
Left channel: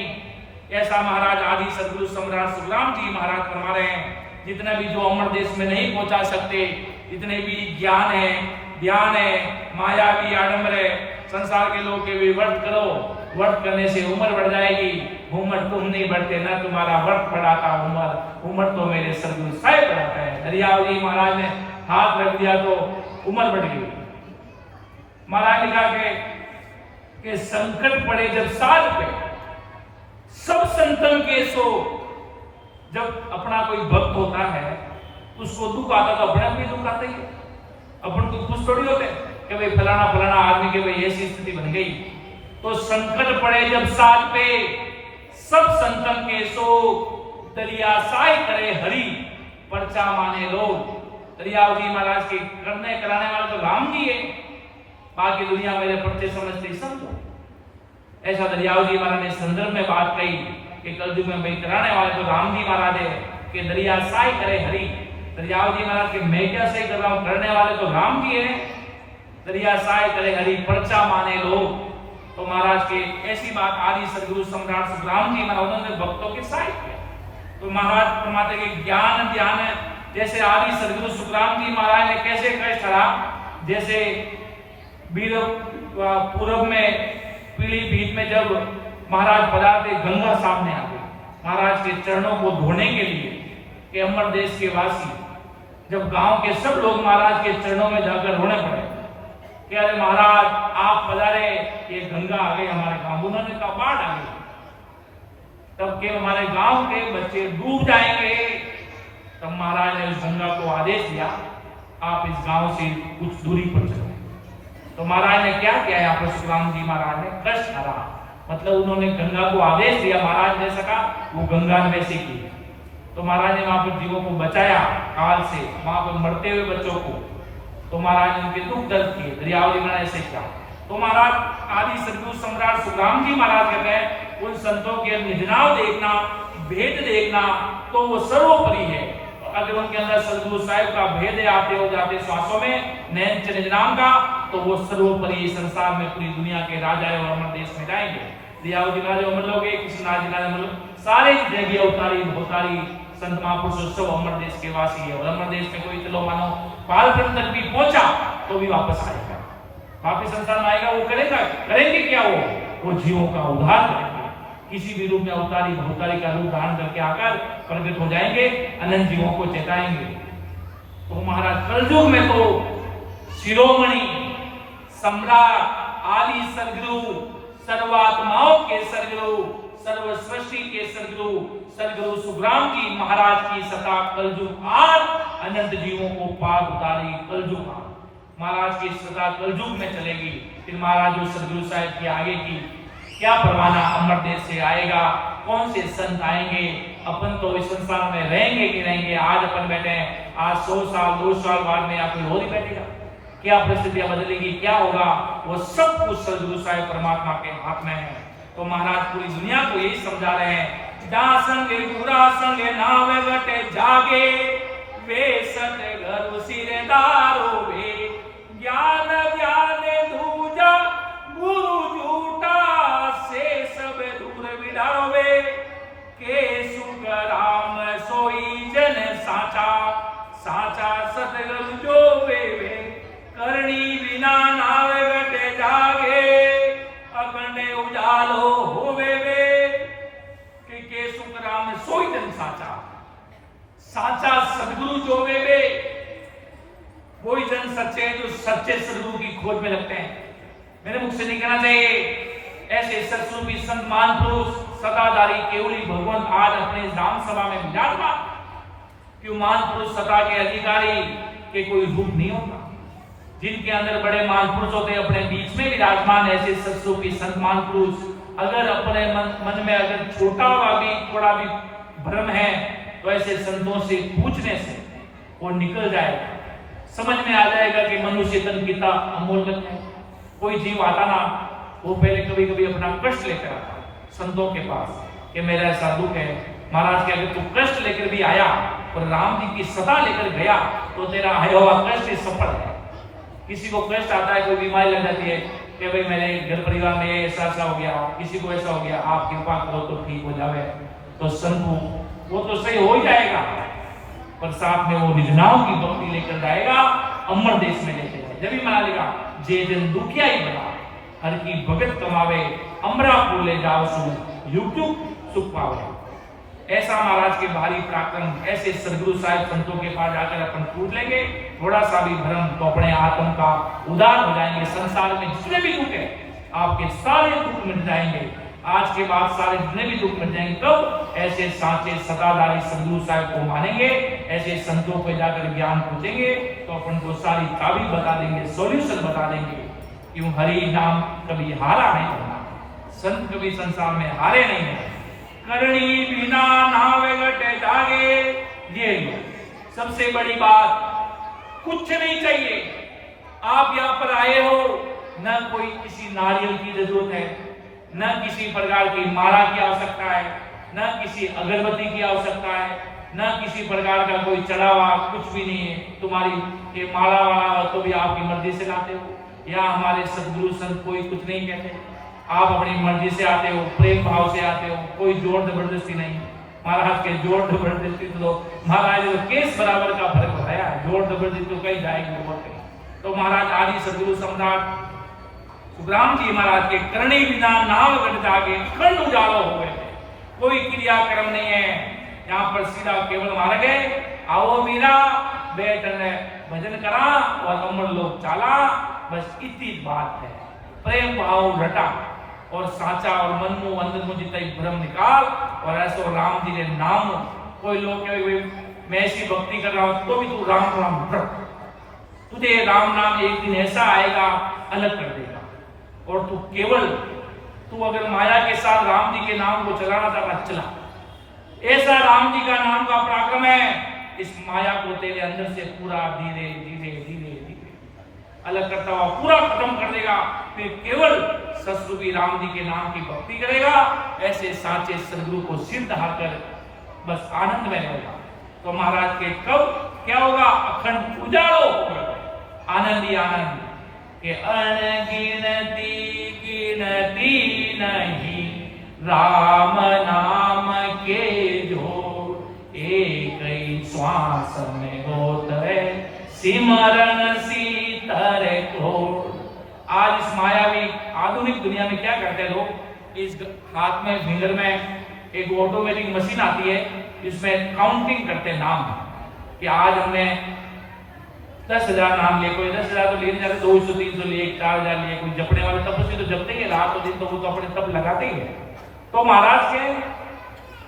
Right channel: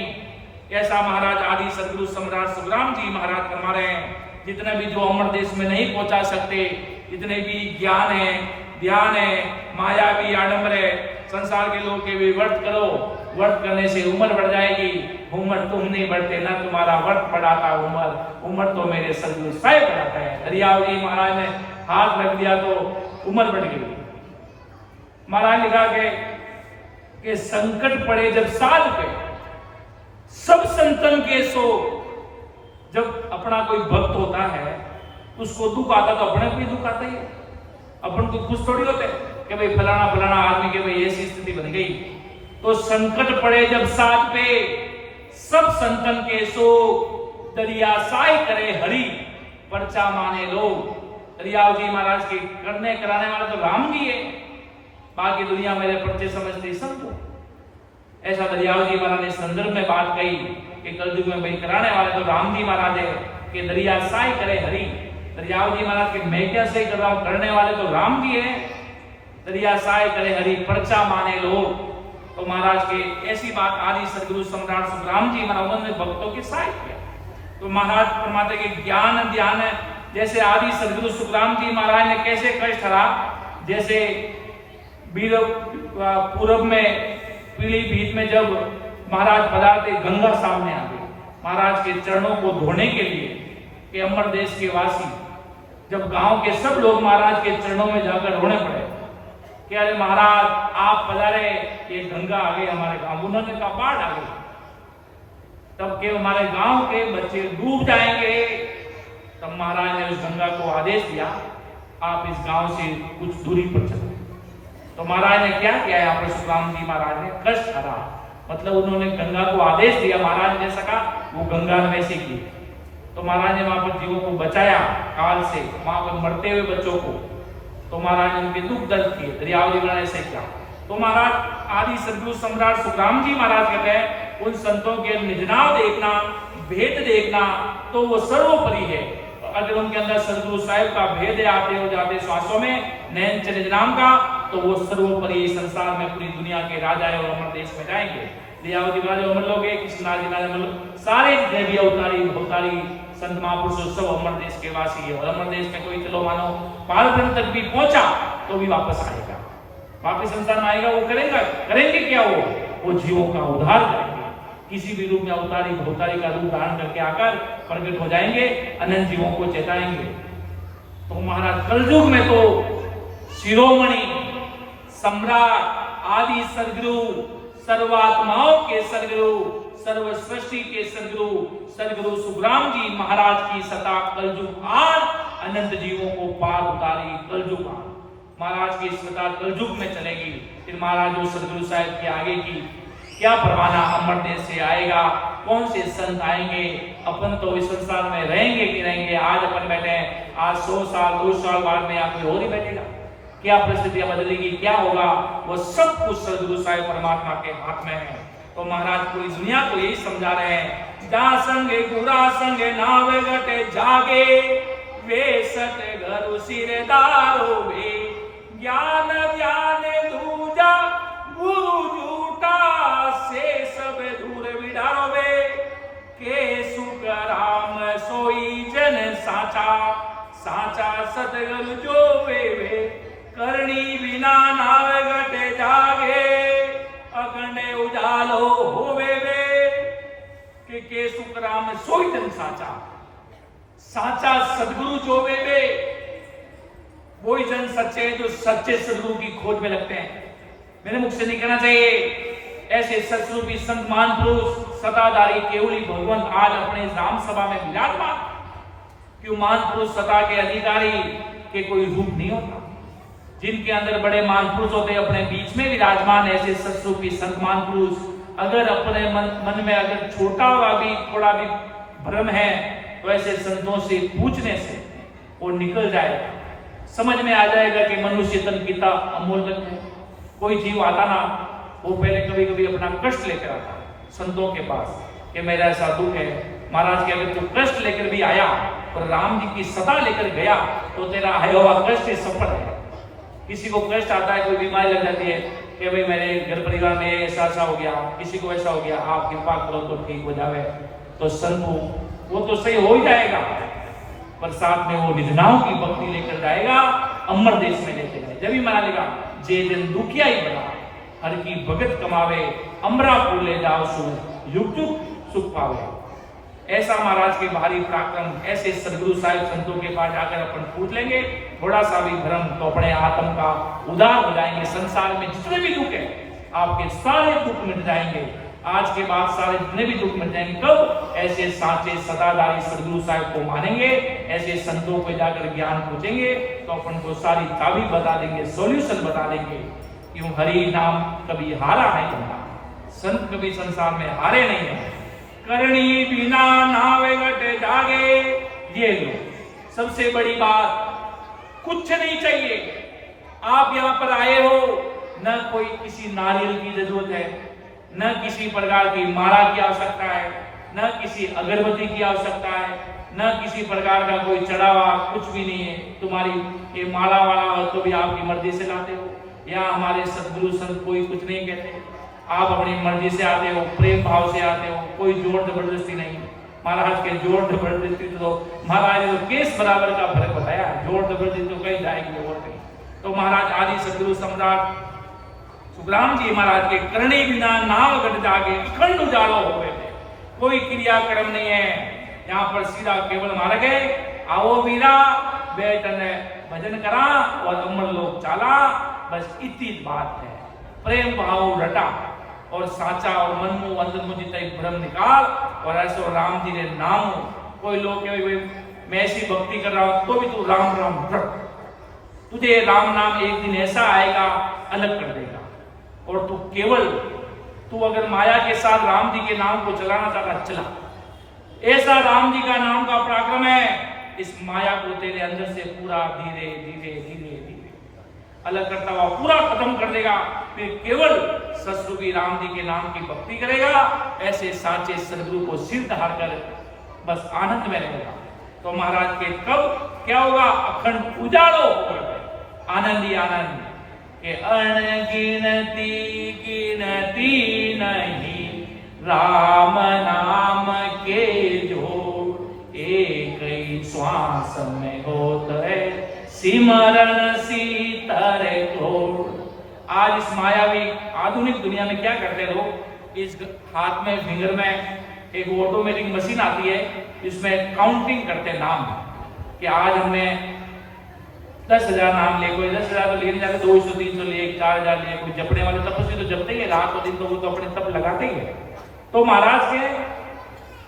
ऐसा महाराज आदि सदगुरु सम्राट सुखराम जी महाराज फरमा रहे हैं। जितने भी जो अमर देश में नहीं पहुंचा सकते, जितने भी ज्ञान है, ध्यान है, मायावी आडंबर है, संसार के लोग के भी व्रत करो, व्रत करने से उम्र बढ़ जाएगी। उम्र तुम नहीं बढ़ते, ना तुम्हारा व्रत बढ़ाता उम्र तो मेरे सदगुरु साहिब बढ़ाता है। दरियाव जी महाराज ने हाथ रख दिया तो उम्र बढ़ गई। महाराज लिखा के संकट पड़े जब साध पे, सब संतन के सो। जब अपना कोई भक्त होता है तो उसको दुख आता तो अपने भी दुख आता ही है। अपन को खुश थोड़ी होते कि भाई फलाना आदमी के भाई ऐसी स्थिति बन गई। तो संकट पड़े जब साथ पे, सब संतन के सो, दरिया साई करे हरि, पर्चा माने लोग। दरियाव जी महाराज के करने कराने वाले तो राम जी है, बाकी दुनिया मेरे पर्चे समझते समझो। ऐसा दरियाव जी महाराज ने संदर्भ में बात कही कि कलयुग में भाई कराने वाले तो राम जी महाराज है कि दरिया साई करे हरि। दरियाव जी महाराज के मैं क्या से कर रहा हूं, करने वाले तो राम जी है। दरिया साई करे हरि, पर्चा माने लोग। तो महाराज के ऐसी बात आदि सदगुरु सम्राट सुखराम जी महाराज उन्होंने भक्तों के साथ है। तो महाराज फरमाते कि ज्ञान ध्यान जैसे आदि सदगुरु सुखराम जी महाराज ने कैसे कष्ट हरा, जैसे पूर्व में पीलीभीत में जब महाराज पधारते, गंगा सामने आ गई महाराज के चरणों को धोने के लिए कि अमर देश के वासी जब गांव के सब लोग महाराज के चरणों में जाकर रोने पड़े कि अरे महाराज आप पधारे, ये गंगा आ गई हमारे गांव, उन्होंने कहा बाढ़ आ गई, तब के हमारे गांव के बच्चे डूब जाएंगे। तब महाराज ने उस गंगा को आदेश दिया, आप इस गांव से कुछ दूरी पर चलो। तो महाराज ने क्या किया, यहाँ पर सुखराम जी महाराज ने कष्ट करा, मतलब उन्होंने गंगा को आदेश दिया, महाराज ने सका वो गंगा ने वैसे की। तो महाराज ने वहां पर जीवों को बचाया काल से, वहां पर मरते हुए बच्चों को। तो महाराज ने उनके दुख दर्द किए, दरियावली में ऐसे किया। तो महाराज आदि सदगुरु सम्राट सुखराम जी महाराज कहते हैं उन संतों के निजनाव देखना, भेद देखना तो वो सर्वोपरि है। अगर उनके अंदर सदगुरु साहिब का भेद आते हो जाते श्वासों में नैन चनिज नाम का, तो वो सर्वोपरि संसार में पूरी दुनिया के राजा और अमर देश में जाएंगे। दयावती महाराज अमर लोग, कृष्णराज महाराज, सारे देवी अवतारी भवतारी संत महापुरुष सब अमर देश के वासी है। और अमर देश में कोई चलो मानो पालब्रह्म तक भी पहुंचा तो भी वापस आएगा, वापस संसार में आएगा। वो करेंगे क्या, वो जीवों का उद्धार करेंगे, किसी भी रूप में अवतारी भवतारी का रूप धारण करके आकर प्रकट हो जाएंगे, अनंत जीवों को चेताएंगे। तो महाराज कलयुग में तो शिरोमणि सम्राट आदि सदगुरु, सर्वात्माओं के सदगुरु, सर्व सृष्टि के सदगुरु सुखराम जी महाराज की सता कलयुग आज अनंत जीवों को पार उतारी कलयुग महाराज की सता कलयुग में चलेगी। फिर महाराज जो सदगुरु साहिब के आगे की क्या परवाना, अमर देश से आएगा, कौन से संत आएंगे, अपन तो इस संसार में रहेंगे कि रहेंगे। आज अपन बैठे हैं, आज 100 साल 200 साल बाद में यहाँ कोई और ही बैठेगा, क्या परिस्थितियां बदलेगी, क्या होगा, वो सब कुछ सदगुरु साहिब परमात्मा के हाथ में है। तो महाराज पूरी दुनिया को यही समझा रहे हैं, जा संगे पूरा संगे नावे गटे जागे, वे सत घर सिरदारो वे, ज्ञान ध्यान दूजा गुरु झूठा से सब दूर विडावे, के सुख राम सोई जन साचा, साचा सतगुरु जो वे, करणी बिना नावे गटे जागे, अखंड उजालो होवे वे, के सुख राम सोई जन साचा, साचा सदगुरु जो वे वही जन सच्चे हैं जो सच्चे सदगुरु की खोज में लगते हैं। मेरे मुख से नहीं कहना चाहिए, ऐसे सत्स्वरूपी संत महापुरुष सताधारी केवली भगवंत आज अपने राम सभा में विराजमान। क्यों महापुरुष सता के अधिकारी के कोई रूप नहीं होता, जिनके अंदर बड़े महापुरुष होते हैं अपने बीच में विराजमान। ऐसे सत्स्वरूपी संत महापुरुष अगर अपने मन में अगर छोटा हुआ भी थोड़ा भी भ्रम है तो ऐसे संतों से पूछने से वो निकल जाएगा, समझ में आ जाएगा कि मनुष्य तन कितना अमूल्य है। कोई जीव आता ना, वो पहले कभी कभी अपना कष्ट लेकर आता है संतों के पास कि मेरा ऐसा दुख है। महाराज के अगर तू कष्ट लेकर भी आया और राम जी की सता लेकर गया तो तेरा आया हुआ कष्ट सफल है। किसी को कष्ट आता है, कोई बीमारी लग जाती है कि भाई मेरे घर परिवार में ऐसा हो गया, किसी को ऐसा हो गया, आप कृपा करो तो ठीक हो जावे, तो संत वो तो सही हो ही जाएगा, पर साथ में वो निजनाओं की भक्ति लेकर जाएगा, अमर देश में लेते हैं। जब भी मना लेगा जे जन दुखिया ही बना, हर की भगत कमावे, अमरा ले जाओ सु युग युग सुख पावे। ऐसा महाराज के भारी पराक्रम, ऐसे सदगुरु साहिब संतों के पास जाकर अपन पूछ लेंगे, थोड़ा सा भी भ्रम तो अपने आत्म का उदार हो जाएंगे। संसार में जितने भी दुख है आपके सारे दुख मिट जाएंगे। आज के बाद सारे जितने भी दुख मिट जाएंगे। कब? ऐसे साचे सदाधारी सदगुरु साहिब को मानेंगे, ऐसे संतों को जाकर ज्ञान पूछेंगे तो अपन को सारी चाबी बता देंगे, सॉल्यूशन बता देंगे। क्यों? हरि नाम कभी हारा नहीं होगा, संत कभी संसार में हारे नहीं है। करणी बिना नावे गटे जागे, ये लो सबसे बड़ी बात, कुछ नहीं चाहिए। आप यहाँ पर आए हो, न कोई किसी नारियल की जरूरत है, न किसी प्रकार की माला की आवश्यकता है, न किसी अगरबत्ती की आवश्यकता है, न किसी प्रकार का कोई चढ़ावा, कुछ भी नहीं है। तुम्हारी ये माला वाला तो भी आपकी मर्जी से लाते हो, या हमारे सदगुरु संत कोई कुछ नहीं कहते, आप अपनी मर्जी से आते हो, प्रेम भाव से आते हो, कोई जोर जबरदस्ती नहीं। महाराज के जोर जबरदस्ती तो महाराज ने केस बराबर का फर्क बताया, जोर जबरदस्ती तो कहीं जाएगी जरूरत नहीं। तो महाराज आदि सदगुरु सम्राट सुखराम जी महाराज के करणी बिना नाव गट जागे, अखंड उजालो हो गए थे, कोई क्रियाक्रम नहीं है। यहाँ पर सीधा केवल मार गए, आओ मीरा बैठ ने भजन करा और अमर लोग चाला, बस इतनी बात है। प्रेम भाव रटा और साचा और मनमु अंदर मुझे तय भ्रम निकाल और ऐसो राम जी ने नाम। कोई लोग कहे मैं ऐसी भक्ति कर रहा हूं तो भी तू राम राम रट, तुझे राम नाम एक दिन ऐसा आएगा अलग कर देगा। और तू अगर माया के साथ राम जी के नाम को चलाना चाहता चला, ऐसा राम जी का नाम का पराक्रम है, इस माया को तेरे अंदर से पूरा धीरे धीरे धीरे धीरे अलग करता हुआ पूरा खत्म कर देगा। फिर केवल ससुरूपी राम जी के नाम की भक्ति करेगा। ऐसे साचे सदगुरु को सिर धार कर बस आनंद में रहेगा। तो महाराज के कब क्या होगा? अखंड उजालो आनंद ही आनंद के अनगिनती गिनती नहीं राम नाम के जोड़, एक ही श्वास में होता है सिमरन सीतर घोड़। आज इस मायावी आधुनिक दुनिया में क्या करते हैं लोग? इस हाथ में फिंगर में एक ऑटोमेटिक मशीन आती है, इसमें काउंटिंग करते नाम कि आज हमने 10,000 नाम लिए, कोई 10,000 तो लिए जाते, 200 300 लिए, 4,000 लिए। कोई जपने वाले तपस्वी तो जपते ही रात और दिन, तो वो तो अपने तप लगाते ही है। तो महाराज के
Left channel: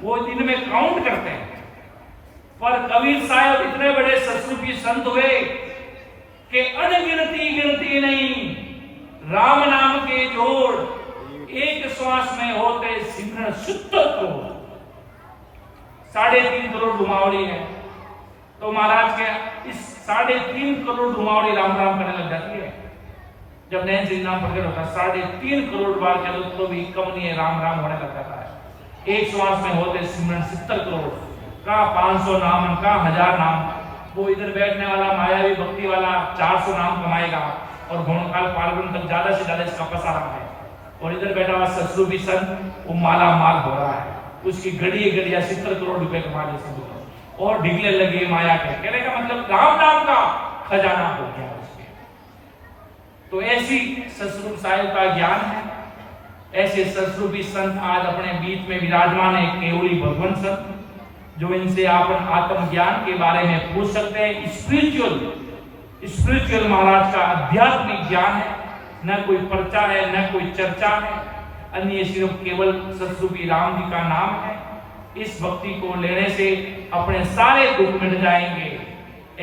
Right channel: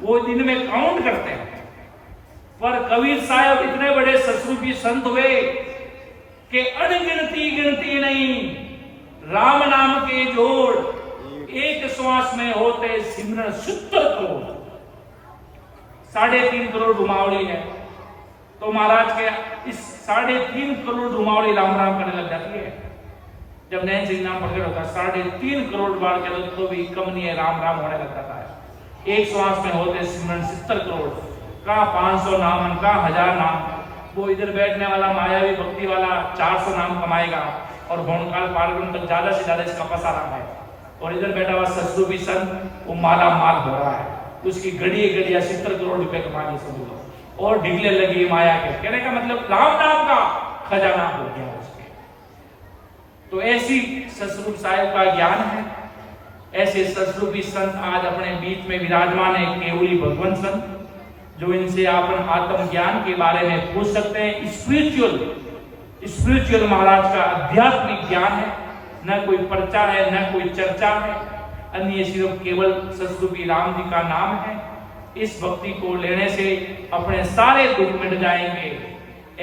वो दिन में काउंट करते हैं। पर कबीर साहब इतने बड़े ससुरूपी संत हुए कि अनगिनती गिनती नहीं राम नाम के जोड़, एक श्वास में होते सिमरन शुद्ध करोड़। 3.5 करोड़ डुमावड़ी है। तो महाराज के इस 3.5 करोड़ डुमावड़ी राम राम करने लग जाती है। जब नैन सिंह नाम प्रकट होता है 3.5 करोड़ बार कह दो तो भी कम नहीं है, राम राम होने लग जाता है। एक श्वास में होते सिमरन 70 करोड़, कहाँ 500 नाम, कहाँ 1000 नाम। वो इधर बैठने वाला मायावी भक्ति वाला 400 नाम कमाएगा और भोनकाल पालगुन तक ज्यादा से ज्यादा इसका पसारा है। और इधर बैठा हुआ ससुरूपी संत वो माला माल हो रहा है, उसकी घड़ी घड़िया 70 करोड़ रुपए कमा ले सब लोग और ढिगले लगी माया के। कहने का मतलब राम नाम का खजाना हो गया उसके। तो ऐसी ससुरूप साहिब का ज्ञान है। ऐसे ससुरूपी संत आज अपने बीच में विराजमान है, केवली भगवान संत, जो इनसे आप आत्म ज्ञान के बारे में पूछ सकते हैं। स्पिरिचुअल महाराज का आध्यात्मिक ज्ञान है, न कोई पर्चा है न कोई चर्चा है, अन्य सिर्फ केवल ससुरूपी राम जी का नाम है। इस भक्ति को लेने से अपने सारे दुख मिट जाएंगे।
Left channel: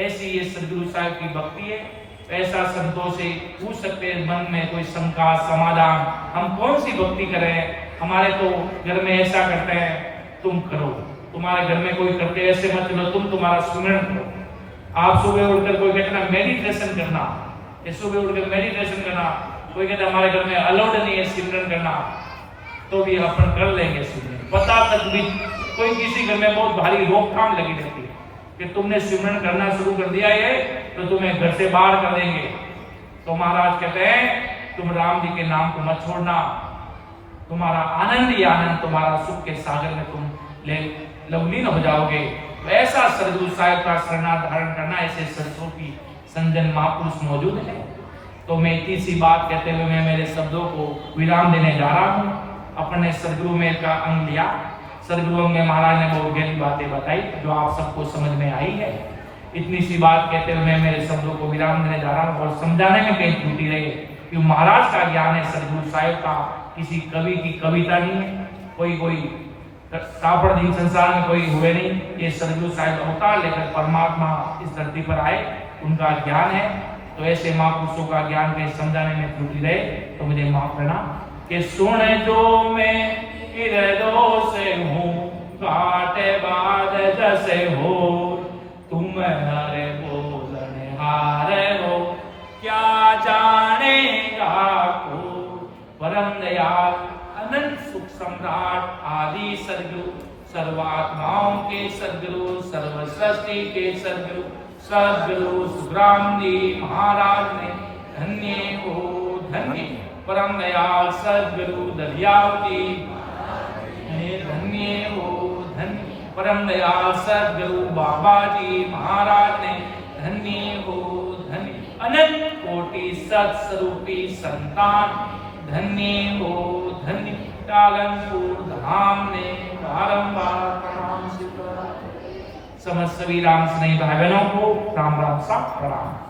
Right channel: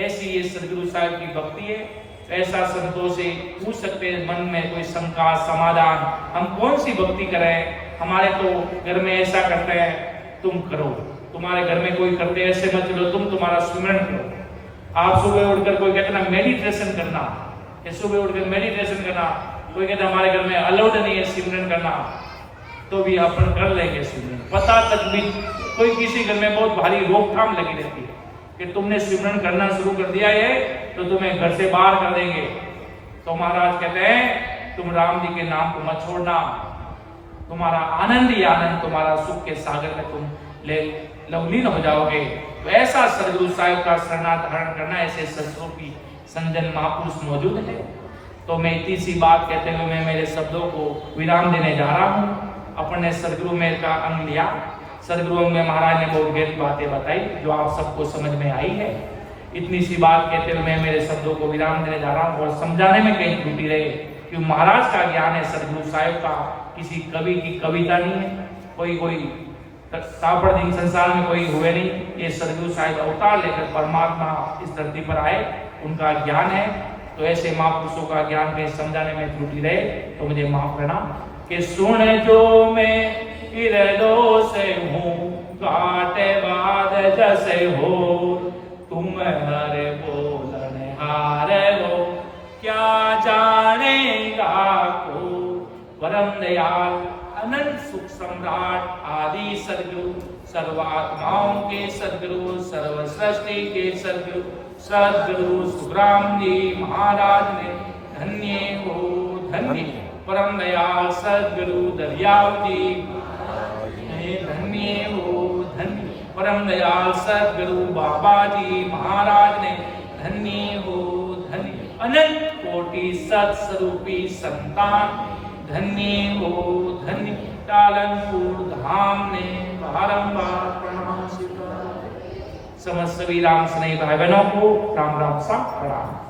ऐसी ये सदगुरु साहब की भक्ति है। ऐसा संतों से पूछ सकते हैं मन में कोई शंका समाधान, हम कौन सी भक्ति करें? हमारे तो घर में ऐसा करते हैं, तुम करो। तुम्हारे घर में कोई करते ऐसे मत चलो, तुम तुम्हारा सुमिरन करो। आप सुबह उठकर कोई कहता है मेडिटेशन करना, सुबह उठकर मेडिटेशन करना, कोई कहता है हमारे घर में अलाउड नहीं है सिमरन करना, तो भी अपन कर लेंगे सिमरन। पता तक भी कोई किसी घर में बहुत भारी रोकथाम लगी रहती है कि तुमने सिमरन करना शुरू कर दिया है तो तुम्हें घर से बाहर कर देंगे। तो महाराज कहते हैं तुम राम जी के नाम को मत छोड़ना, तुम्हारा आनंद ही आनंद, तुम्हारा सुख के सागर में तुम लवलीन हो जाओगे। तो ऐसा सदगुरु साहिब का शरणा धारण करना, ऐसे सदस्वरूपी संजन महापुरुष मौजूद है। तो मैं इतनी सी बात कहते हुए मैं मेरे शब्दों को विराम देने जा रहा हूँ। अपने सदगुरु में का अंग लिया, सदगुरु में महाराज ने बहुत गहरी बातें बताई जो आप सबको समझ में आई है। इतनी सी बात कहते हुए मैं मेरे शब्दों को विराम देने जा रहा हूँ और समझाने में कहीं त्रुटि रहे कि महाराज का ज्ञान है, सदगुरु साहिब का किसी कवि की कविता नहीं है, कोई कापड़ दिन संसार में कोई हुए नहीं। ये सदगुरु साहिब अवतार लेकर परमात्मा इस धरती पर आए, उनका ज्ञान है। तो ऐसे महापुरुषों का ज्ञान के समझाने में त्रुटि रहे तो मुझे माफ करना। कि सुन जो मैं गिरलो से हूँ काटे बाद जैसे हो, तुम हरे बोलने हारे हो क्या जानेगा को। परम दयाल अनंत सुख सम्राट आदि सदगुरु, सर्वात्माओं के सदगुरु, सर्व सृष्टि के सदगुरु, सदगुरु सुखराम जी महाराज ने धन्य हो धन्य। परम दयाल सदगुरु दरियाव जी धन्य हो धन्य। परम दयाल सदगुरु बाबा जी महाराज ने धन्य हो धन्य। अनंत कोटि सत्स्वरूपी संतान धन्य हो धन्य। कालनपुर धाम ने बारंबार प्रणाम स्वीकार। समस्त सभी राम स्नेही भाई बहनों को राम राम सा प्रणाम।